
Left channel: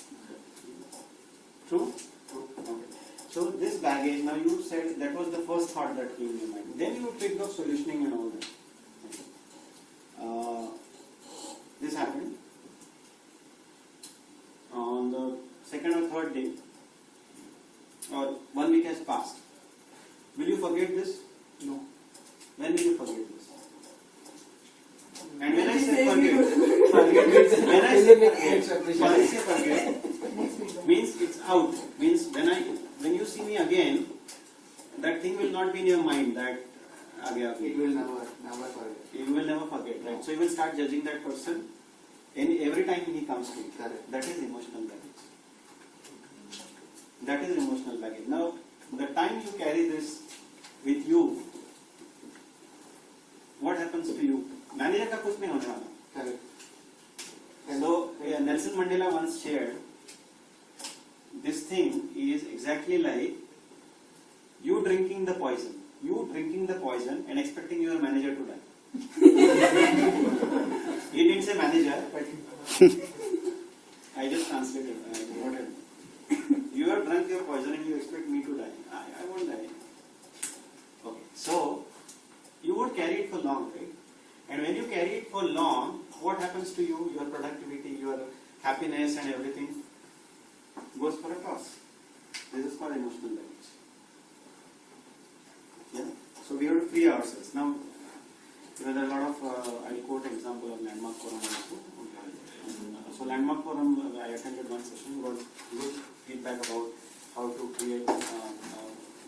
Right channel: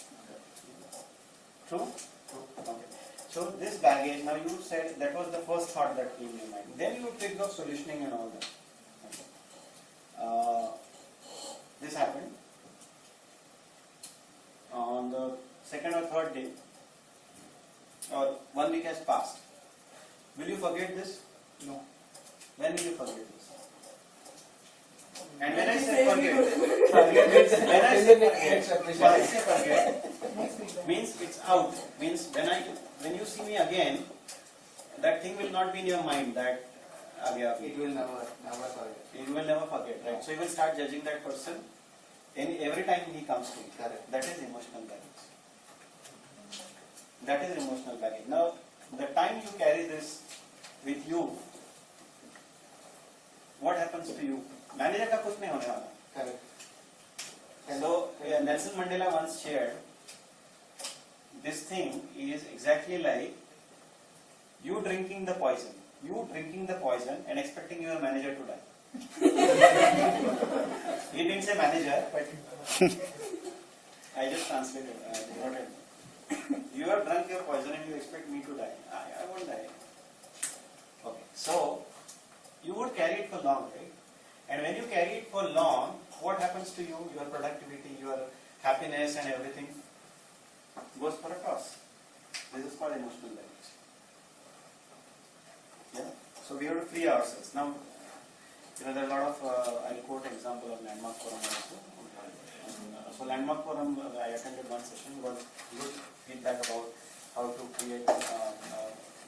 True? True. Okay. So this baggage, now you said that was the first thought that came in your mind. Then you think of solutioning and all that. Okay. This happened. On the second or third day, or 1 week has passed. Will you forget this? No. When will you forget this? And when I say Say forget, When I say forget, means it's out. Means when you see me again, that thing will not be in your mind that It will never forget. you will never forget, right? So you will start judging that person every time he comes to you. Correct. That is emotional baggage. That is emotional baggage. Now, the time you carry this with you, what happens to you? Manager का कुछ नहीं होने वाला. Correct. So Nelson Mandela once shared, this thing is exactly like you drinking the poison. You drinking the poison and expecting your manager to die. He didn't say manager, but I just translated. I wrote it. You have drunk your poison and you expect me to die. I won't die. Okay. So you would carry it for long, right? And when you carry it for long, what happens to you? Your productivity, your happiness and everything goes for a toss. This is called emotional baggage. Yeah. So we have to free ourselves. Now, there are a lot of, I'll quote an example of Landmark Forum also. So Landmark Forum, I attended one session, got good feedback about how to create,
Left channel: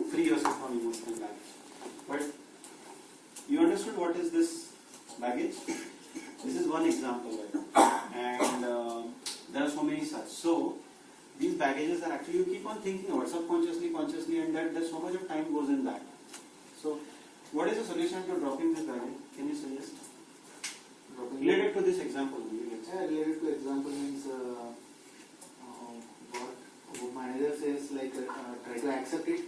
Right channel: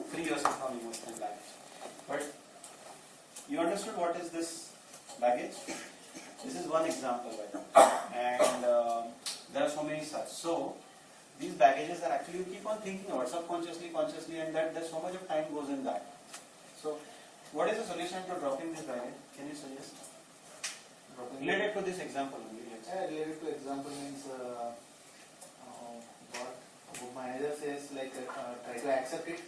free yourself from emotional baggage. But you understood what is this baggage? This is one example, right? And there are so many such. So these baggages are actually, you keep on thinking about subconsciously, consciously, and that there's so much of time goes in that. So what is the solution to dropping this baggage? Can you suggest? Related to this example only. Yeah, related to example means what manager says, like try to accept it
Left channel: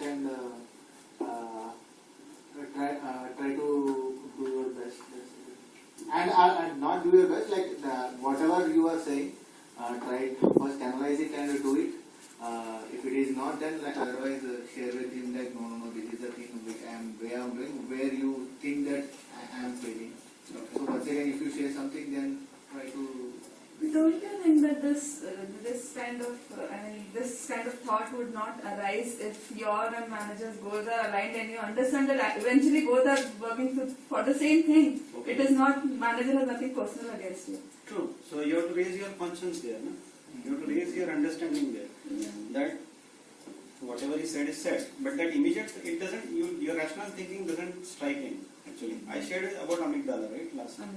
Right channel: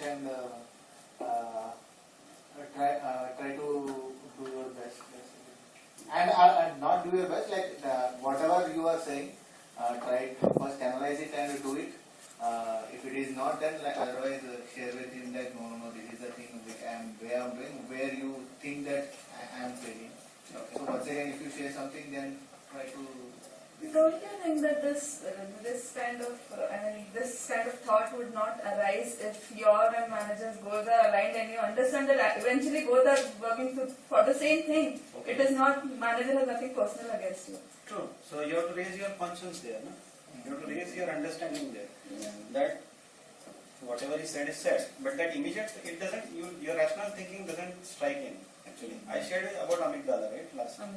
and try to do your best. And not do your best, like whatever you are saying, try to first analyze it and do it. If it is not done, like otherwise share with him like no, this is the thing which I am doing, where you think that I am failing. Okay. So once again, if you share something, then try to. Don't you think that this kind of thought would not arise if your and manager's goals are aligned and you understand that eventually both are working for the same thing? Okay. It is not, manager has nothing personal against you. True. So you have to raise your conscience there. No? You have to raise your understanding there. Yeah. That whatever is said, but that immediate, it doesn't, your rational thinking doesn't strike in. Actually, I shared about amygdala, right, last time.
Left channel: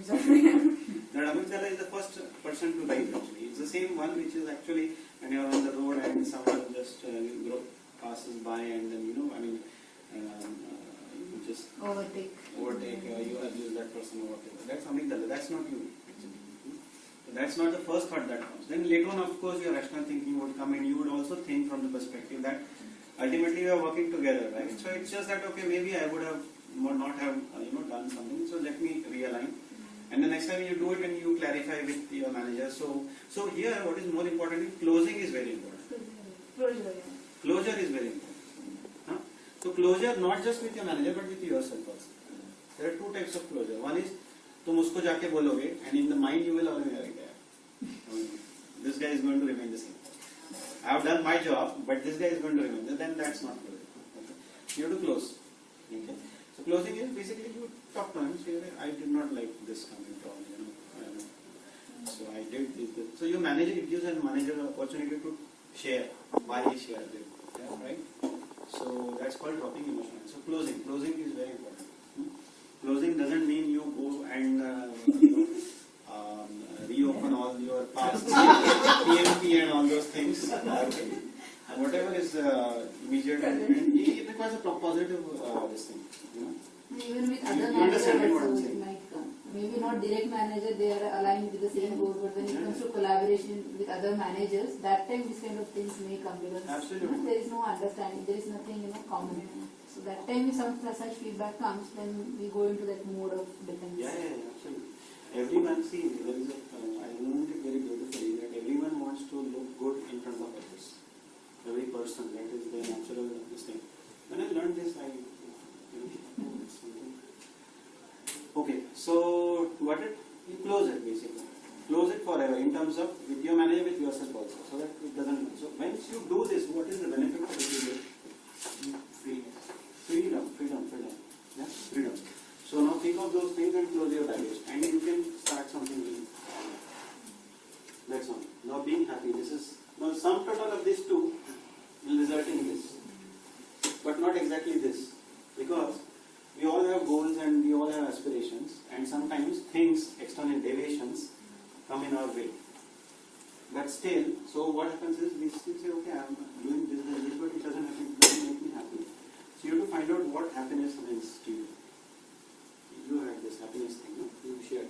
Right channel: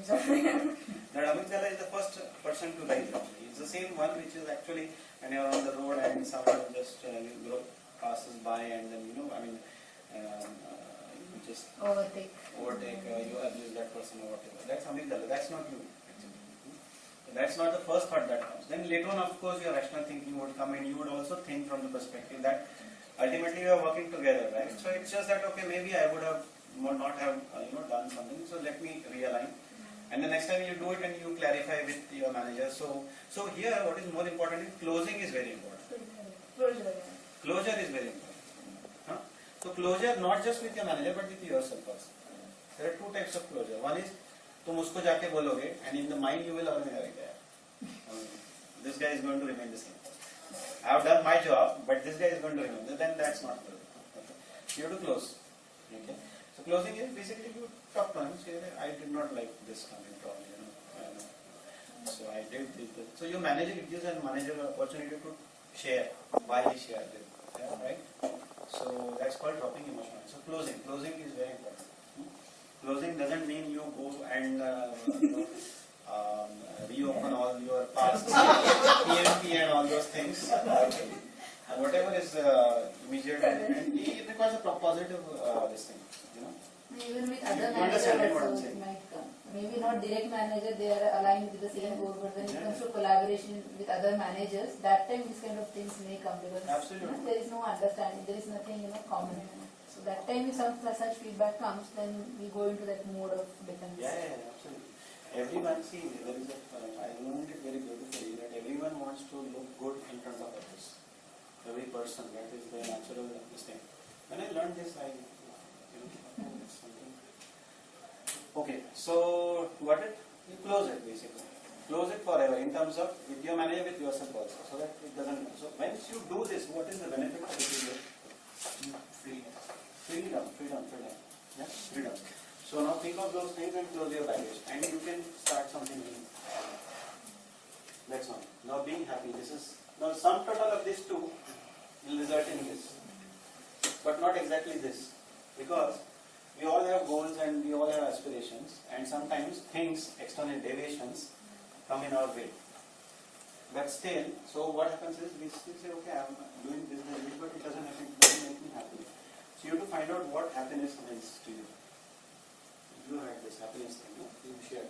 That amygdala is the first person to rise actually. It's the same one which is actually when you're on the road and someone just passes by and then you just Overtake. You abuse that person or whatever. That's amygdala, that's not you actually. So that's not the first thought that comes. Then later on, of course, your rational thinking would come and you would also think from the perspective that ultimately we are working together, right? So it's just that, okay, maybe I would have not have done something, so let me realign. And the next time you do it and you clarify with your manager. So here what is more important is closing is very important. Closure is very important. Huh? So closure not just with your manager but with yourself also. There are two types of closure. One is तुम उसको जाके बोलोगे and in the mind you will already this guy is going to remain the same. I have done my job, but this guy is going to remain. Then that's not closure. Okay. You have to close. Okay. So closing is basically you talk to him, say, I did not like this comment at all, so I did this. So your manager, it gives a manager an opportunity to share why he shared it, right? So that's called dropping emotion. So closing is very important. Closing doesn't mean you go and reopen all your past PMP and all those things. Okay. Whatever is immediate, and it requires a positive this thing, Even with other You managers understand what I'm also, it saying? might come. Maybe not direct manager, they are aligned with the same goal, but when it comes to collaboration with other managers, that time these kind of things may come because Absolutely. there is no understanding, there is nothing common. So that time if some such feedback comes, then we go into that mode of defense. Yeah, absolutely. Everyone, see, there is I learned it very beautifully that everyone wants to look good in front of others. Every person, that is the natural this thing. When I learned this, it's something. Okay, so got it? You close it basically. Close it forever in terms of with your manager, with yourself also, so that it doesn't. So once you do this, what is the benefit of it? Freedom. Yeah, freedom. So now think of those things and close your baggage, and you can start something new. That's all. Now being happy. This is now sum total of these two will result in this, but not exactly this, because we all have goals and we all have aspirations, and sometimes things, external deviations, come in our way. But still, so what happens is we still say, okay, I'm doing this, but it doesn't make me happy. So you have to find out what happiness means to you. You had this happiness thing, no? You shared.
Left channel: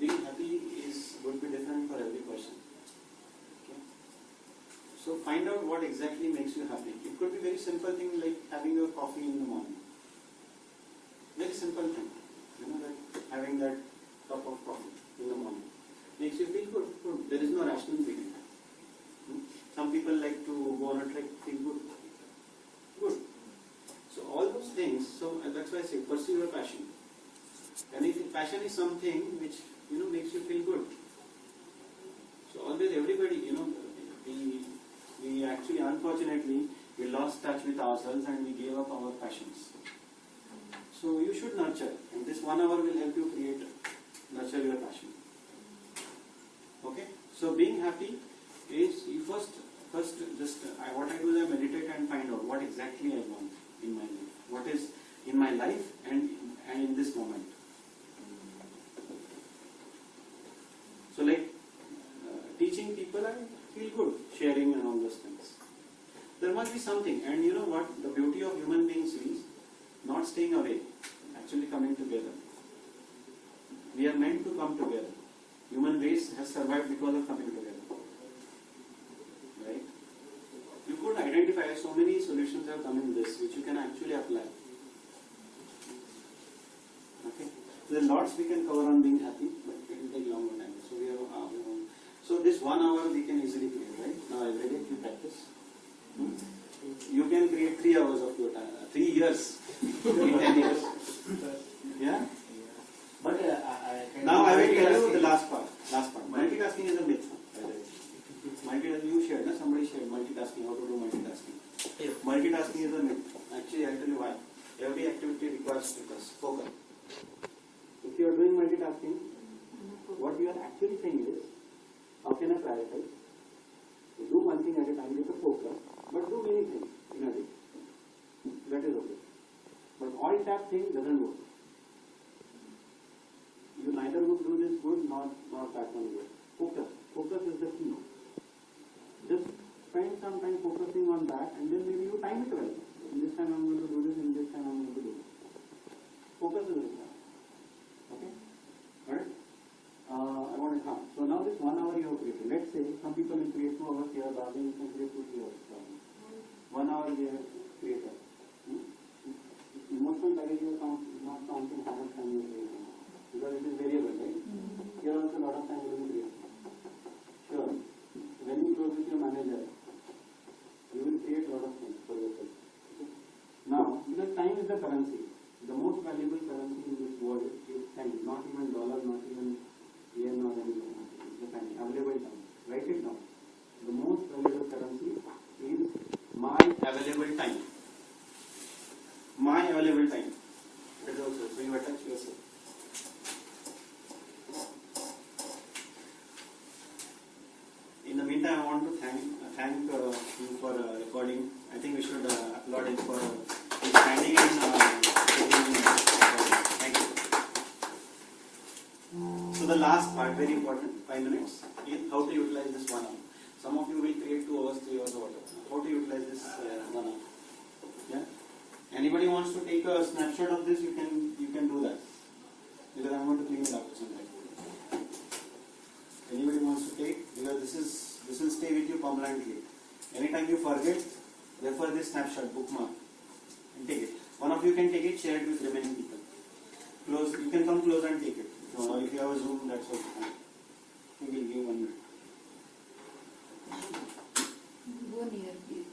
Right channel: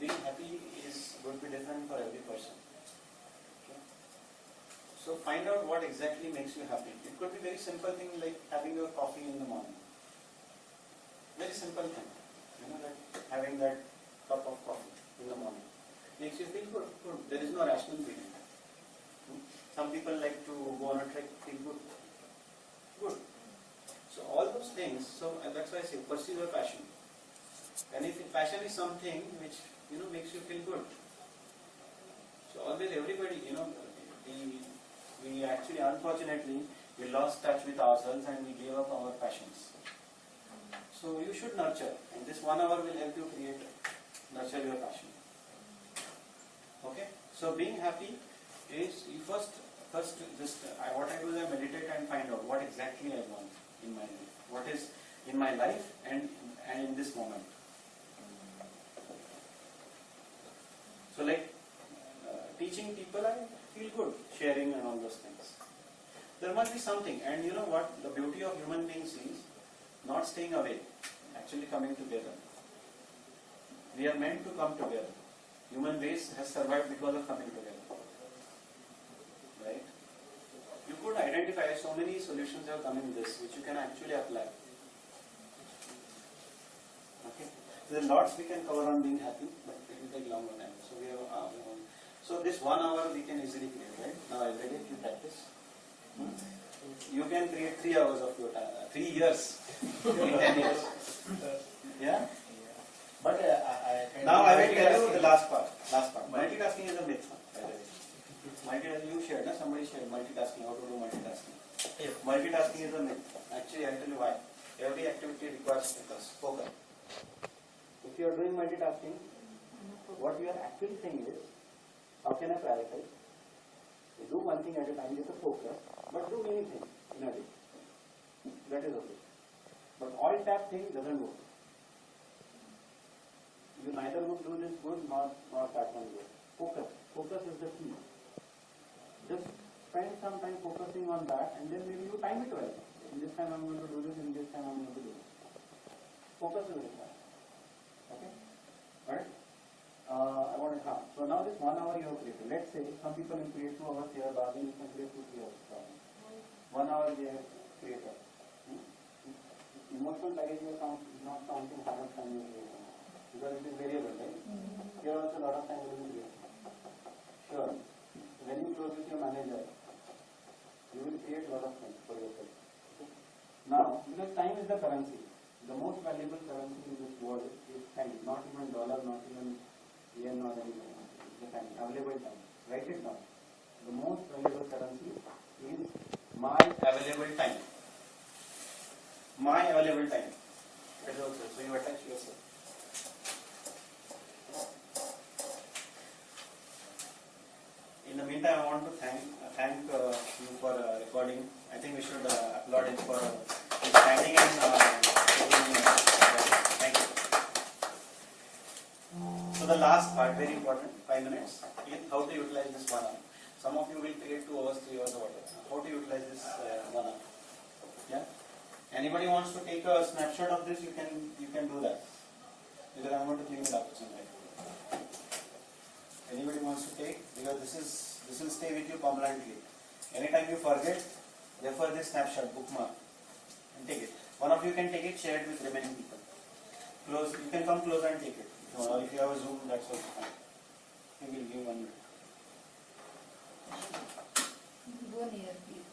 Being happy would be different for every person. Okay? So find out what exactly makes you happy. It could be very simple thing like having your coffee in the morning. Very simple thing. That having that cup of coffee in the morning makes you feel good. There is no rational feeling. Some people like to go on a trek, feel good. So all those things, so that's why I say? Pursue your passion. And if passion is something which makes you feel good. So always everybody, we actually unfortunately we lost touch with ourselves and we gave up our passions. So you should nurture, and this 1 hour will help you nurture your passion. Okay? So being happy is you first just what I do is I meditate and find out what exactly I want in my life. What is in my life and in this moment. So like teaching people, I feel good sharing and all those things. There must be something, and you know what? The beauty of human beings is not staying away, actually coming together. We are meant to come together. Human race has survived because of coming together. Right? You could identify so many solutions have come in this, which you can actually apply. Okay? There are lots we can cover on being happy, but it will take longer time. So we have so this 1 hour we can easily create, right? Now every day you practice. You can create 3 hours of your time, 3 years in 10 years. Yeah? But now I will tell you the last part. Multitasking is a myth, by the way. Multitasking, you shared, somebody shared multitasking, how to do multitasking. Yeah. Multitasking is a myth. Actually, I'll tell you why. Every activity requires focus. If you are doing multitasking, what you are actually saying is, how can I prioritize? Do one thing at a time with a focus, but do many things in a day. That is okay. But all tap thing doesn't work. You neither would do this good nor that one good. Focus. Focus is the key. Just spend some time focusing on that, and then maybe you time it well. In this time I'm going to do this, in this time I'm going to do this. Focus is required. Okay? Alright? So now this 1 hour you have created. Let's say some people will create 2 hours here, the other you can create 2-3 hours. 1 hour they have created. Emotional baggage you are not counting how much time you are creating. Because it is variable, right? Here also a lot of time will be created. Sure. When you close with your manager, you will create a lot of things for yourself. Okay? Now, because time is the currency, the most valuable currency in this world is time, not even dollar, not even yen or anything. It's the time, available time. Write it down. The most valuable currency is my available time. My available time. That is also, so you attach yourself. In the meantime, I want to thank you for recording. I think we should applaud him for standing and thank you. So the last part, very important, 5 minutes, is how to utilize this 1 hour. Some of you will create 2 hours, 3 hours, or whatever. How to utilize this 1 hour? Yeah. Anybody wants to take a snapshot of this? You can do that, because I'm going to clean it up sometime. Anybody wants to take? Because this will stay with you permanently. Anytime you forget, refer this snapshot, bookmark, and take it. One of you can take it, share it with remaining people. Close. You can come close and take it. Or if you have a Zoom, that's also fine. We will give 1 minute. Go near, please.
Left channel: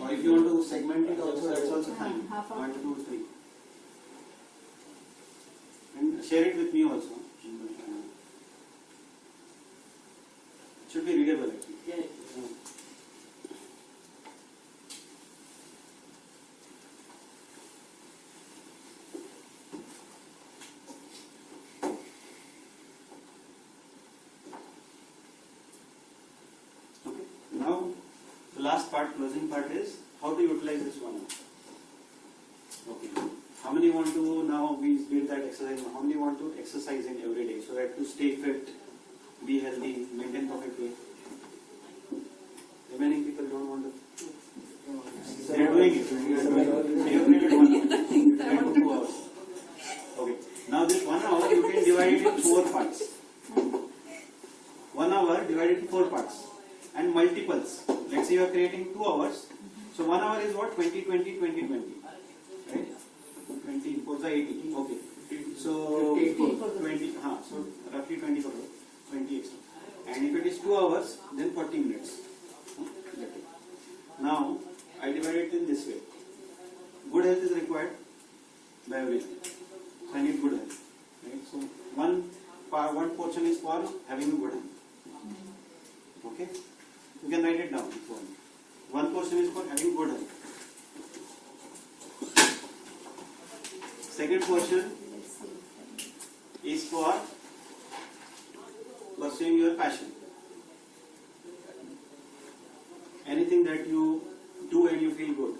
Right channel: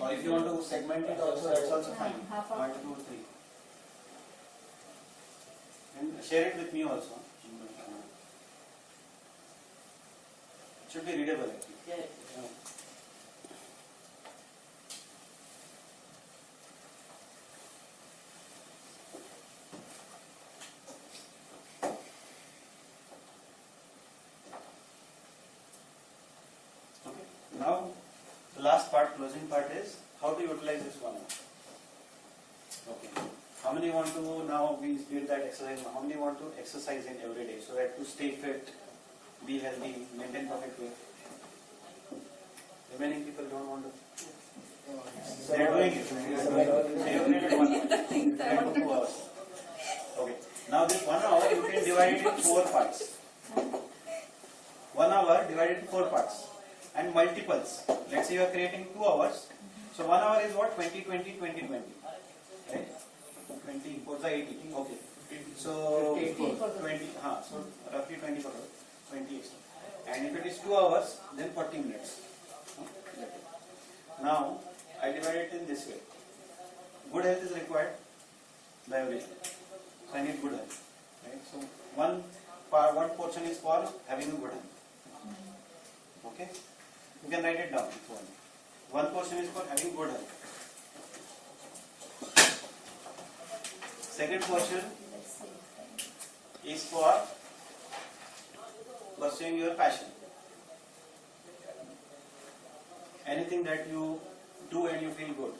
Or if you want to segment it also, that's also fine. Half 1, 2, 3. And share it with me also. It should be readable actually. Yeah. Okay. Now the last part, closing part is how to utilize this 1 hour. Okay. How many want to, now we did that exercise, how many want to exercise in every day so that to stay fit, be healthy, maintain perfect weight? Remaining people don't want to. They are doing it. So you created 1 hour. You created 2 hours. Okay. Now this 1 hour you can divide it in 4 parts. 1 hour divided in 4 parts. And multiples. Let's say you are creating 2 hours. So 1 hour is what? 20, 20, 20, 20. Right? 20, 4 is 80. Okay. So 20, so roughly 20 for 20 extra. And if it is 2 hours, then 40 minutes. Now, I divide it in this way. Good health is required. biology. So I need good health. Right? So one portion is for having a good health. Okay? You can write it down if you want. One portion is for having good health. Second portion is for pursuing your passion. Anything that you do and you feel good.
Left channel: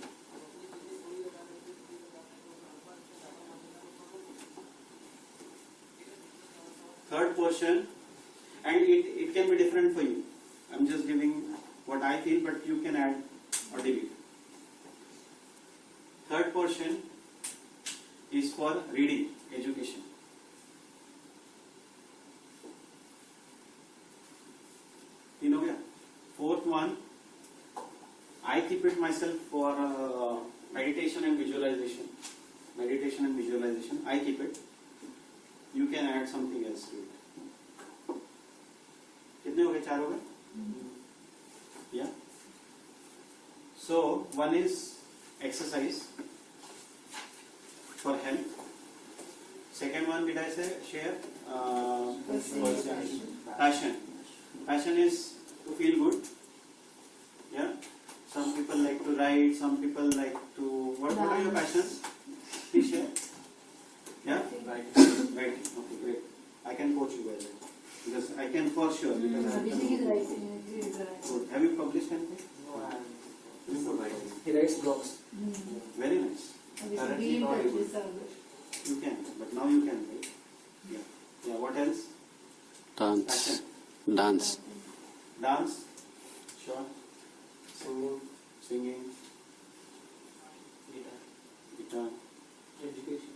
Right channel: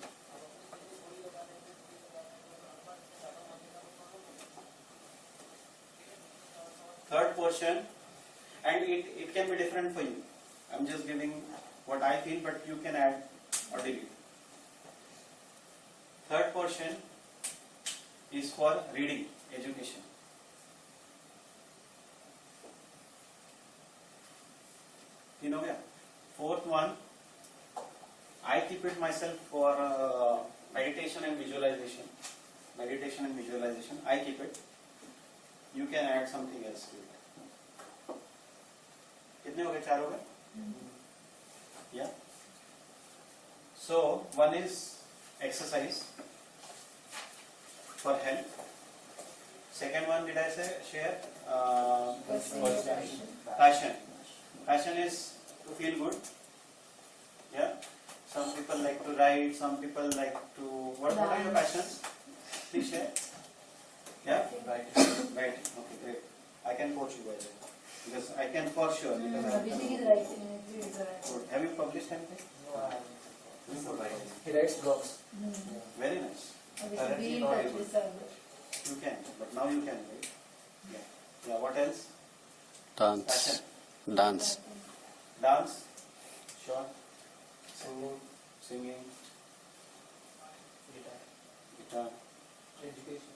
Third portion, and it can be different for you. I'm just giving what I feel, but you can add or delete. Third portion is for reading, education. You know, yeah. Fourth one, I keep it myself for meditation and visualization. Meditation and visualization, I keep it. You can add something else to it. कितने हो गए? 4 हो गए? Yeah. So one is exercise for health. Second one, did I say share? Passion. Passion is to feel good. Yeah. Some people like to ride. Some people like to. What are your passions? Please share. Yeah. Writing. Okay, great. I can coach you by the way. Because I can for sure. Because I have good. Have you published anything? No, I haven't. Writing. He writes blogs. Very nice. Currently not able. You can, but now you can, right? Yeah. Yeah. What else? Dance. Passion. Dance. Dance. Sure. Singing. Guitar. Education.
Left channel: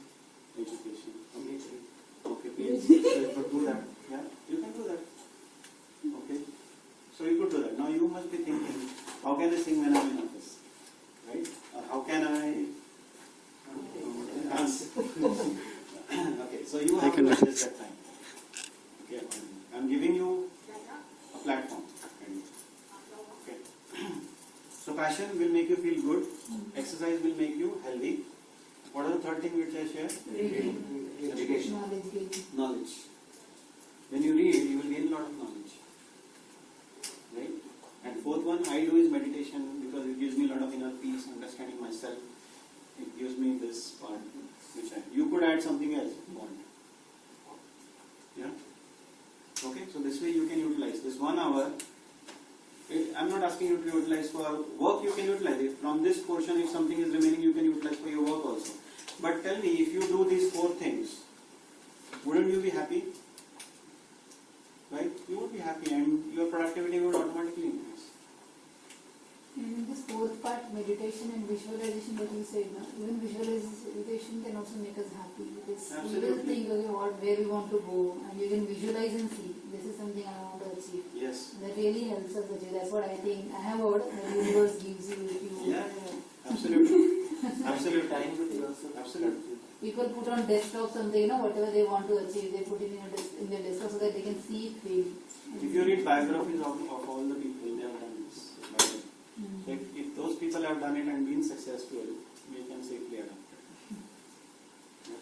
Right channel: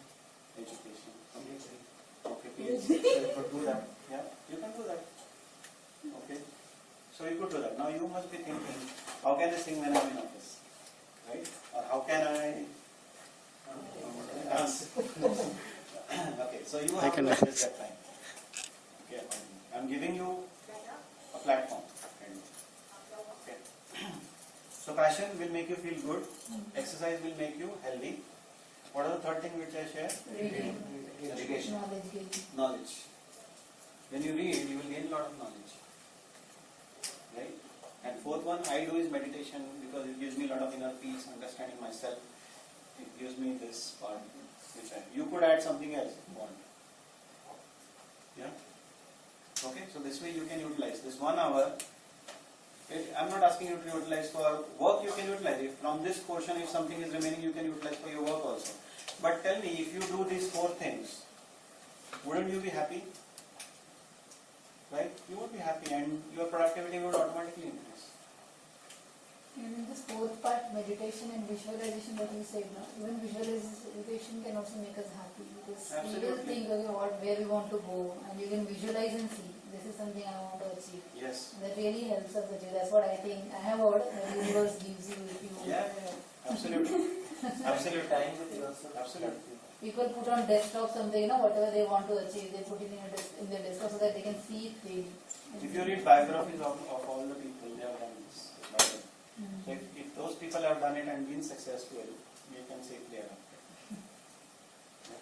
Education. Okay. PhD. So you could do that. Yeah. You can do that. Okay. So you could do that. Now you must be thinking, how can I sing when I'm in office? Right? Or how can I dance? Okay. So you have to adjust that time. Okay. I'm giving you a platform. Okay. So passion will make you feel good. Exercise will make you healthy. What are the third thing which I share? Reading. Education. Knowledge. Knowledge. When you read, you will gain a lot of knowledge. Right? And fourth one I do is meditation because it gives me a lot of inner peace, understanding myself. It gives me this part which you could add something else if you want. Yeah? Okay, so this way you can utilize this 1 hour. I'm not asking you to utilize for work, you can utilize it. From this portion, if something is remaining, you can utilize for your work also. But tell me, if you do these 4 things, wouldn't you be happy? Right? You would be happy and your productivity would automatically increase. And in this fourth part, meditation and visualization that you said, no? Even visualization can also make us happy because we will think, okay, where we want to go, and you can visualize and see, this is something I want to achieve. Yes. That really helps us achieve. That's what I think. I have heard that the universe gives you if you. Yeah. Absolutely. Absolutely. Time with yourself. Absolutely. People put on desktop something, whatever they want to achieve, they put it in their desktop so that they can see it clearly. If you read biographies of all the people, they have done this. So if those people have done it and been successful, we can safely adopt it. Yeah.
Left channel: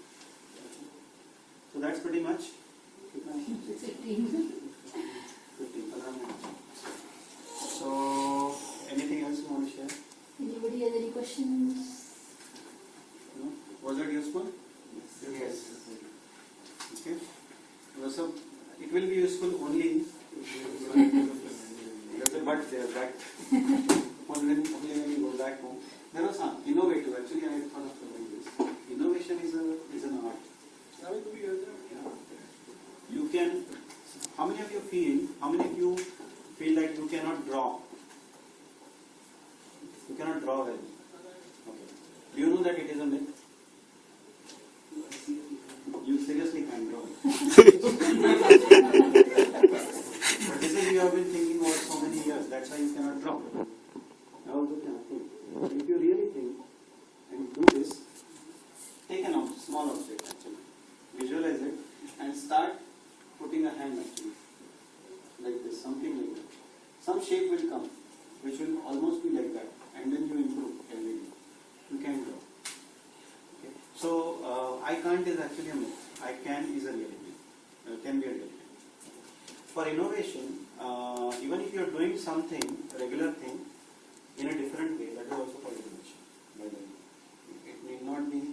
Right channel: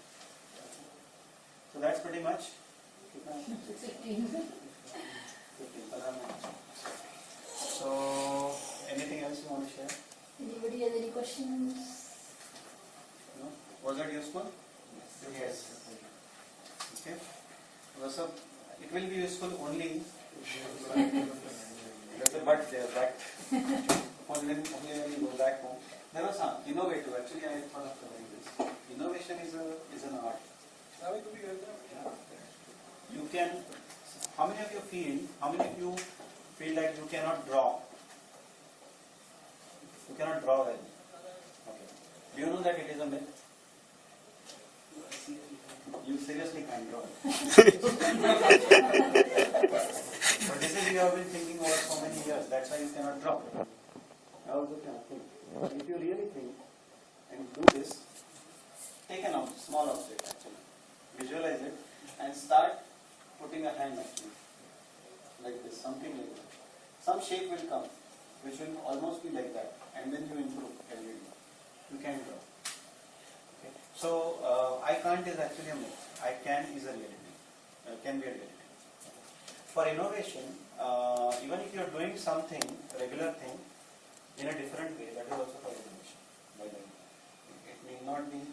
So that's pretty much 15. So anything else you want to share? Anybody has any questions? No? Was that useful? Yes. Okay. So it will be useful only. There's a but there, but only when you go back home. There was some innovative. Actually, I thought of doing this. Innovation is an art. You can. How many of you feel like you cannot draw? You cannot draw well. Okay. Do you know that it is a myth? You seriously can't draw. But this is you have been thinking over so many years. That's why you cannot draw. I also cannot think. If you really think and do this, take a small object actually, visualize it, and start putting a hand actually, like this, something like that. Some shape will come, which will almost be like that, and then you improve every day. You can draw. Okay. So can't is actually a myth. I can is a reality. Can be a reality. For innovation, even if you are doing something, regular thing, in a different way, that is also called innovation. By the way, it need not mean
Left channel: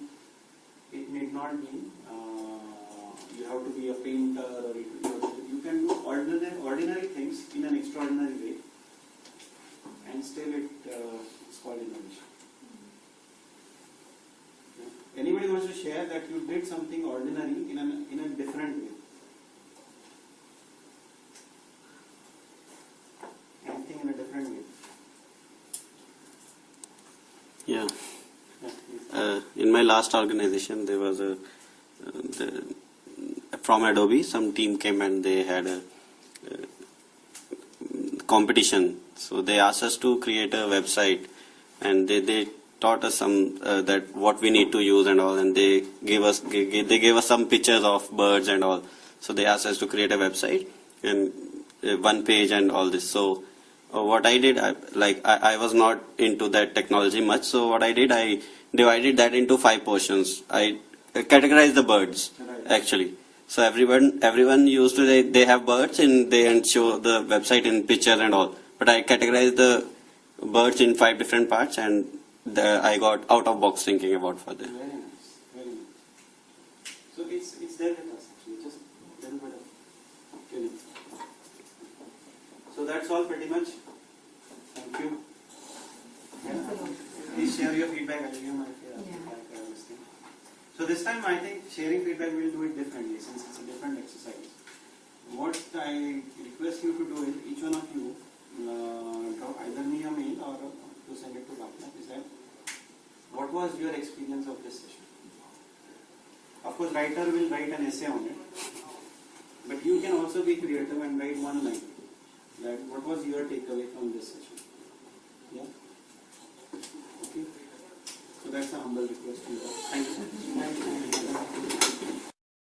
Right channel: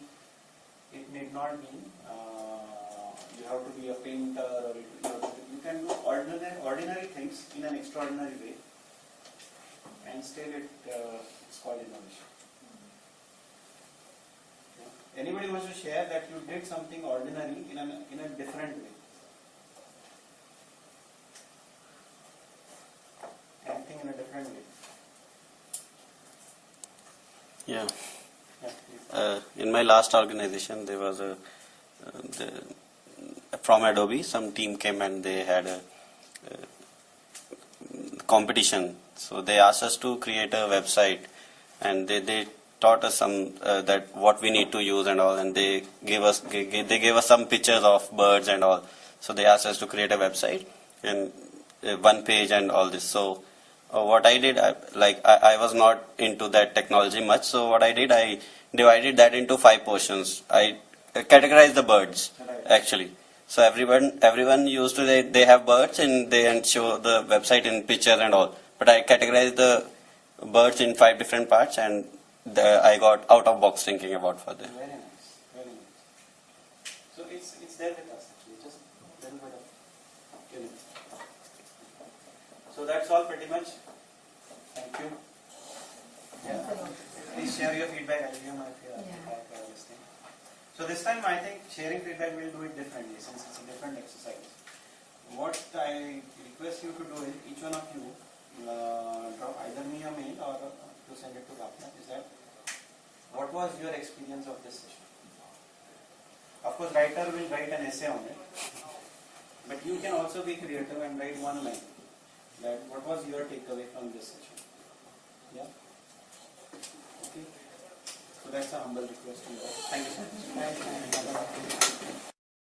you have to be a painter or you can do ordinary things in an extraordinary way, and still it's called innovation. Yeah. Anybody wants to share that you did something ordinary in a different way? Anything in a different way? Yeah. Yeah, please. In my last organization, there was from Adobe, some team came and they had a competition. So they asked us to create a website, and they taught us some that what we need to use and all, and they gave us some pictures of birds and all. So they asked us to create a website and one page and all this. So what I did, I was not into that technology much. So what I did, I divided that into 5 portions. I categorized the birds actually. So everyone used to they have birds and show the website in pictures and all. But I categorized the birds in 5 different parts, and I got out of box thinking about for them. Very nice, very nice. So it's there with us actually, just a little bit of tuning. So that's all pretty much. Thank you. Yeah. Please share your feedback. I'll give you my feedback. So this time I think sharing feedback we'll do it differently, since it's a different exercise. What I request you to do is, each one of you drop either me a mail or to send it to Rapna, is that what was your experience of this session? Of course, writer will write an essay on it, but you can also be creative and write one line. That what was your takeaway from this session? Yeah? Okay. So that's a humble request to you. Thank you so much.